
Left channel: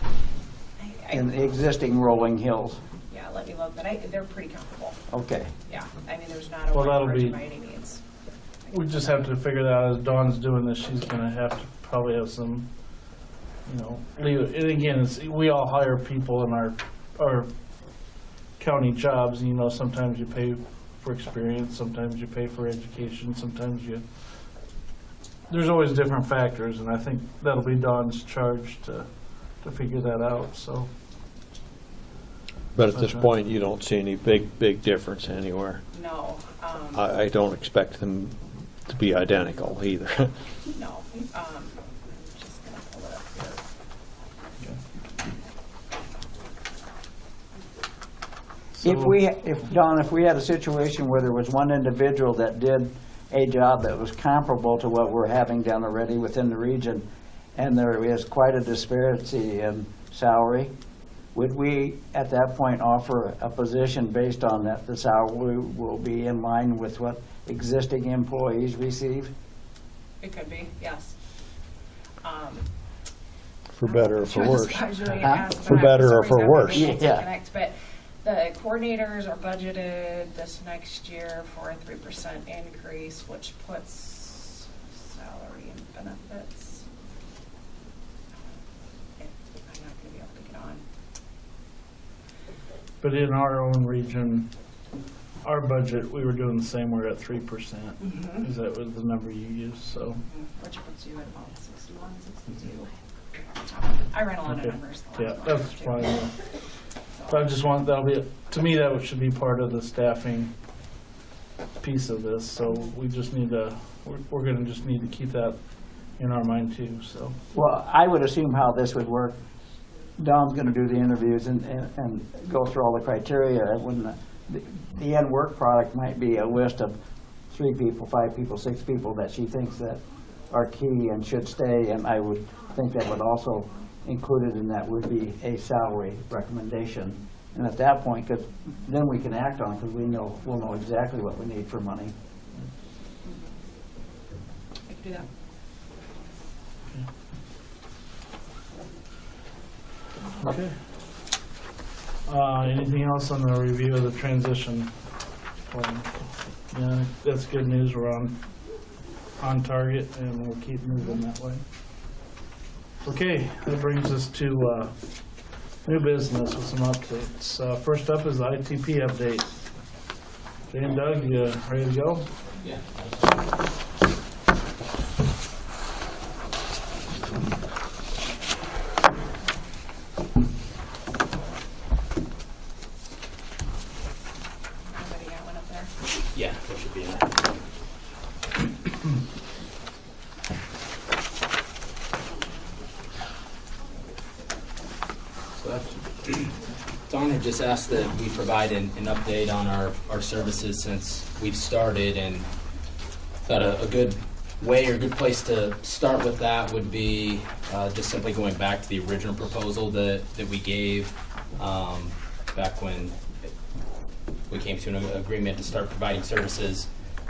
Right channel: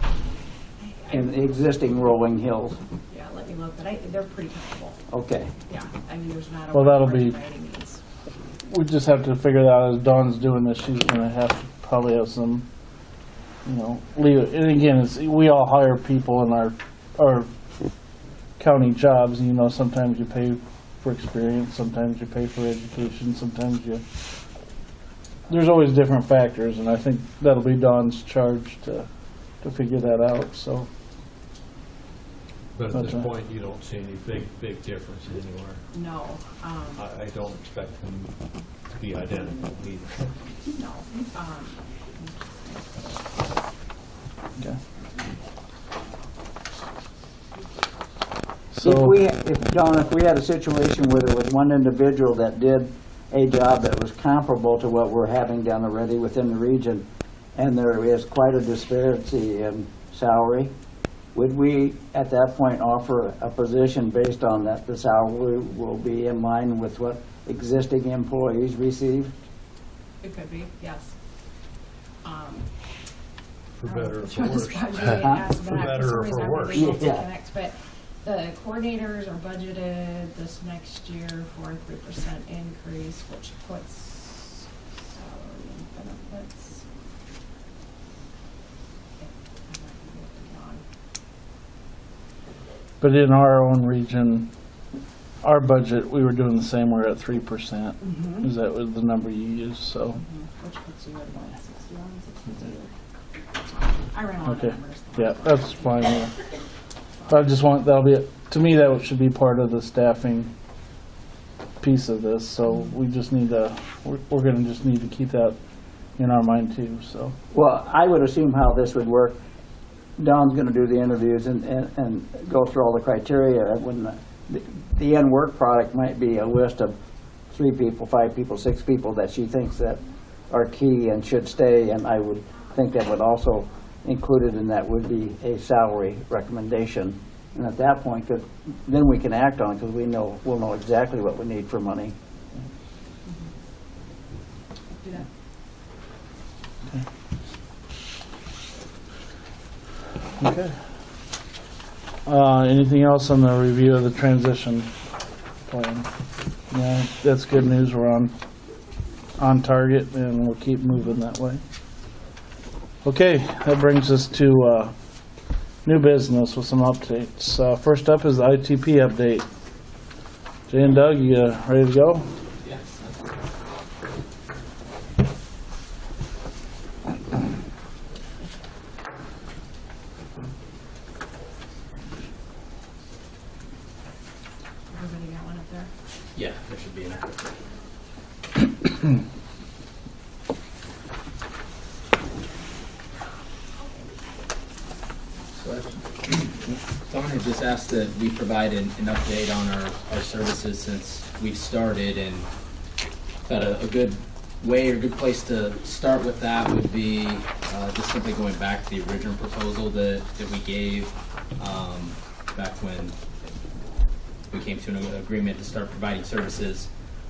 in the existing Rolling Hills. Yeah, let me look, but they're pretty comfortable. Okay. Yeah, I mean, there's not a Well, that'll margin be- by any means. We just have to figure that out as Dawn's doing this. She's going to have to probably have some, leave. And again, we all hire people in our county jobs. Sometimes you pay for experience, sometimes you pay for education, sometimes there's always different factors, and I think that'll be Dawn's charge to figure that out. So. But at this point, you don't see any big difference anywhere. No. I don't expect them to be identical either. No. Okay. If we had a situation where there was one individual that did a job that was comparable to what we're having done already within the region, and there is quite a disparity in salary, would we at that point offer a position based on that the salary will be in line with what existing employees receive? It could be, yes. For better or for worse. For For better or for worse. Yeah. But the coordinators are budgeted this next year for a 3% increase, which puts salary and benefits. I'm not gonna be able to get on. But in our own region, our budget, we were doing the same, we're at 3%. Mhm. Is that was the number you used, so. Which puts you at about 61, 62. I ran a lot Okay, of numbers. yeah, that's fine. Yeah. I just want, that'll be, to me, that should be part of the staffing piece of this, so we just need to, we're gonna just need to keep that in our mind too, so. Well, I would assume how this would work, Don's gonna do the interviews and go through all the criteria. When the end work product might be a list of 3 people, 5 people, 6 people that she thinks that are key and should stay, and I would think that would also included in that would be a salary recommendation. And at that point, then we can act on it, because we'll know exactly what we need for money. Do that. Okay. Anything else on the review of the transition plan? Yeah, that's good news. We're on target, and we'll keep moving that way. Okay, that brings us to new business with some updates. First up is the ITP update. Jay and Doug, you ready to go? Everybody got one up there? Yeah, there should be. Don had just asked that we provide an update on our services since we've started, and thought a good way or good place to start with that would be just simply going back to the original proposal that we gave back when we came to an agreement to start providing services.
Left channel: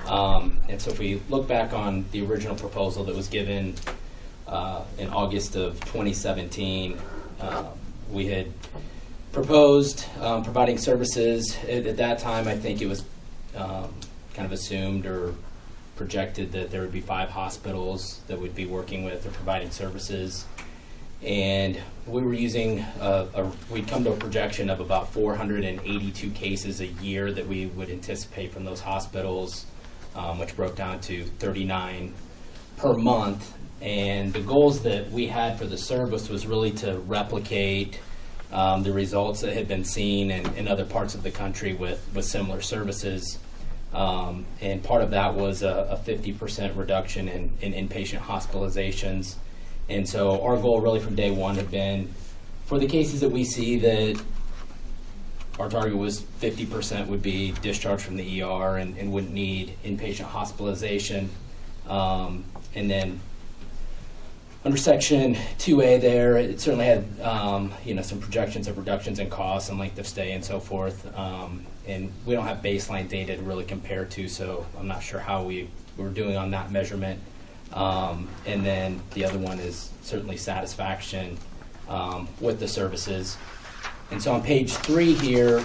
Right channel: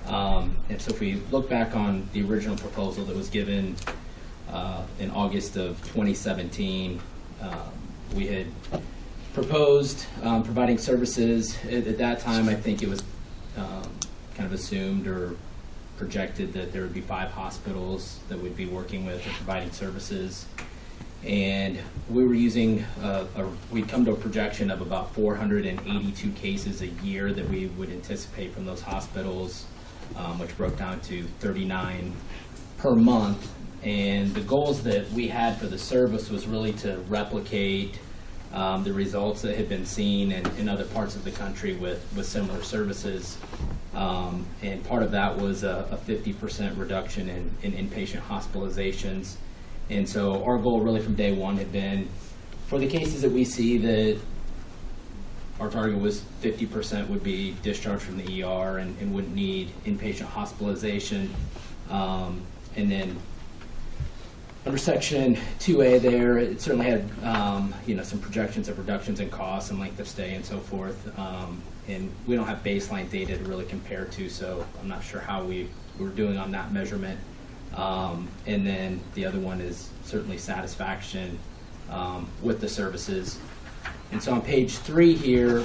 And so if we look back on the original proposal that was given in August of 2017, we had proposed providing services. At that time, I think it was kind of assumed or projected that there would be 5 hospitals that would be working with and providing services. And we were using, we'd come to a projection of about 482 cases a year that we would anticipate from those hospitals, which broke down to 39 per month. And the goals that we had for the service was really to replicate the results that had been seen in other parts of the country with similar services. And part of that was a 50% reduction in inpatient hospitalizations. And so our goal really from day one had been, for the cases that we see that our target was 50% would be discharged from the ER and wouldn't need inpatient hospitalization. And then under section 2A there, it certainly had some projections of reductions in costs and length of stay and so forth. And we don't have baseline data to really compare to, so I'm not sure how we were doing on that measurement. And then the other one is certainly satisfaction with the services. And so on page 3 here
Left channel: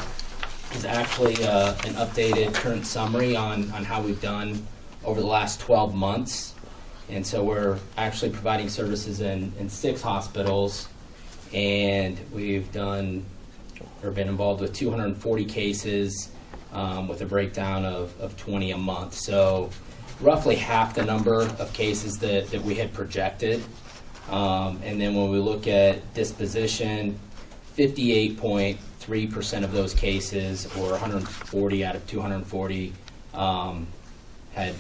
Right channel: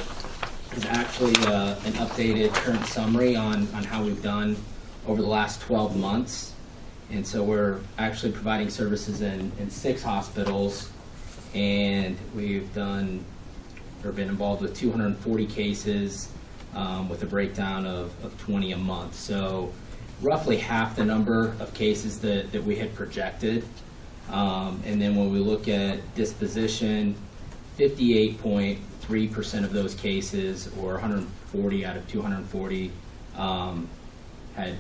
is actually an updated current summary on how we've done over the last 12 months. And so we're actually providing services in 6 hospitals, and we've done or been involved with 240 cases with a breakdown of 20 a month. So roughly half the number of cases that we had projected. And then when we look at disposition, 58.3% of those cases, or 140 out of 240, had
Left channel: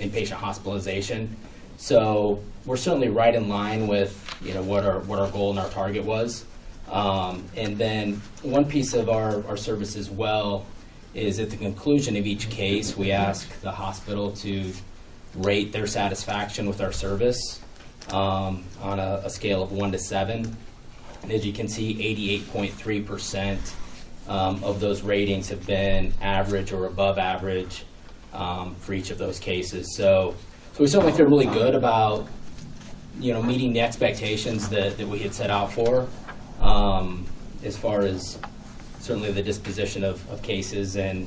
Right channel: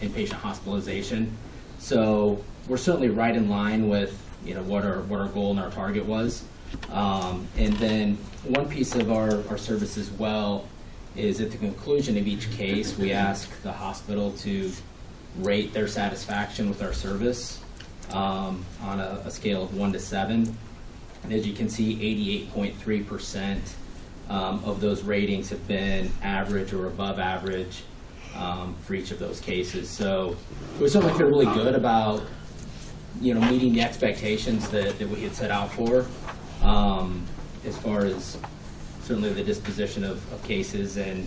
inpatient hospitalization. So we're certainly right in line with what our goal and our target was. And then one piece of our service as well is at the conclusion of each case, we ask the hospital to rate their satisfaction with our service on a scale of 1 to 7. And as you can see, 88.3% of those ratings have been average or above average for each of those cases. So we certainly feel really good about meeting the expectations that we had set out for, as far as certainly the disposition of cases and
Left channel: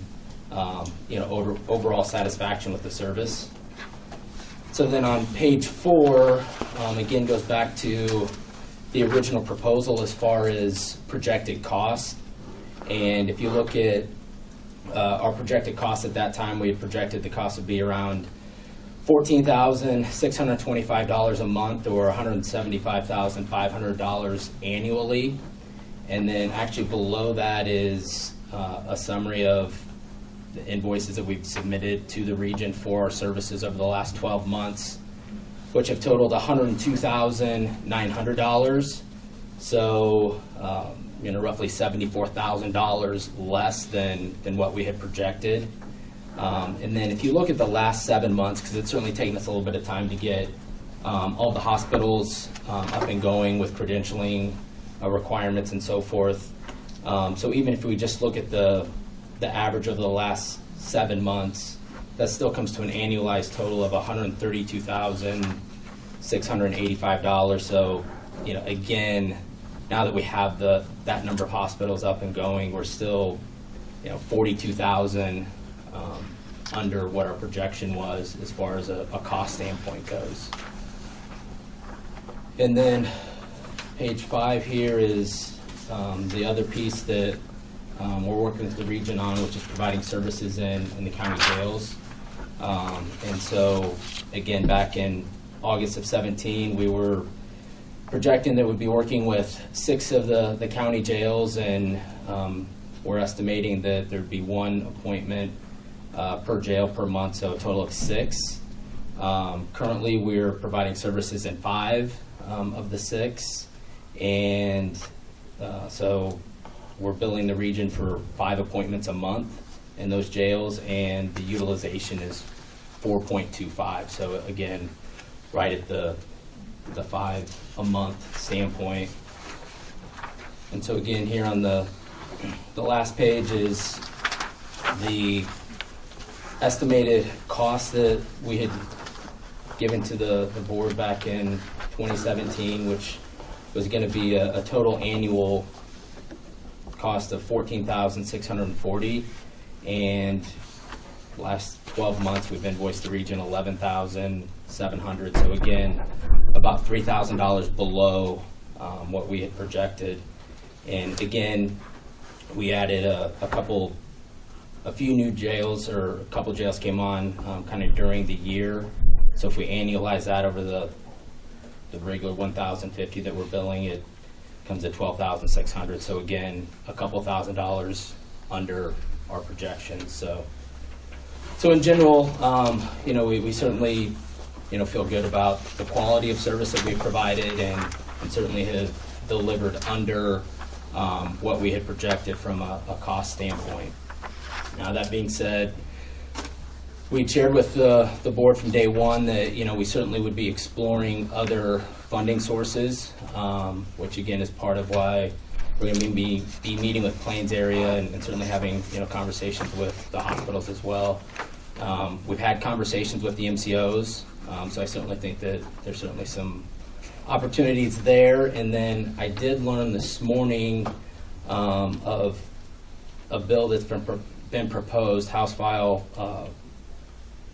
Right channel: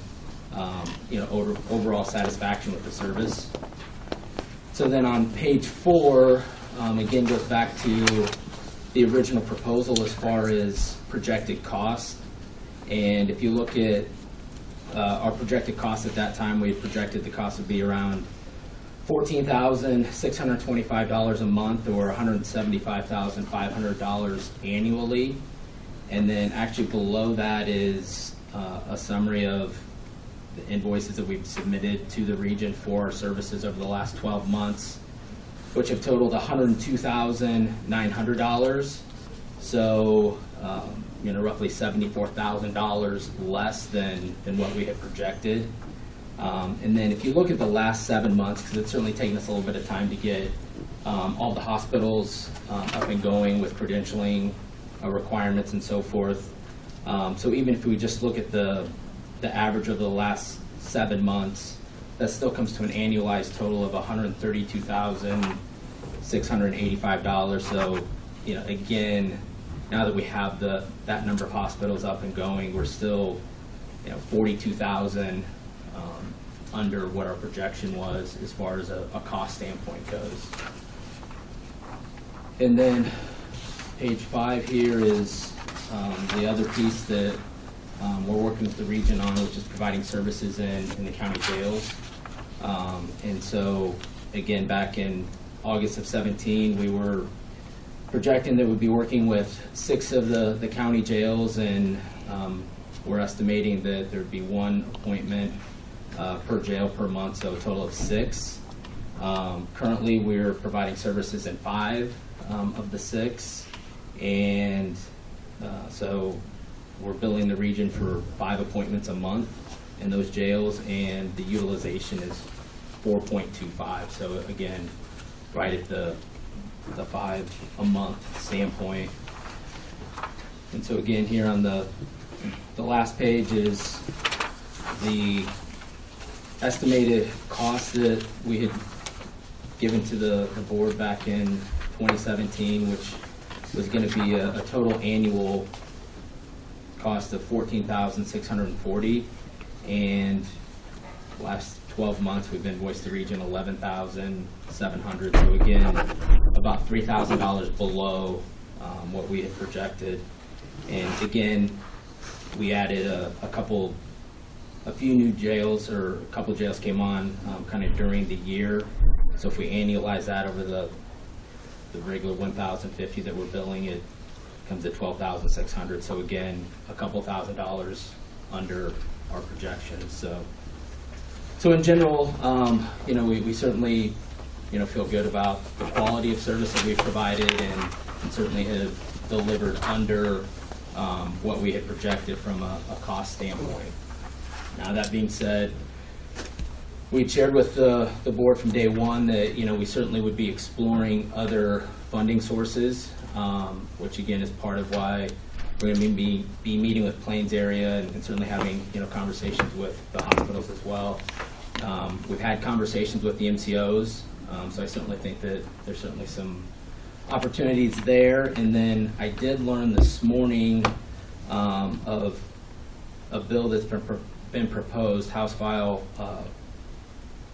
overall satisfaction with the service. So then on page 4, again goes back to the original proposal as far as projected costs. And if you look at our projected cost at that time, we had projected the cost would be around $14,625 a month, or $175,500 annually. And then actually below that is a summary of the invoices that we've submitted to the region for our services over the last 12 months, which have totaled $102,900. So, roughly $74,000 less than what we had projected. And then if you look at the last 7 months, because it's certainly taken us a little bit of time to get all the hospitals up and going with credentialing requirements and so forth. So even if we just look at the average of the last 7 months, that still comes to an annualized total of $132,685. So, again, now that we have that number of hospitals up and going, we're still, 42,000 under what our projection was as far as a cost standpoint goes. And then page 5 here is the other piece that we're working with the region on, which is providing services in the county jails. And so, again, back in August of 17, we were projecting that we'd be working with 6 of the county jails, and we're estimating that there'd be 1 appointment per jail per month, so a total of 6. Currently, we're providing services in 5 of the 6, and so we're billing the region for 5 appointments a month in those jails, and the utilization is 4.25. So again, right at the 5 a month standpoint. And so again, here on the last page is the estimated cost that we had given to the board back in 2017, which was going to be a total annual cost of $14,640, and last 12 months we've invoiced the region $11,700. So again, about $3,000 below what we had projected. And again, we added a few new jails, or a couple jails came on kind of during the year. So if we annualize that over the regular $1,050 that we're billing, it comes at $12,600. So again, a couple $1,000 under our projections. So in general, we certainly, feel good about the quality of service that we provided, and certainly have delivered under what we had projected from a cost standpoint. Now, that being said, we shared with the board from day one that, we certainly would be exploring other funding sources, which again is part of why we're going to be meeting with Plains area, and certainly having, conversations with the hospitals as well. We've had conversations with the MCOs, so I certainly think that there's certainly some opportunities there. And then I did learn this morning of a bill that's been proposed, House File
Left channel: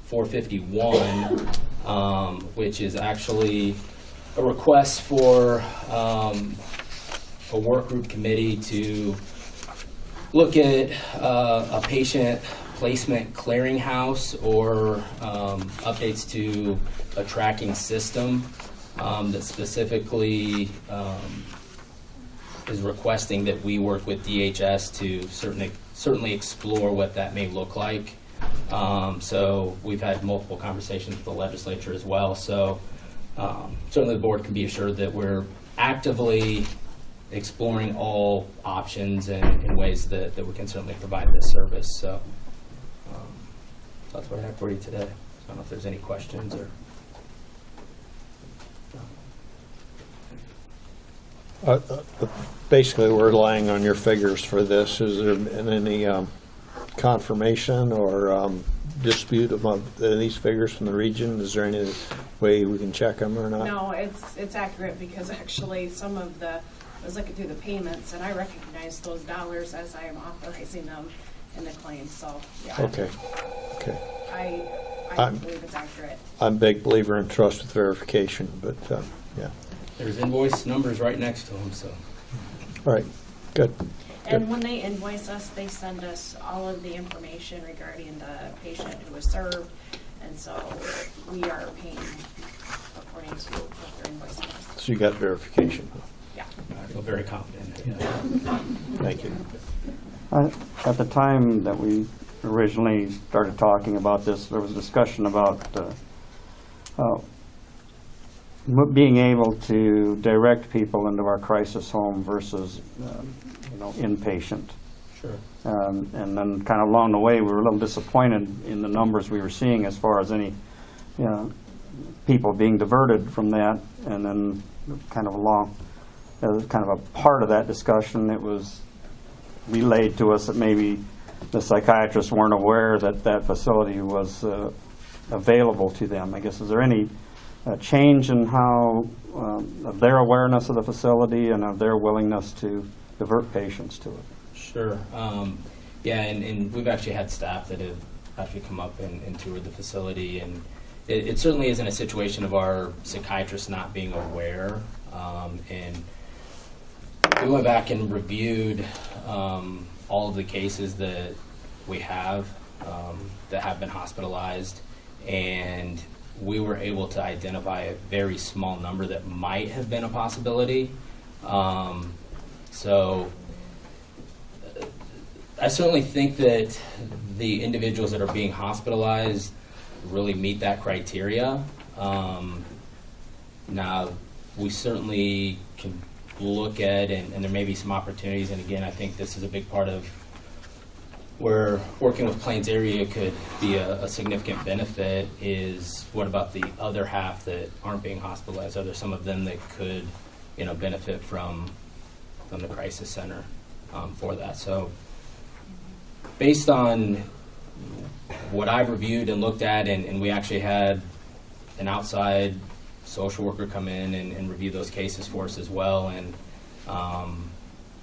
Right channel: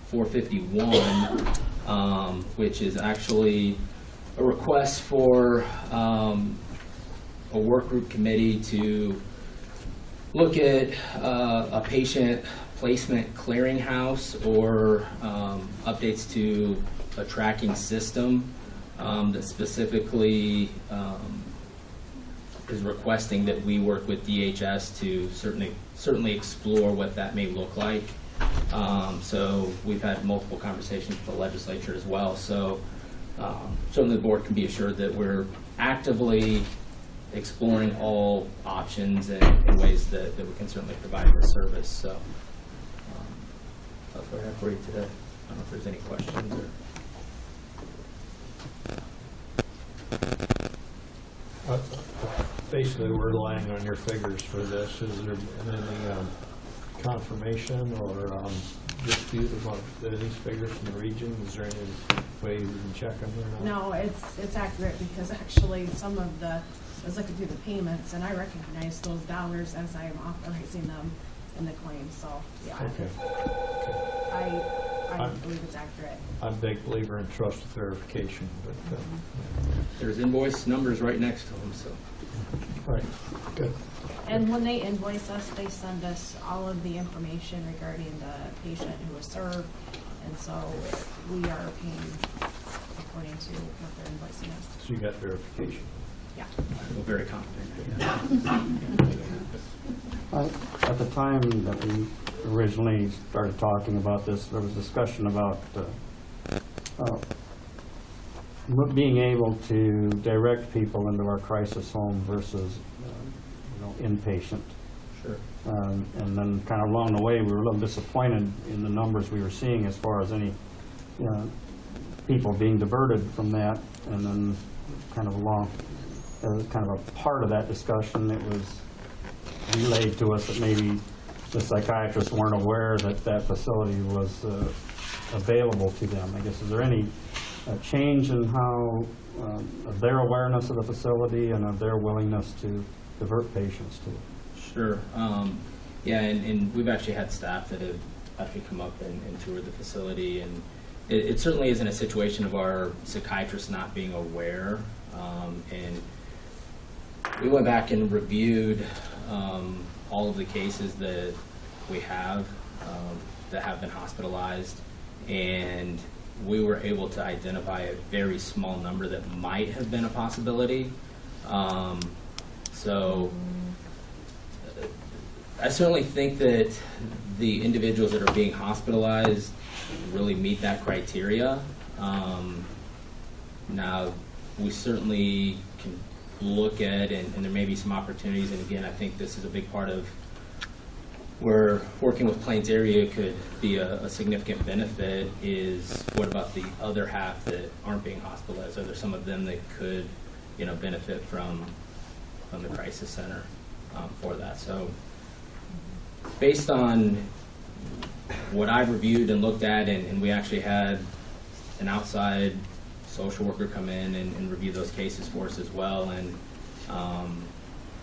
451, which is actually a request for a work group committee to look at a patient placement clearinghouse, or updates to a tracking system that specifically is requesting that we work with DHS to certainly explore what that may look like. So we've had multiple conversations with the legislature as well. So certainly the board can be assured that we're actively exploring all options and ways that we can certainly provide this service. So that's what I have for you today. I don't know if there's any questions or. Basically, we're relying on your figures for this. Is there been any confirmation or dispute about these figures from the region? Is there any way we can check them or not? No, it's accurate, because actually some of I was looking through the payments, and I recognize those dollars as I am authorizing them in the claim, so, yeah. Okay. I believe it's accurate. I'm a big believer in trust with verification, but yeah. There's invoice numbers right next to them, so. All right, good. And when they invoice us, they send us all of the information regarding the patient who was served. And so we are paying according to what they're invoicing us. So you got verification. Yeah. I feel very confident. Thank you. At the time that we originally started talking about this, there was discussion about being able to direct people into our crisis home versus, inpatient. Sure. And then kind of along the way, we were a little disappointed in the numbers we were seeing as far as any people being diverted from that. And then kind of as kind of a part of that discussion, it was relayed to us that maybe the psychiatrists weren't aware that that facility was available to them. I guess, is there any change in how of their awareness of the facility and of their willingness to divert patients to it? Sure. Yeah, and we've actually had staff that have actually come up and toured the facility, and it certainly isn't a situation of our psychiatrists not being aware. And we went back and reviewed all of the cases that we have that have been hospitalized, and we were able to identify a very small number that might have been a possibility. So I certainly think that the individuals that are being hospitalized really meet that criteria. Now, we certainly can look at, and there may be some opportunities, and again, I think this is a big part of where working with Plains area could be a significant benefit, is what about the other half that aren't being hospitalized? Are there some of them that could, benefit from the crisis center for that? So based on what I've reviewed and looked at, and we actually had an outside social worker come in and review those cases for us as well, and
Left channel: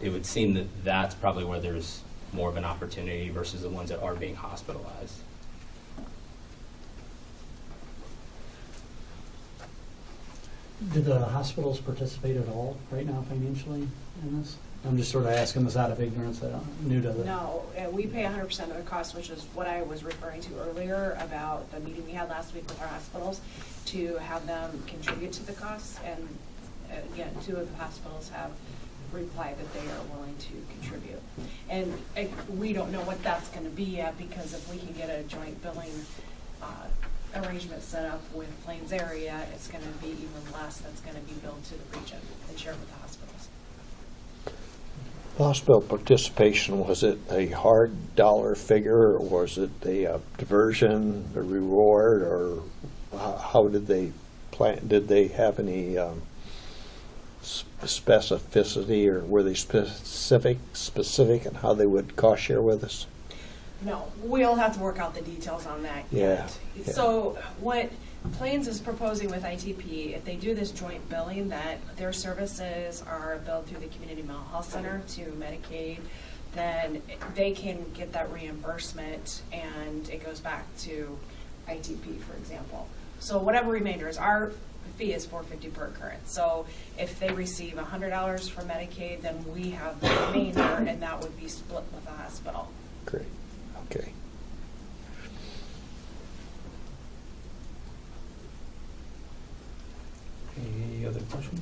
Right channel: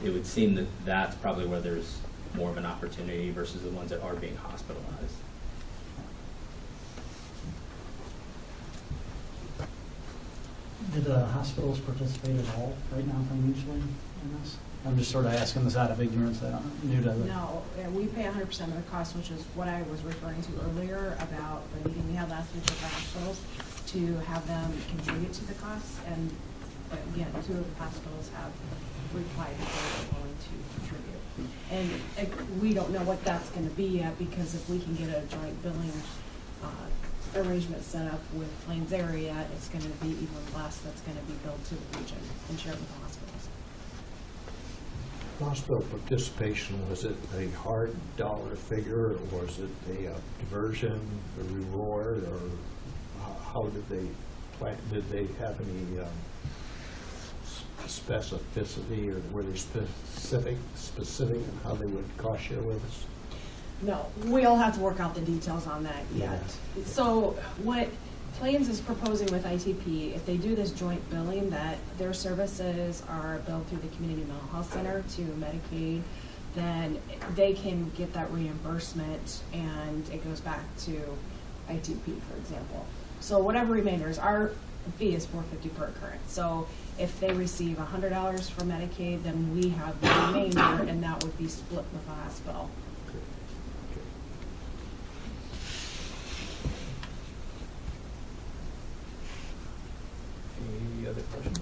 it would seem that that's probably where there's more of an opportunity versus the ones that are being hospitalized. Do the hospitals participate at all right now financially in this? I'm just sort of asking this out of ignorance. I'm new to the. No, we pay 100% of the cost, which is what I was referring to earlier about the meeting we had last week with our hospitals, to have them contribute to the costs. And again, 2 of the hospitals have replied that they are willing to contribute. And we don't know what that's going to be yet, because if we can get a joint billing arrangement set up with Plains area, it's going to be even less that's going to be billed to the region and shared with the hospitals. Hospital participation, was it a hard dollar figure, or was it a diversion, a reward, or how did they plan? Did they have any specificity, or were they specific in how they would cost share with us? No, we'll have to work out the details on that yet. Yeah. So what Plains is proposing with ITP, if they do this joint billing, that their services are billed through the Community Mental Health Center to Medicaid, then they can get that reimbursement and it goes back to ITP, for example. So whatever remainder is, our fee is $450 per occurrence. So if they receive $100 for Medicaid, then we have the remainder, and that would be split with the hospital. Great. Okay. Any other questions?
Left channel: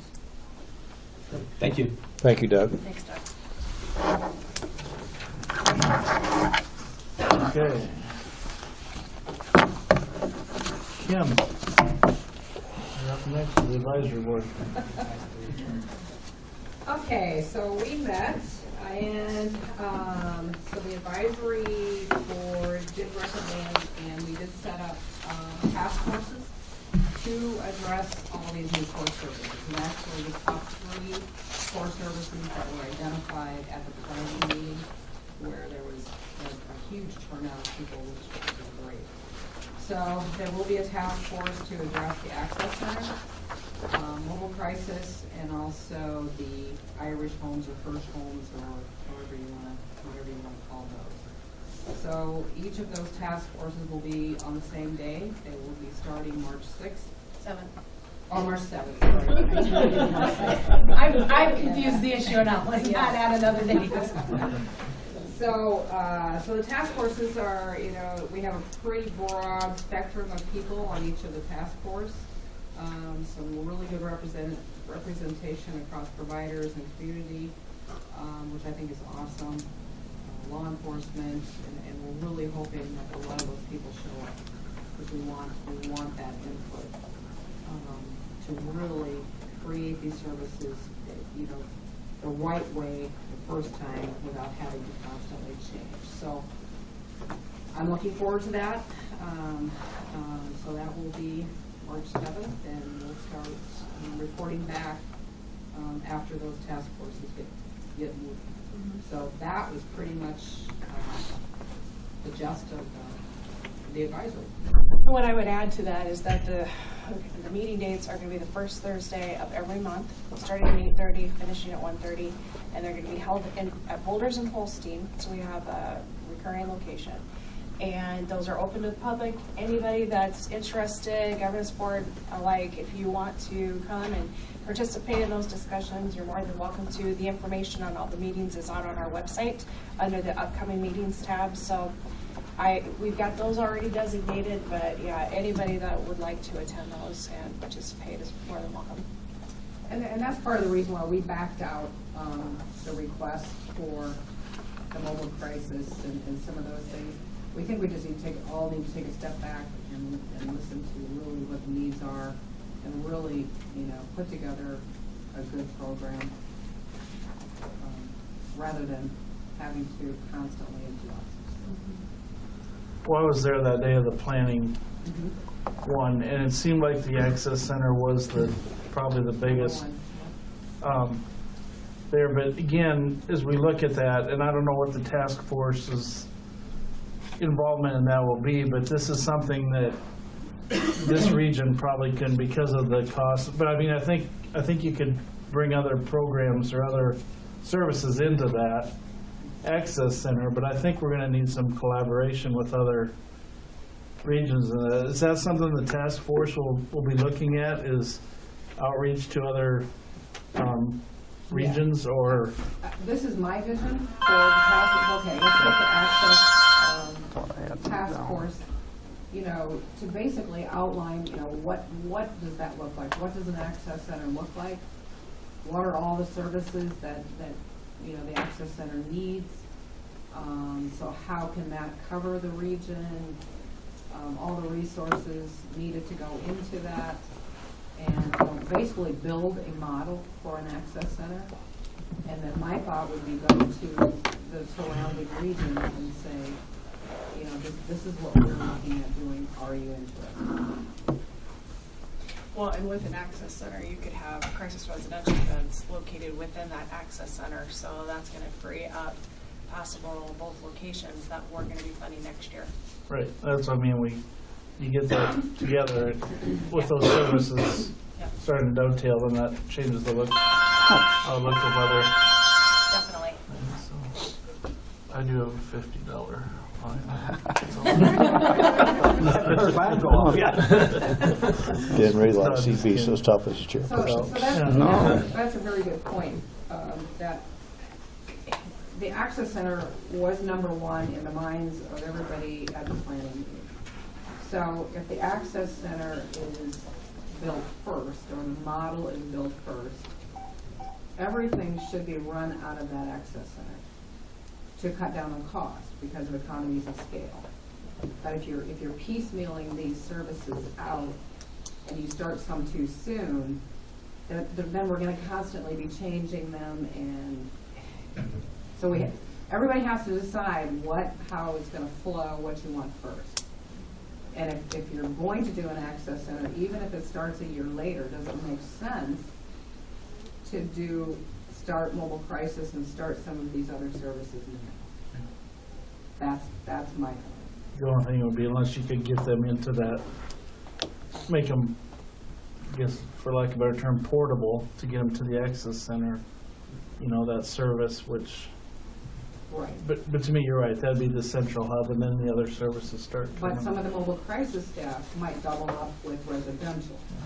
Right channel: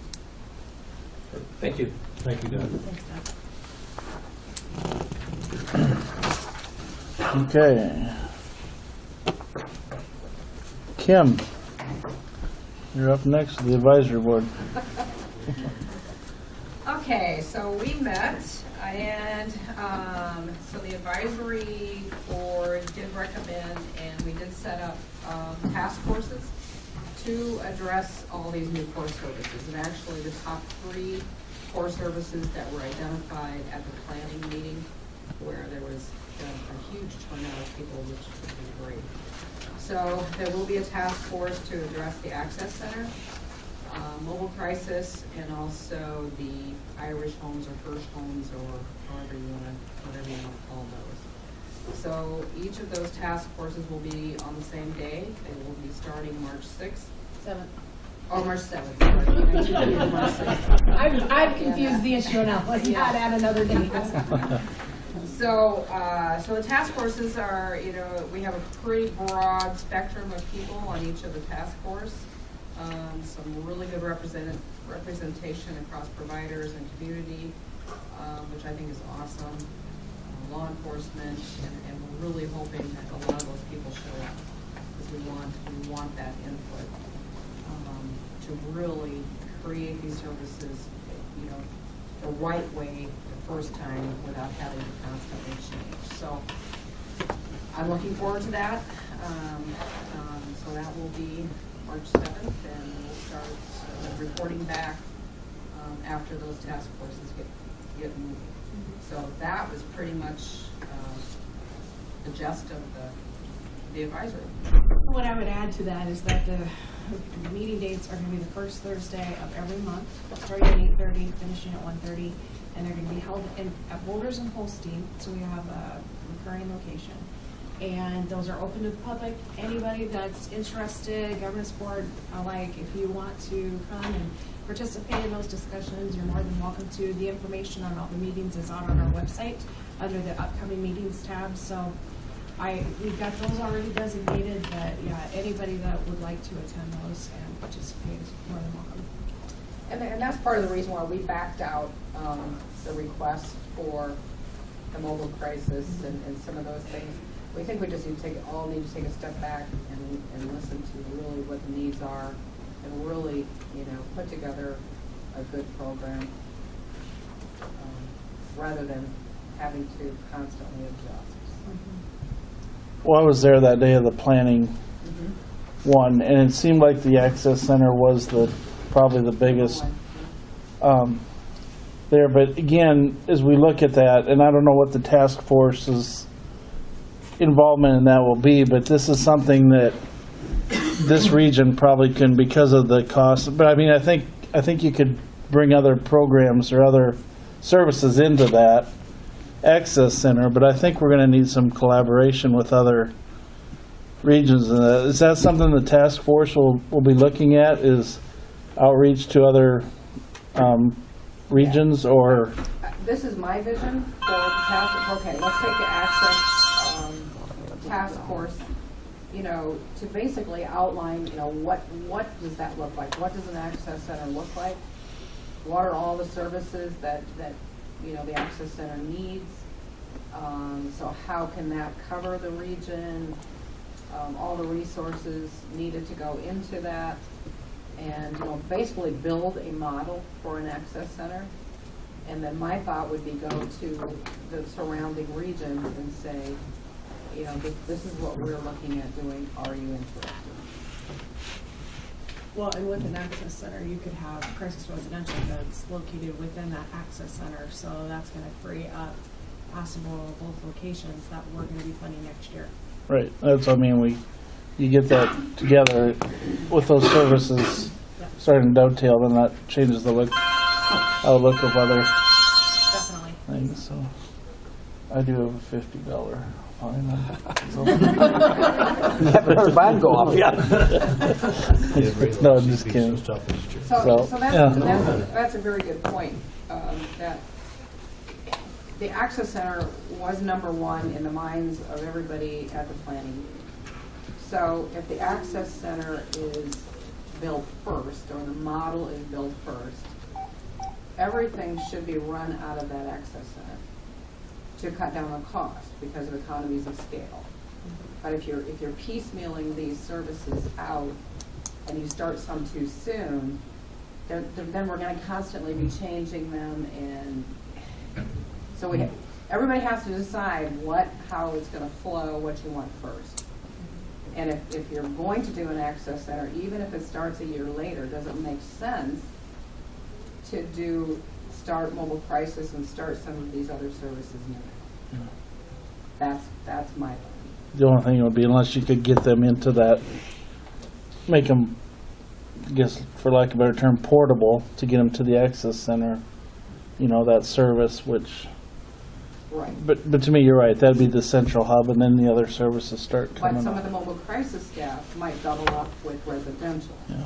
Thank you. Thank you, Doug. Thanks, Doug. Okay. Kim, you're up next to the advisory board. Okay, so we met, and so the advisory board did recommend, and we did set up task forces to address all these new core services. And actually, the top 3 core services that were identified at the planning meeting, where there was a huge turnout of people, which was great. So there will be a task force to address the access center, mobile crisis, and also the Irish homes or First homes, or whatever you want to call those. So each of those task forces will be on the same day. They will be starting March 6th. 7th. Oh, March 7th, sorry. I've confused the issue enough, let's not add another date. So, so the task forces are, you know, we have a pretty broad spectrum of people on each of the task force. Some really good representation across providers and community, which I think is awesome. Law enforcement, and we're really hoping that a lot of those people show up, because we want that input to really create these services, you know, the right way the first time without having to constantly change. So I'm looking forward to that. So that will be March 7th, and we'll start reporting back after those task forces get moving. So that was pretty much the gist of the advisory. What I would add to that is that the meeting dates are going to be the first Thursday of every month, starting at 8:30, finishing at 1:30, and they're going to be held at Boulders and Holstein, so we have a recurring location. And those are open to the public. Anybody that's interested, governance board alike, if you want to come and participate in those discussions, you're more than welcome to. The information on all the meetings is out on our website under the upcoming meetings tab. So we've got those already designated, but yeah, anybody that would like to attend those and participate is more than welcome. And that's part of the reason why we backed out the request for the mobile crisis and some of those things. We think we just need to take a step back and listen to really what the needs are, and really, you know, put together a good program rather than having to constantly adjust. Well, I was there that day of the planning one, and it seemed like the Access Center was probably the biggest there. But again, as we look at that, and I don't know what the task force's involvement in that will be, but this is something that this region probably can, because of the cost. But I mean, I think you could bring other programs or other services into that Access Center, but I think we're going to need some collaboration with other regions. Is that something the task force will be looking at, is outreach to other regions? Or This is my vision for task. Okay, let's take the Access task force, you know, to basically outline, you know, what does that look like? What does an Access Center look like? What are all the services that you know the Access Center needs? So how can that cover the region? All the resources needed to go into that, and you know, basically build a model for an Access Center. And then my thought would be go to the surrounding regions and say, you know, this is what we're looking at doing. Are you interested? Well, and with an Access Center, you could have crisis residential that's located within that Access Center, so that's going to free up possible both locations that we're going to be funding next year. right, that's, I mean, you get that together with those services starting to dovetail, then that changes the look of other Definitely. things. So I do have a $50 fine. Never mine go off, yeah. Didn't No, realize just he'd be so kidding. tough as a chair. So yeah. that's a very good point. That the Access Center was #1 in the minds of everybody at the planning meeting. So if the Access Center is built first, or the model is built first, everything should be run out of that Access Center to cut down the cost because of economies of scale. But if you're piecemealing these services out and you start some too soon, then we're going to constantly be changing them, and so everybody has to decide how it's going to flow, what you want first. And if you're going to do an Access Center, even if it starts a year later, does it make sense to start mobile crisis and start some of these other services now? That's my opinion. The only thing would be, unless you could get them into that, make them, I guess, for lack of a better term, portable, to get them to the Access Center, you know, that service, which, Right. but to me, you're right, that'd be the central hub, and then the other services start But coming some of up. the mobile crisis staff might double up with residential. Yeah.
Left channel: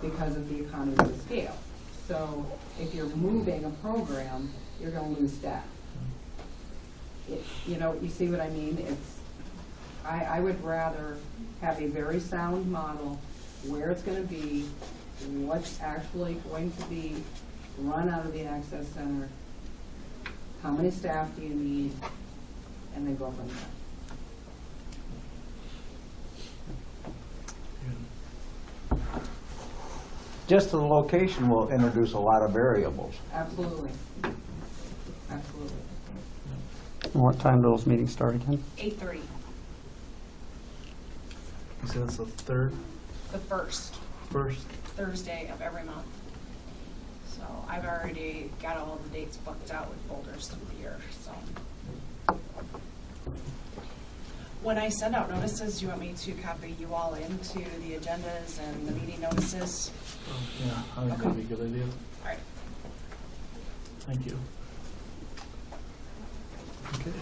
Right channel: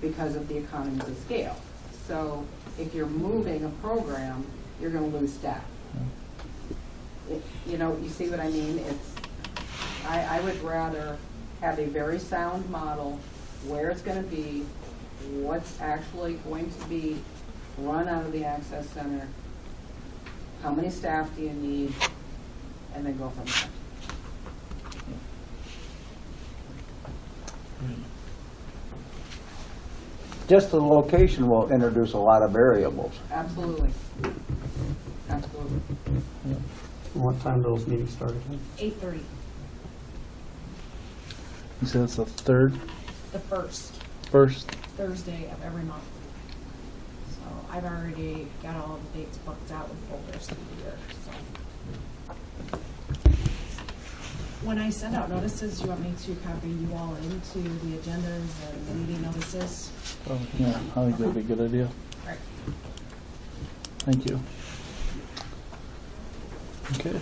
because of the economies of scale. So if you're moving a program, you're gonna lose staff. You know, you see what I mean? I would rather have a very sound model, where it's gonna be, what's actually going to be run out of the Access Center, how many staff do you need, and then go from there. Just the location will introduce a lot of variables. Absolutely. Absolutely. What time do those meetings start again? 8:30, You said it's the third, the first first? Thursday of every month. So I've already got all the dates booked out with folders through the year, so. When I send out notices, do you want me to copy you all into the agendas and the meeting notices? Oh, yeah, I think that'd be a good idea. All right. Thank you. Okay.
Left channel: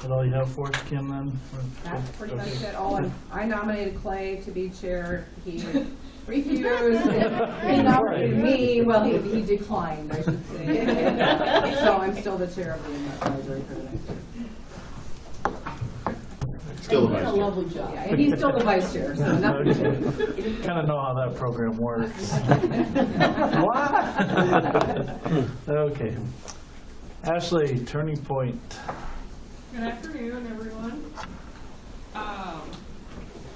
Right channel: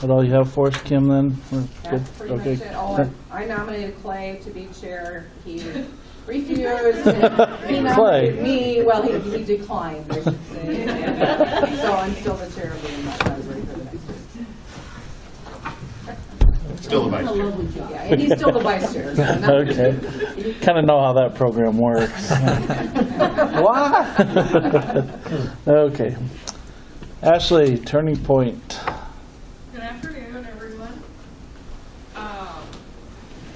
That all you have for us, Kim, then? We're good? That's pretty much Okay. it. I nominated Clay to be chair. He refused. He nominated me. Well, he declined, I should say. So I'm still the chair of the advisory for the next year. Still the vice chair. Yeah, and he's still the vice chair. So nothing- Okay. Kind of know how that program works. What? Okay. Ashley, Turning Point. Good afternoon, everyone.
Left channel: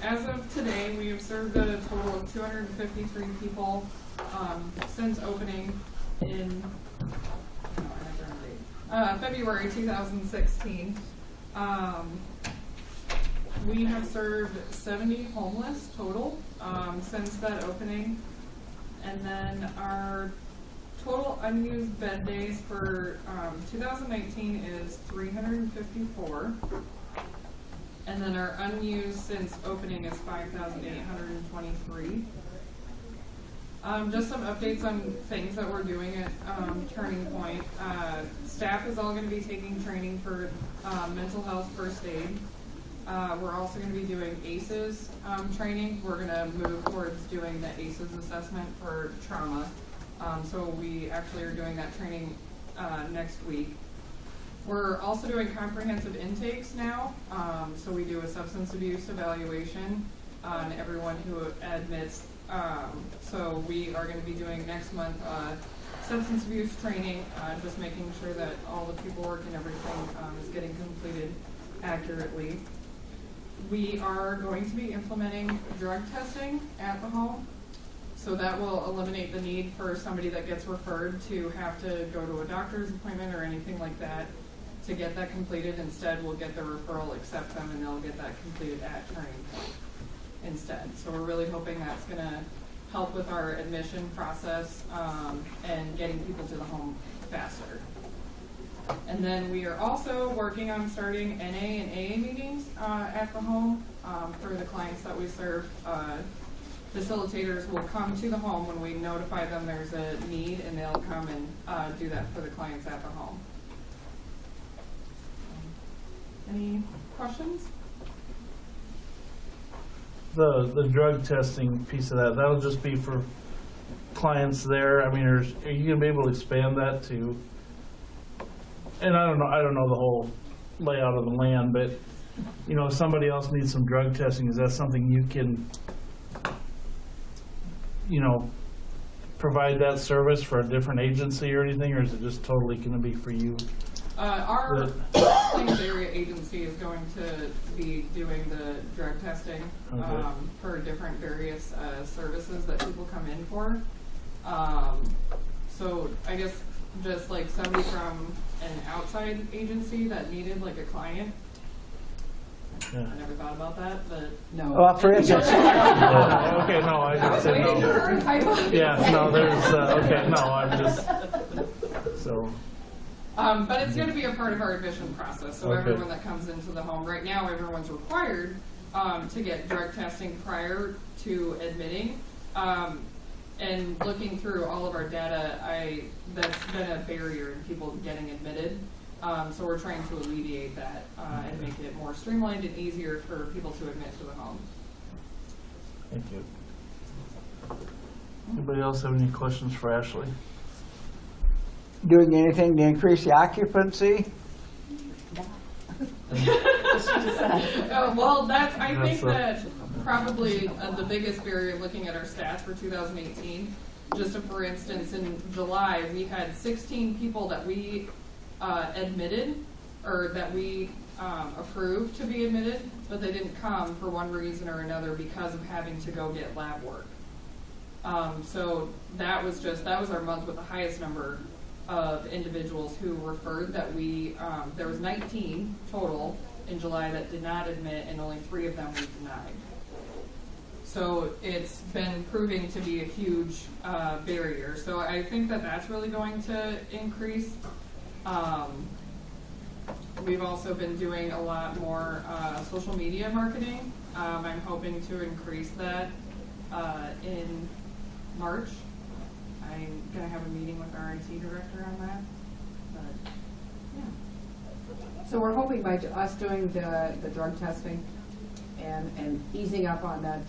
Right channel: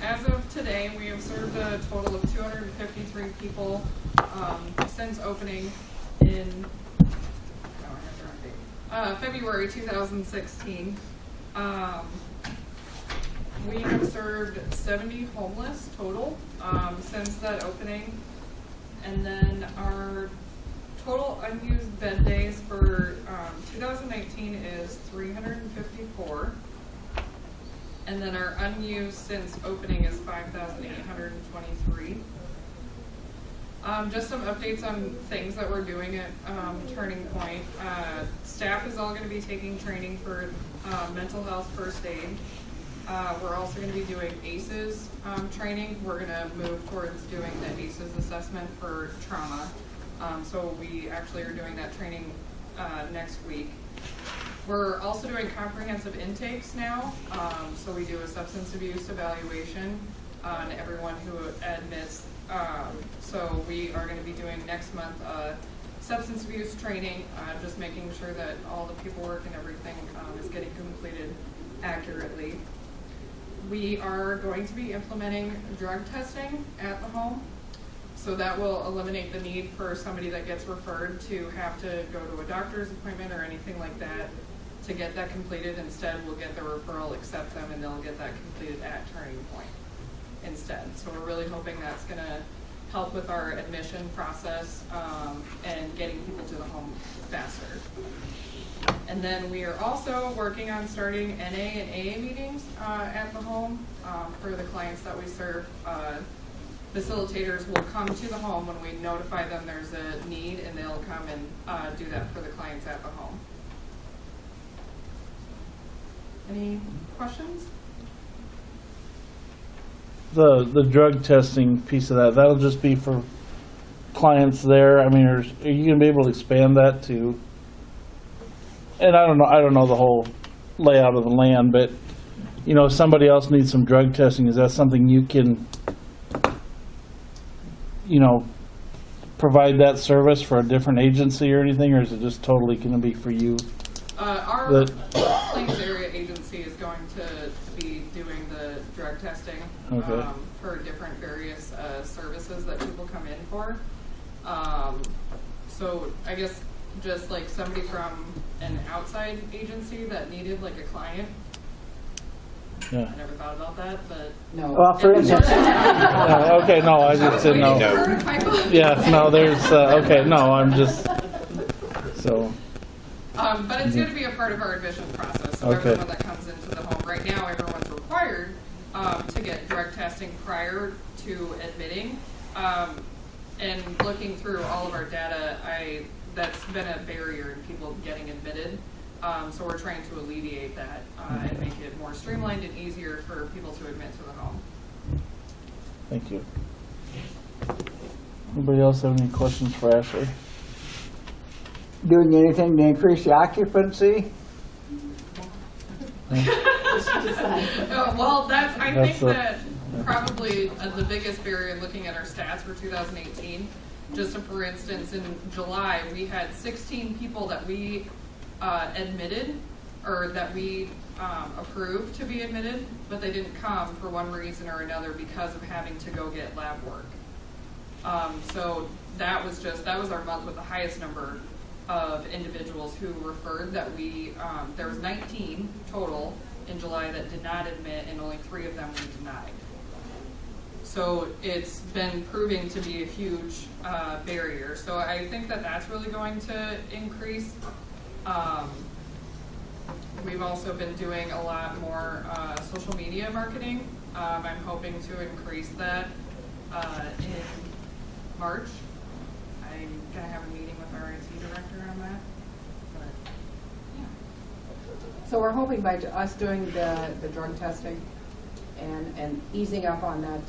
As of today, we have served a total of 253 people since opening in February 2016. We have served 70 homeless total since that opening. And then our total unused bed days for 2019 is 354. And then our unused since opening is 5,823. Just some updates on things that we're doing at Turning Point. Staff is all going to be taking training for mental health first aid. We're also going to be doing ACEs training. We're going to move towards doing the ACEs assessment for trauma. So we actually are doing that training next week. We're also doing comprehensive intakes now. So we do a substance abuse evaluation on everyone who admits. So we are going to be doing next month substance abuse training, just making sure that all the paperwork and everything is getting completed accurately. We are going to be implementing drug testing at the home. So that will eliminate the need for somebody that gets referred to have to go to a doctor's appointment or anything like that to get that completed. Instead, we'll get the referral, accept them, and they'll get that completed at Turning Point instead. So we're really hoping that's going to help with our admission process and getting people to the home faster. And then we are also working on starting NA and AA meetings at the home for the clients that we serve. Facilitators will come to the home when we notify them there's a need, and they'll come and do that for the clients at the home. Any questions? The drug testing piece of that, that'll just be for clients there. I mean, are you gonna be able to expand that to? And I don't know the whole layout of the land, but you know, if somebody else needs some drug testing, is that something you can, you know, provide that service for a different agency or anything, or is it just totally gonna be for you? Our Plains Area Agency is going to be doing the drug testing for different various services that people come in for. So I guess just like somebody from an outside agency that needed like a client. Yeah. I never thought about that, but No. Well, for instance, No, okay, no, I just didn't know. Yeah, no, there's, okay, no, I'm just, so. but it's going to be a part of our admission process. So Okay. everyone that comes into the home right now, everyone's required to get drug testing prior to admitting. And looking through all of our data, that's been a barrier in people getting admitted. So we're trying to alleviate that and make it more streamlined and easier for people to admit to the home. Thank you. Anybody else have any questions for Ashley? Doing anything to increase the occupancy? Well, I That's think a- that probably the biggest barrier looking at our stats for 2018, just for instance, in July, we had 16 people that we admitted, or that we approved to be admitted, but they didn't come for one reason or another because of having to go get lab work. So that was our month with the highest number of individuals who referred. That there was 19 total in July that did not admit, and only 3 of them we denied. So it's been proving to be a huge barrier. So I think that that's really going to increase. We've also been doing a lot more social media marketing. I'm hoping to increase that in March. I'm gonna have a meeting with our IT director on that. But yeah. So we're hoping by us doing the drug testing and easing up on that,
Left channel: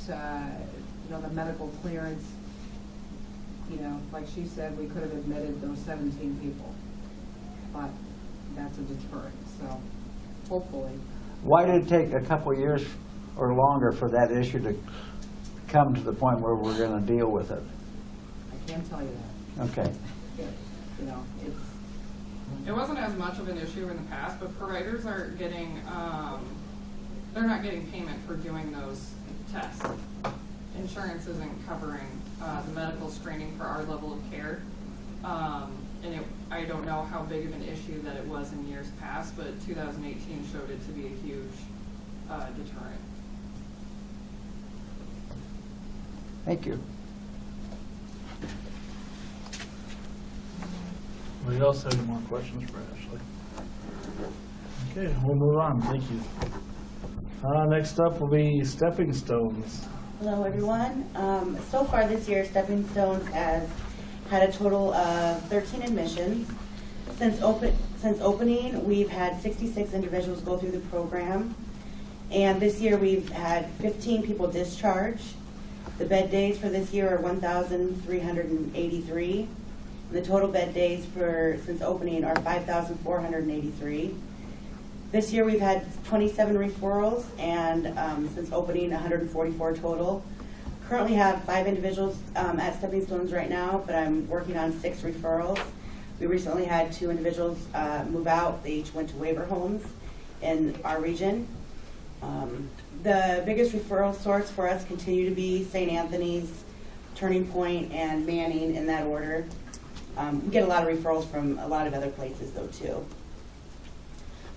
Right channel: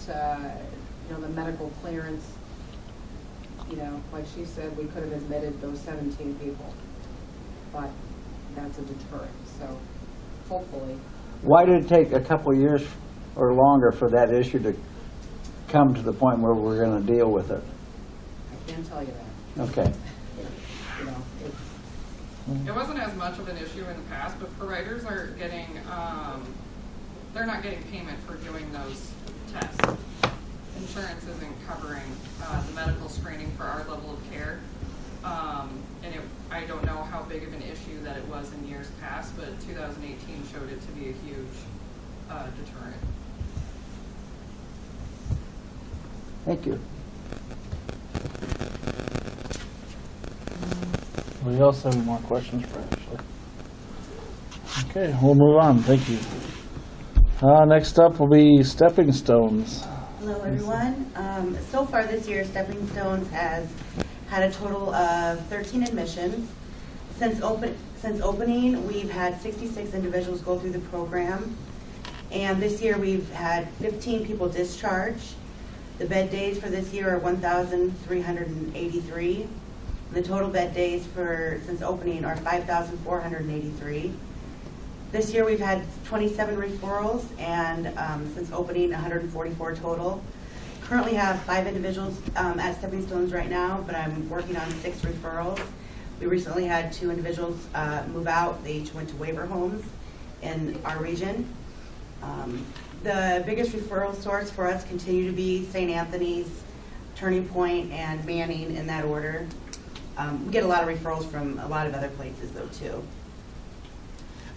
the medical clearance, like she said, we could have admitted those 17 people, but that's a deterrent, so hopefully. Why did it take a couple of years or longer for that issue to come to the point where we're gonna deal with it? I can tell you that. Okay. It's, It wasn't as much of an issue in the past, but providers are getting, they're not getting payment for doing those tests. Insurance isn't covering the medical screening for our level of care. And I don't know how big of an issue that it was in years past, but 2018 showed it to be a huge deterrent. Thank you. Anybody else have any more questions for Ashley? Okay, we'll move on. Thank you. Next up will be Stepping Stones. Hello, everyone. So far this year, Stepping Stones has had a total of 13 admissions. Since opening, we've had 66 individuals go through the program. And this year, we've had 15 people discharge. The bed days for this year are 1,383. The total bed days since opening are 5,483. This year we've had 27 referrals, and since opening 144 total. Currently have 5 individuals at Stepping Stones right now, but I'm working on 6 referrals. We recently had 2 individuals move out. They each went to waiver homes in our region. The biggest referral source for us continue to be St. Anthony's, Turning Point, and Manning in that order. We get a lot of referrals from a lot of other places though too.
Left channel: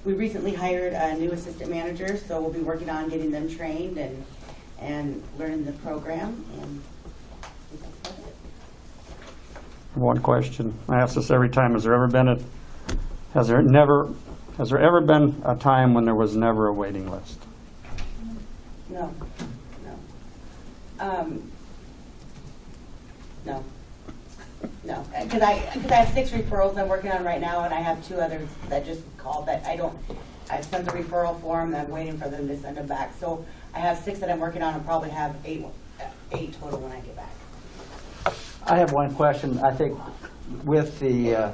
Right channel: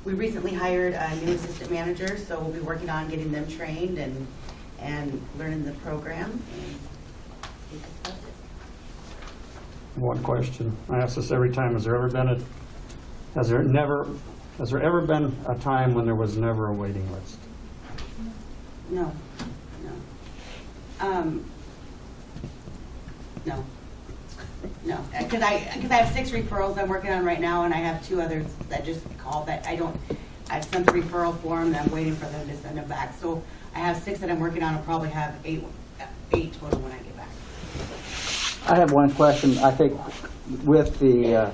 We recently hired a new assistant manager, so we'll be working on getting them trained and learning the program. And I think that's about it. One question. I ask this every time. Has there ever been a time when there was never a waiting list? No, no. No, because I have 6 referrals I'm working on right now, and I have 2 others that just called, but I've sent the referral form, and I'm waiting for them to send them back. So I have 6 that I'm working on, and probably have 8 total when I get back. I have one question. I think with the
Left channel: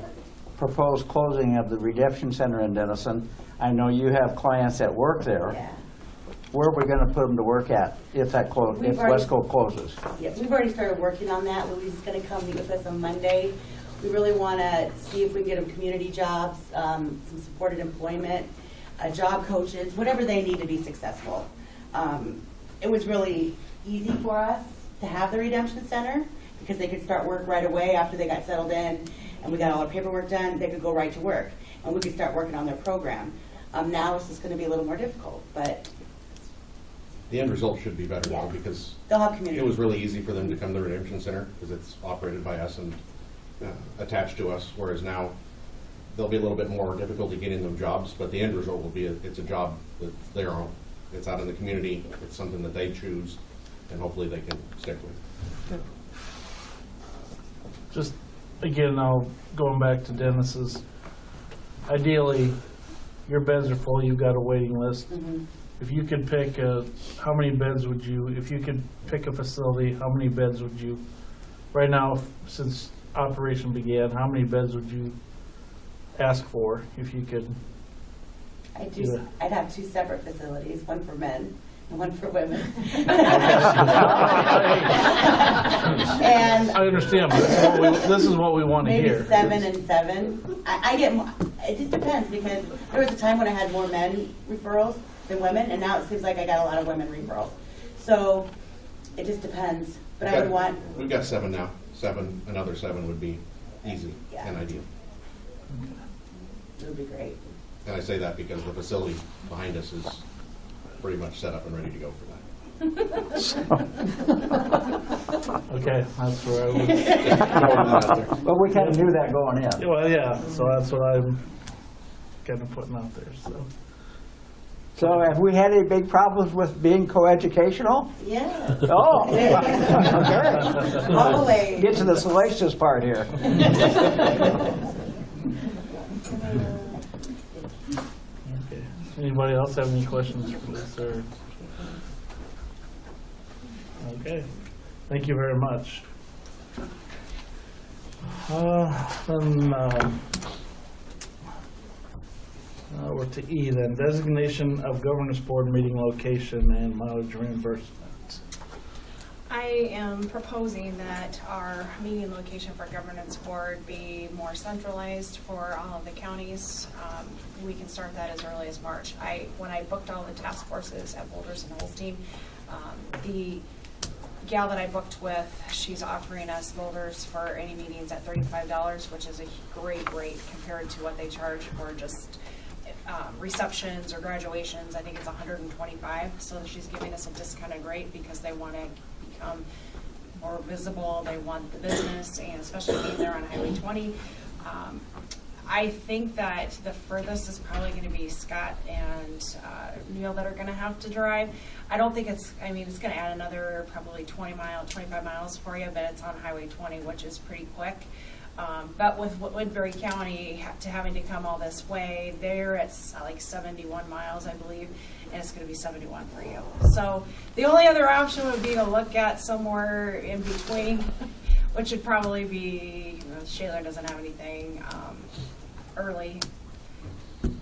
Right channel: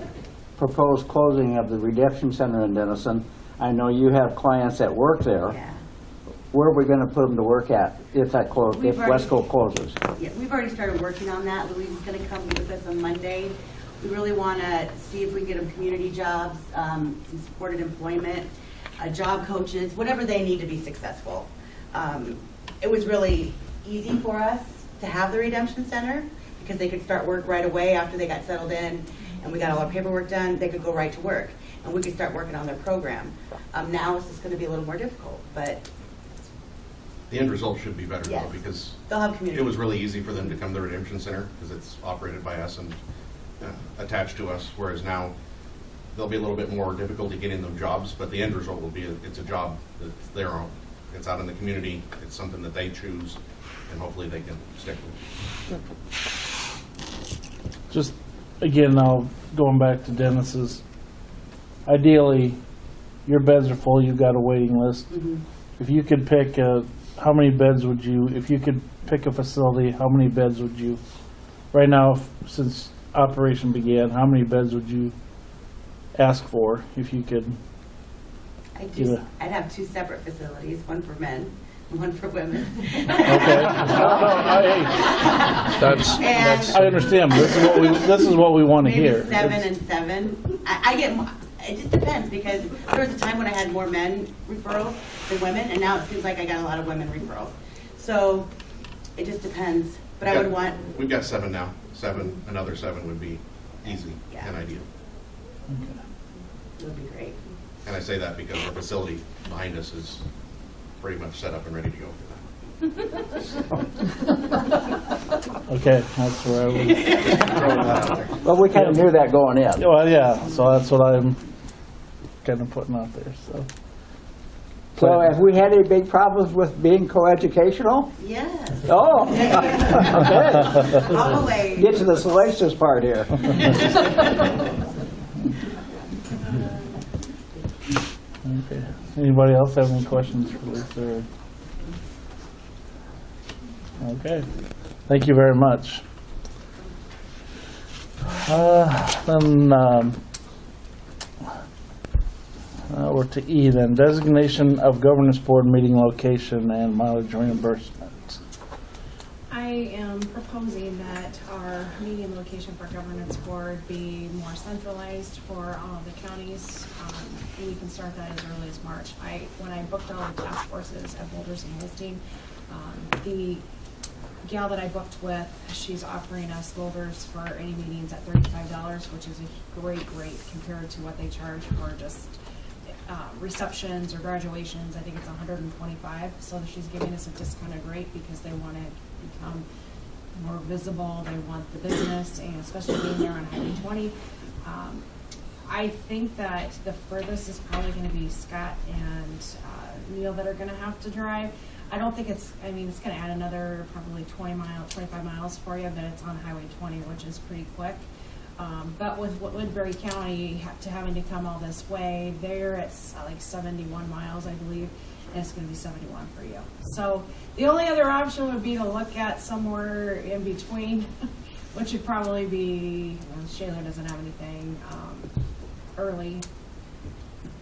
proposed closing of the Redemption Center in Denison, I know you have clients that work there. Yeah. Where are we going to put them to work at if if Wesco closes? Yeah, we've already started working on that. Louise is going to come meet with us on Monday. We really want to see if we can get them community jobs, some supported employment, job coaches, whatever they need to be successful. It was really easy for us to have the Redemption Center because they could start work right away after they got settled in and we got all our paperwork done. They could go right to work and we could start working on their program. Now it's just going to be a little more difficult, but the end result should be better yes, though, because they'll have community. it was really easy for them to come to the Redemption Center because it's operated by us and attached to us, whereas now there'll be a little bit more difficulty getting them jobs, but the end result will be it's a job that's their own. It's out in the community. It's something that they choose, and hopefully they can stick with. Just, again, now going back to Dennis's, ideally, your beds are full, you've got a waiting list. If you could pick how many beds would you, if you could pick a facility, how many beds would you right now, since operation began, how many beds would you ask for if you could? I'd have 2 separate facilities, one for men and one for women. I understand, but this is what we want to hear. Maybe 7 and 7. I get more, it just depends, because there was a time when I had more men referrals than women, and now it seems like I got a lot of women referrals. So it just depends, but I would want. We've got 7 now. 7, another 7 would be easy and ideal. It would be great. And I say that because the facility behind us is pretty much set up and ready to go for that. Okay, that's where I was. Well, we kind of knew that going in. Well, yeah, so that's what I'm kind of putting out there, so. So have we had any big problems with being coeducational? Yes. Oh. Always. Get to the salacious part here. Okay. Anybody else have any questions for this, or? Okay, thank you very much. Then we're to E then, designation of governance board meeting location and mileage reimbursement. I am proposing that our meeting location for governance board be more centralized for all of the counties. We can start that as early as March. When I booked all the task forces at Boulders and Holstein, the gal that I booked with, she's offering us Boulders for any meetings at $35, which is a great rate compared to what they charge for just receptions or graduations. I think it's $125. So she's giving us a discounted rate because they want to become more visible. They want the business, and especially being there on Highway 20. I think that the furthest is probably going to be Scott and Neil that are going to have to drive. I don't think it's going to add another probably 25 miles for you, but it's on Highway 20, which is pretty quick. But with Woodbury County having to come all this way, there it's like 71 miles, I believe, and it's going to be 71 for you. So the only other option would be to look at somewhere in between, which would probably be, Shaler doesn't have anything early.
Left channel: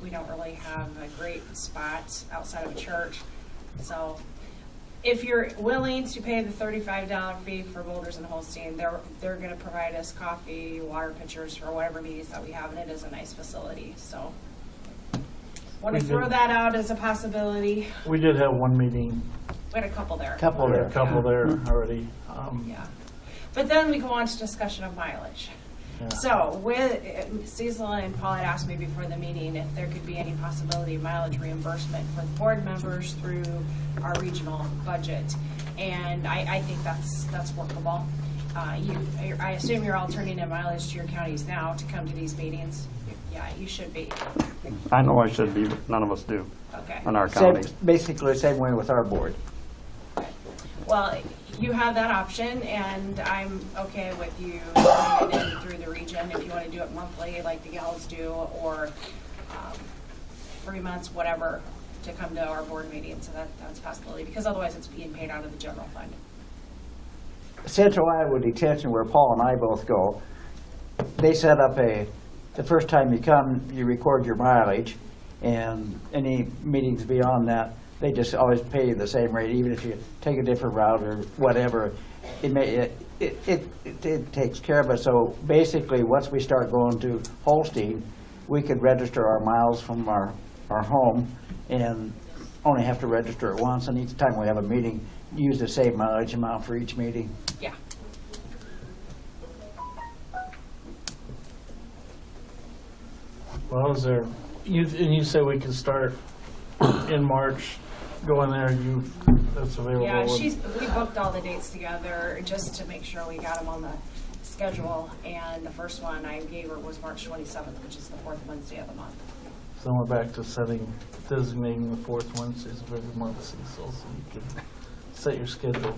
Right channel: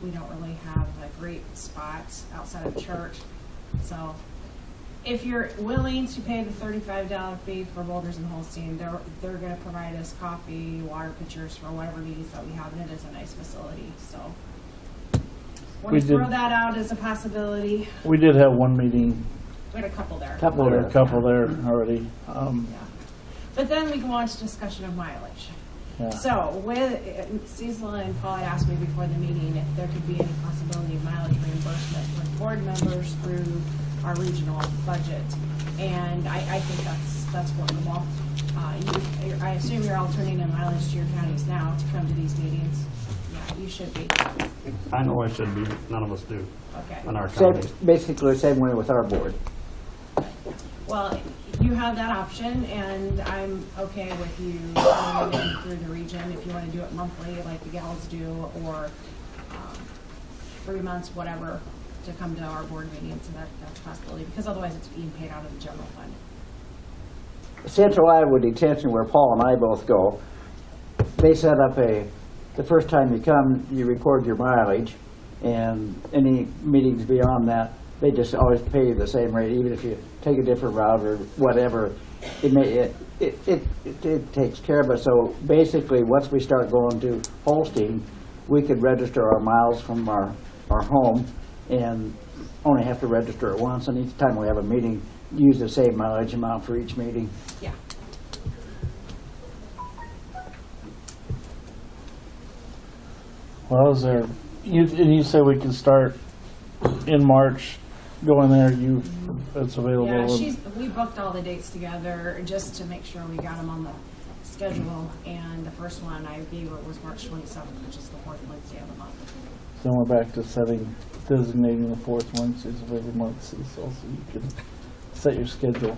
We don't really have a great spot outside of church. So if you're willing to pay the $35 fee for Boulders and Holstein, they're going to provide us coffee, water pitchers for whatever meetings that we have, and it is a nice facility. So want to throw that out as a possibility. We did have one meeting. We had a couple there. A couple there already. Yeah. But then we go on to discussion of mileage. Yeah. So Cecil and Paul had asked me before the meeting if there could be any possibility of mileage reimbursement for board members through our regional budget. And I think that's workable. I assume you're all turning in mileage to your counties now to come to these meetings. Yeah, you should be. I know I should be, none of us do. Okay. In our county. Basically the same way with our board. Well, you have that option, and I'm okay with you doing it through the region if you want to do it monthly like the gals do, or 3 months, whatever, to come to our board meetings, and that's a possibility, because otherwise it's being paid out of the general fund. Central Iowa Detention, where Paul and I both go, they set up the first time you come, you record your mileage, and any meetings beyond that, they just always pay you the same rate, even if you take a different route or whatever. It takes care of it. So basically, once we start going to Holstein, we could register our miles from our home and only have to register it once. And each time we have a meeting, use the same mileage amount for each meeting. Yeah. Well, you say we could start in March, go in there, it's available. Yeah, we booked all the dates together just to make sure we got them on the schedule, and the first one I gave her was March 27th, which is the 4th Wednesday of the month. Then we're back to designating the 4th Wednesdays of every month, Cecil, so you can set your schedule.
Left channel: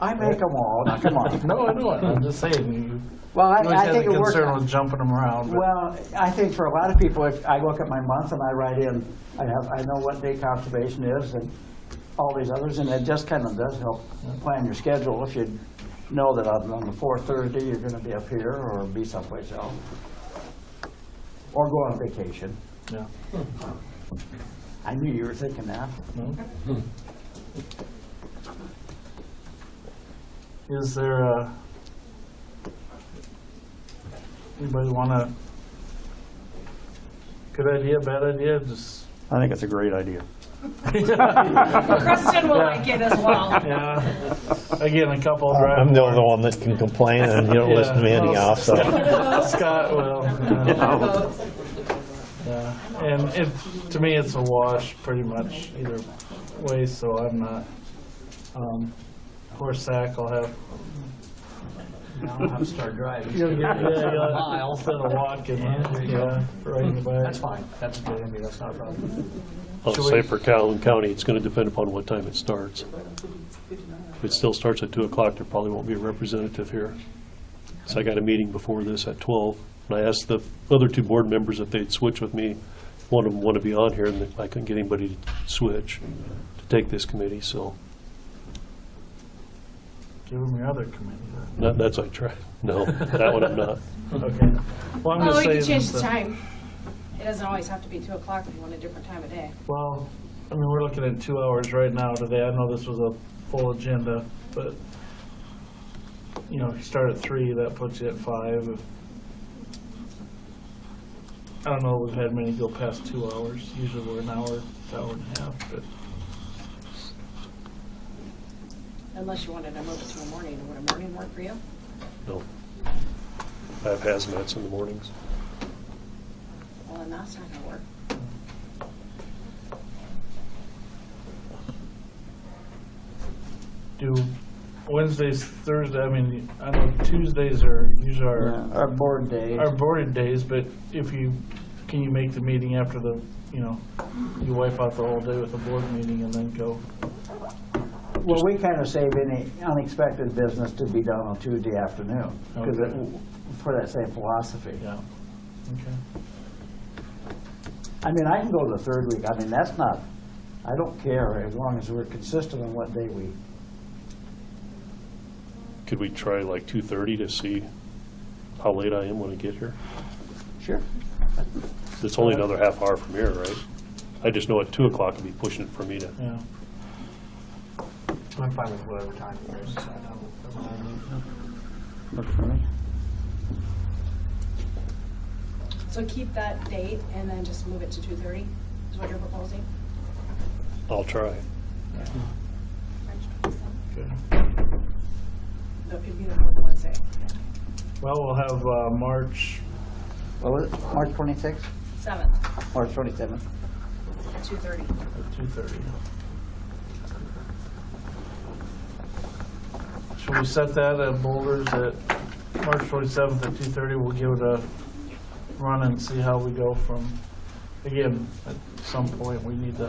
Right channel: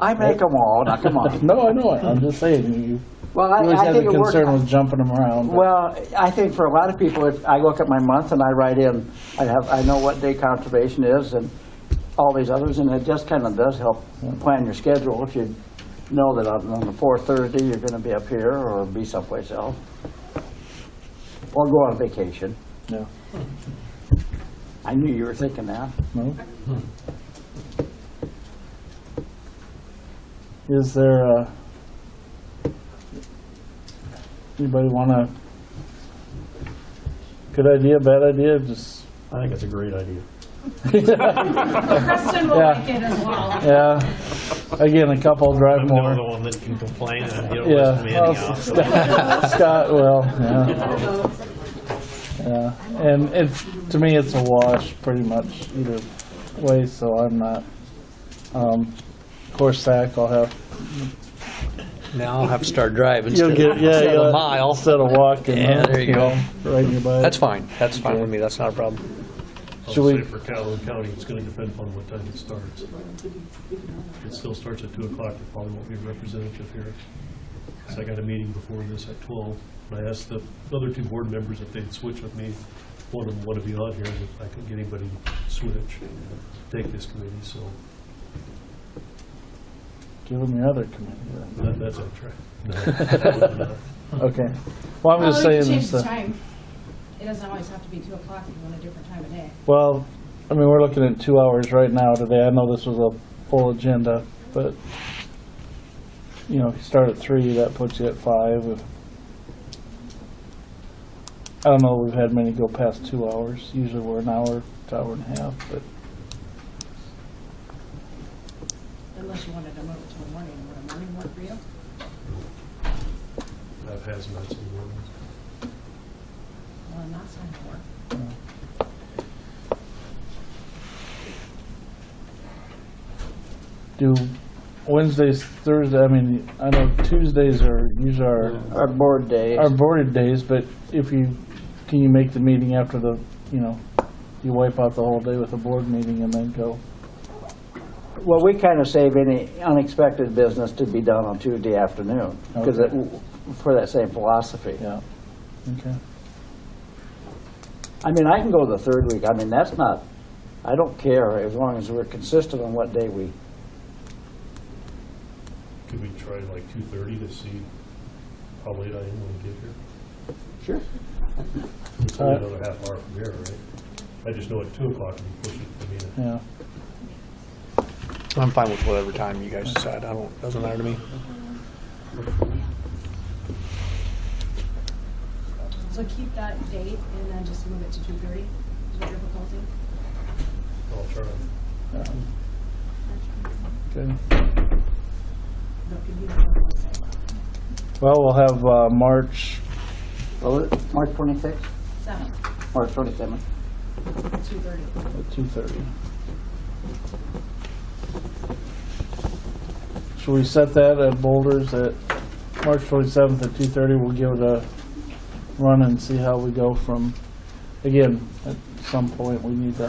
I make them all, not come on. No, I know it. I'm just saying, Well, you always had a concern with jumping them around. But. Well, I think for a lot of people, if I look at my month and I write in, I know what day conservation is and all these others, and it just kind of does help plan your schedule if you know that on the fourth Thursday, you're gonna be up here or be someplace else. Or go on vacation. Yeah. I knew you were thinking that. No. Is there anybody wanna, good idea, bad idea, just? I think it's a great idea. Kristen will like it as well. Yeah, again, a couple drive I'm the more. only one that can complain, and you don't listen to me anyhow, so. Scott, well, yeah. Yeah, and to me, it's a wash pretty much either way, so I'm not, horse sack, I'll have. Now I'll have to start driving You'll instead get, of yeah, a mile. instead of walking. Yeah, there you go. Riding your bike. That's fine. That's fine with me. That's not a problem. I'll Should we- say for Calhoun County, it's gonna depend upon what time it starts. If it still starts at 2 o'clock, there probably won't be a representative here. So I got a meeting before this at 12, and I asked the other 2 board members if they'd switch with me. One of them wanted to be on here, and I couldn't get anybody to switch to take this committee, so Give them your other committee. that's what I tried. No, that one I'm not. Okay. Well, I'm Oh, just you can saying change this. the time. It doesn't always have to be 2 o'clock if you want a different time of day. Well, I mean, we're looking at 2 hours right now today. I know this was a full agenda, but, you know, if you start at 3, that puts you at 5. I don't know if we've had many go past 2 hours. Usually we're an hour to hour and a half, but Unless you wanted to move it to a morning. Would a morning work for you? No. I have hazmats in the mornings. Well, then that's not gonna work. do Wednesdays, Thursday, I mean, I know Tuesdays are usually Our board days. our boarded days, but if you, can you make the meeting after the, you know, you wipe out the whole day with a board meeting and then go? Well, we kind of save any unexpected business to be done on Tuesday afternoon, because Okay. for that same philosophy. Yeah, okay. I mean, I can go the third week. I mean, that's not, I don't care as long as we're consistent on what day we. Could we try like 2:30 to see how late I am when I get here? Sure. It's only another half hour from here, right? I just know at 2 o'clock it'd be pushing it for me to. Yeah. I'm fine with whatever time you guys decide. Doesn't matter to me. So keep that date and then just move it to 2:30 is what you're proposing? I'll try. Good. No, if you don't want to say. Well, we'll have March, What was it? March 26th? 7th, March 27th? 2:30. at 2:30. Should we set that at Boulders at March 27th at 2:30? We'll give it a run and see how we go from, again, at some point we need to,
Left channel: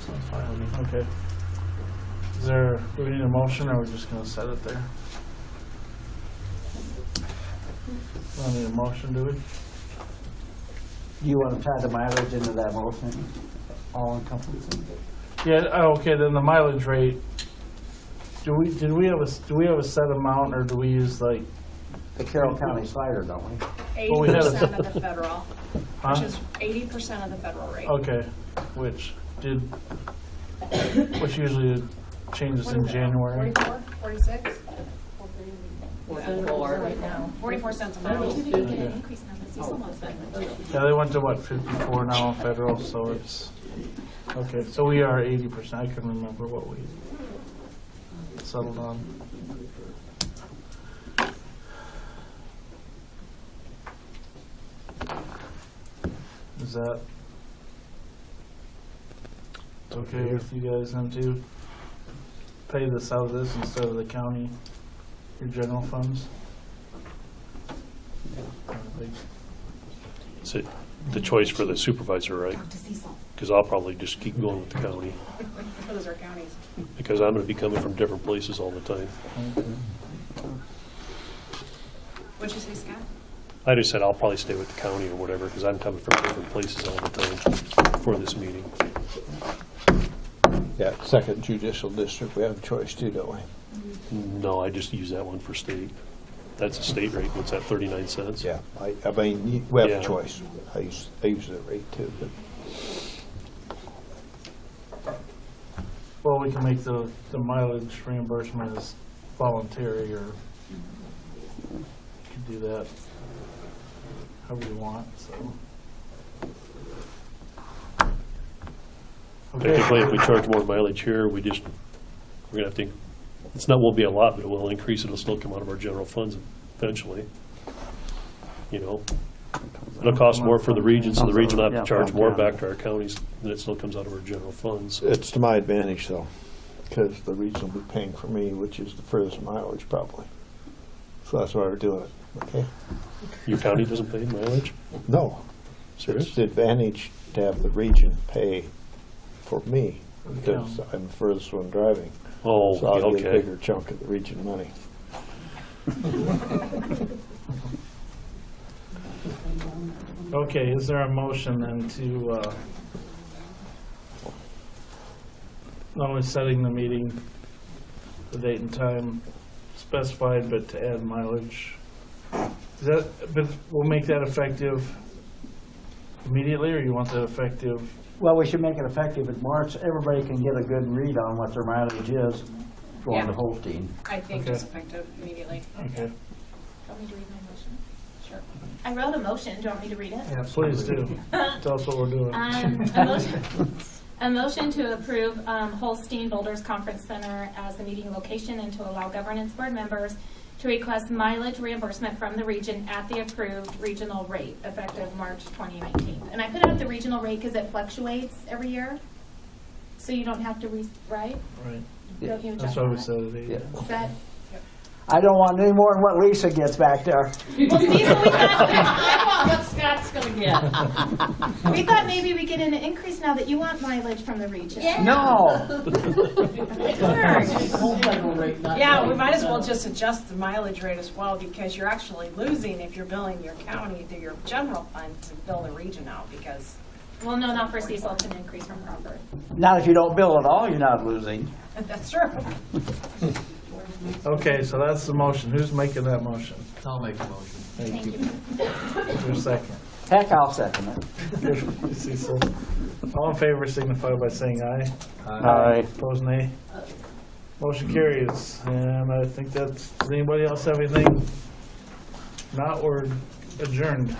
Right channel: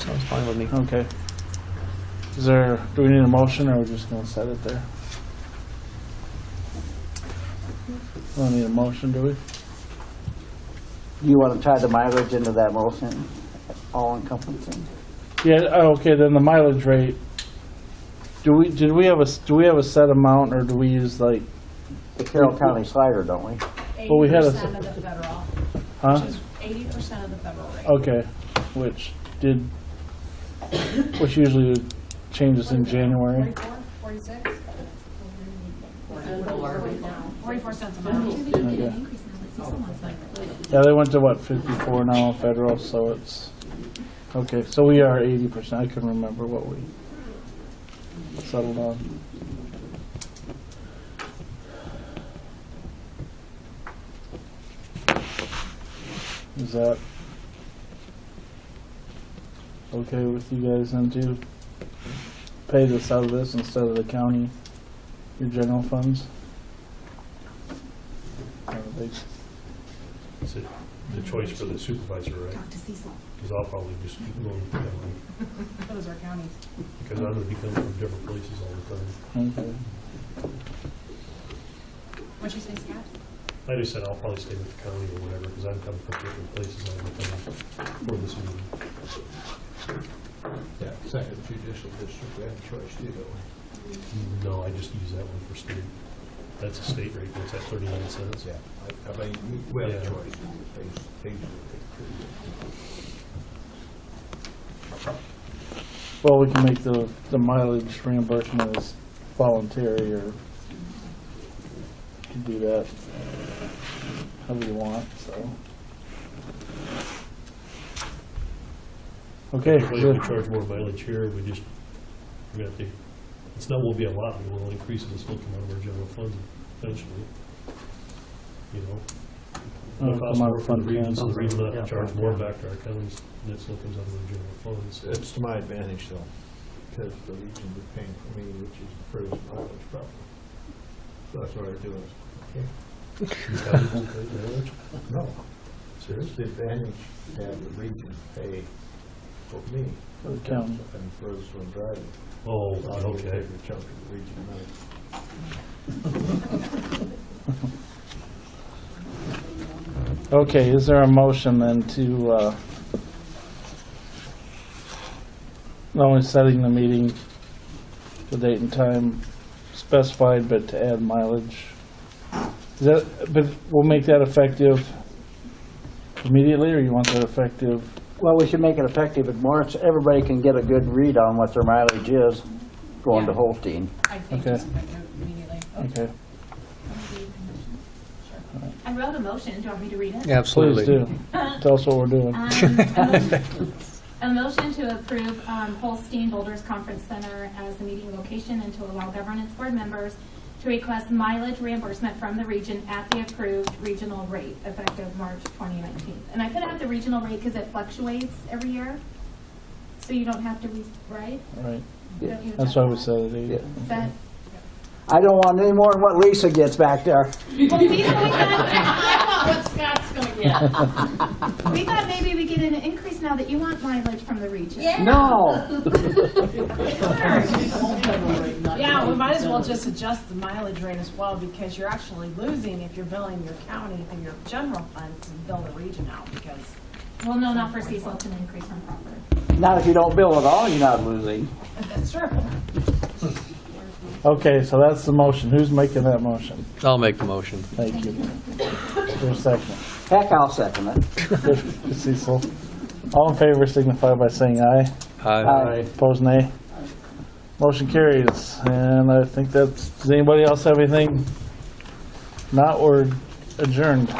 Sounds fine with me. okay. Do we need a motion or we're just gonna set it there? We don't need a motion, do we? Do you want to tie the mileage into that motion? All encompassing? Yeah, okay, then the mileage rate, do we have a set amount or do we use like, The Carroll County slider, don't we? Well, we had a- 80% of the federal, huh? which is 80% of the federal rate. Okay, which usually changes in January. 44, 46? 44 right now. 44 cents a mile. Okay. Yeah, they went to what, 54 now federal, so it's, okay, so we are 80%. I couldn't remember what we settled on. Is that okay with you guys then to pay this out of this instead of the county, your general funds? I don't think- It's the choice for the supervisor, right? Because I'll probably just keep going with the county, Those are counties. because I'm gonna be coming from different places all the time. Okay. What'd you say, Scott? I just said I'll probably stay with the county or whatever, because I'm coming from different places all the time for this meeting. Yeah, second judicial district, we have a choice too, don't we? No, I just use that one for state. That's a state rate, what's that, 39 cents? Yeah, I mean, we have Yeah. a choice. I use the rate too, but. Well, we can make the mileage reimbursement as voluntary, or you can do that however you want, so. Okay. Technically, if we charge more mileage here, we're gonna have to, won't be a lot, but we'll increase it, it'll still come out of our general funds eventually. You know, it'll cost more for the region, so the region will have to charge more back to our counties, and it still comes out of our general funds. It's to my advantage though, because the region will be paying for me, which is the furthest mileage probably. So that's why we're doing it, okay? Your county doesn't pay mileage? No. Serious? It's the advantage to have the region pay for me, because county. I'm the furthest one driving. Oh, So I'll get a okay. bigger chunk of the region money. Okay, is there a motion then to, not only setting the meeting, the date and time specified, but to add mileage? Is that, but we'll make that effective immediately, or you want that effective? Well, we should make it effective in March. Everybody can get a good read on what their mileage is going to Yeah. Holstein. I think Okay. it's effective immediately. Okay, Want me to read my motion? Sure. I wrote a motion. Do you want me to read it? please do. Tell us what we're doing. A motion to approve Holstein Boulders Conference Center as the meeting location and to allow governance board members to request mileage reimbursement from the region at the approved regional rate effective March 2019. And I put out the regional rate because it fluctuates every year, so you don't have to, right? Right, Don't you that's adjust why we that? said it. Yeah. Is that? I don't want any more than what Lisa gets back there. Well, see, so we thought, What Scott's gonna get. we thought maybe we get an increase now that you want mileage from the region. No. Yeah, we might as well just adjust the mileage rate as well, because you're actually losing if you're billing your county through your general fund to bill the region out, because. Well, no, not for Cecil. It's an increase from Crawford. Not if you don't bill at all, you're not losing. That's true. Okay, so that's the motion. Who's making that motion? I'll make the motion. Thank you. Is there a second? Heck, I'll second it. Good, Cecil. All in favor signify by saying aye. Aye. Opposed, nay. Motion carries. And I think that's, does anybody else have anything? Not, we're adjourned.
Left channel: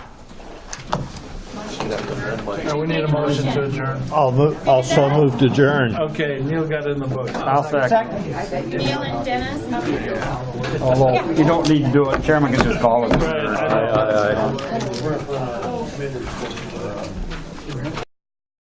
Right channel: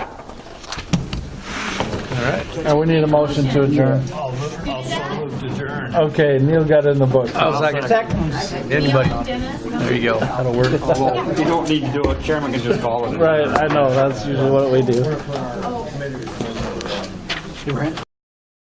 Now we need a motion to adjourn. Also move to adjourn. Okay, Neil got it in the book. Second. Neil and Dennis. There you go. Although you don't need to do it, chairman can just call it. Right, I know, that's usually what we do. You ran.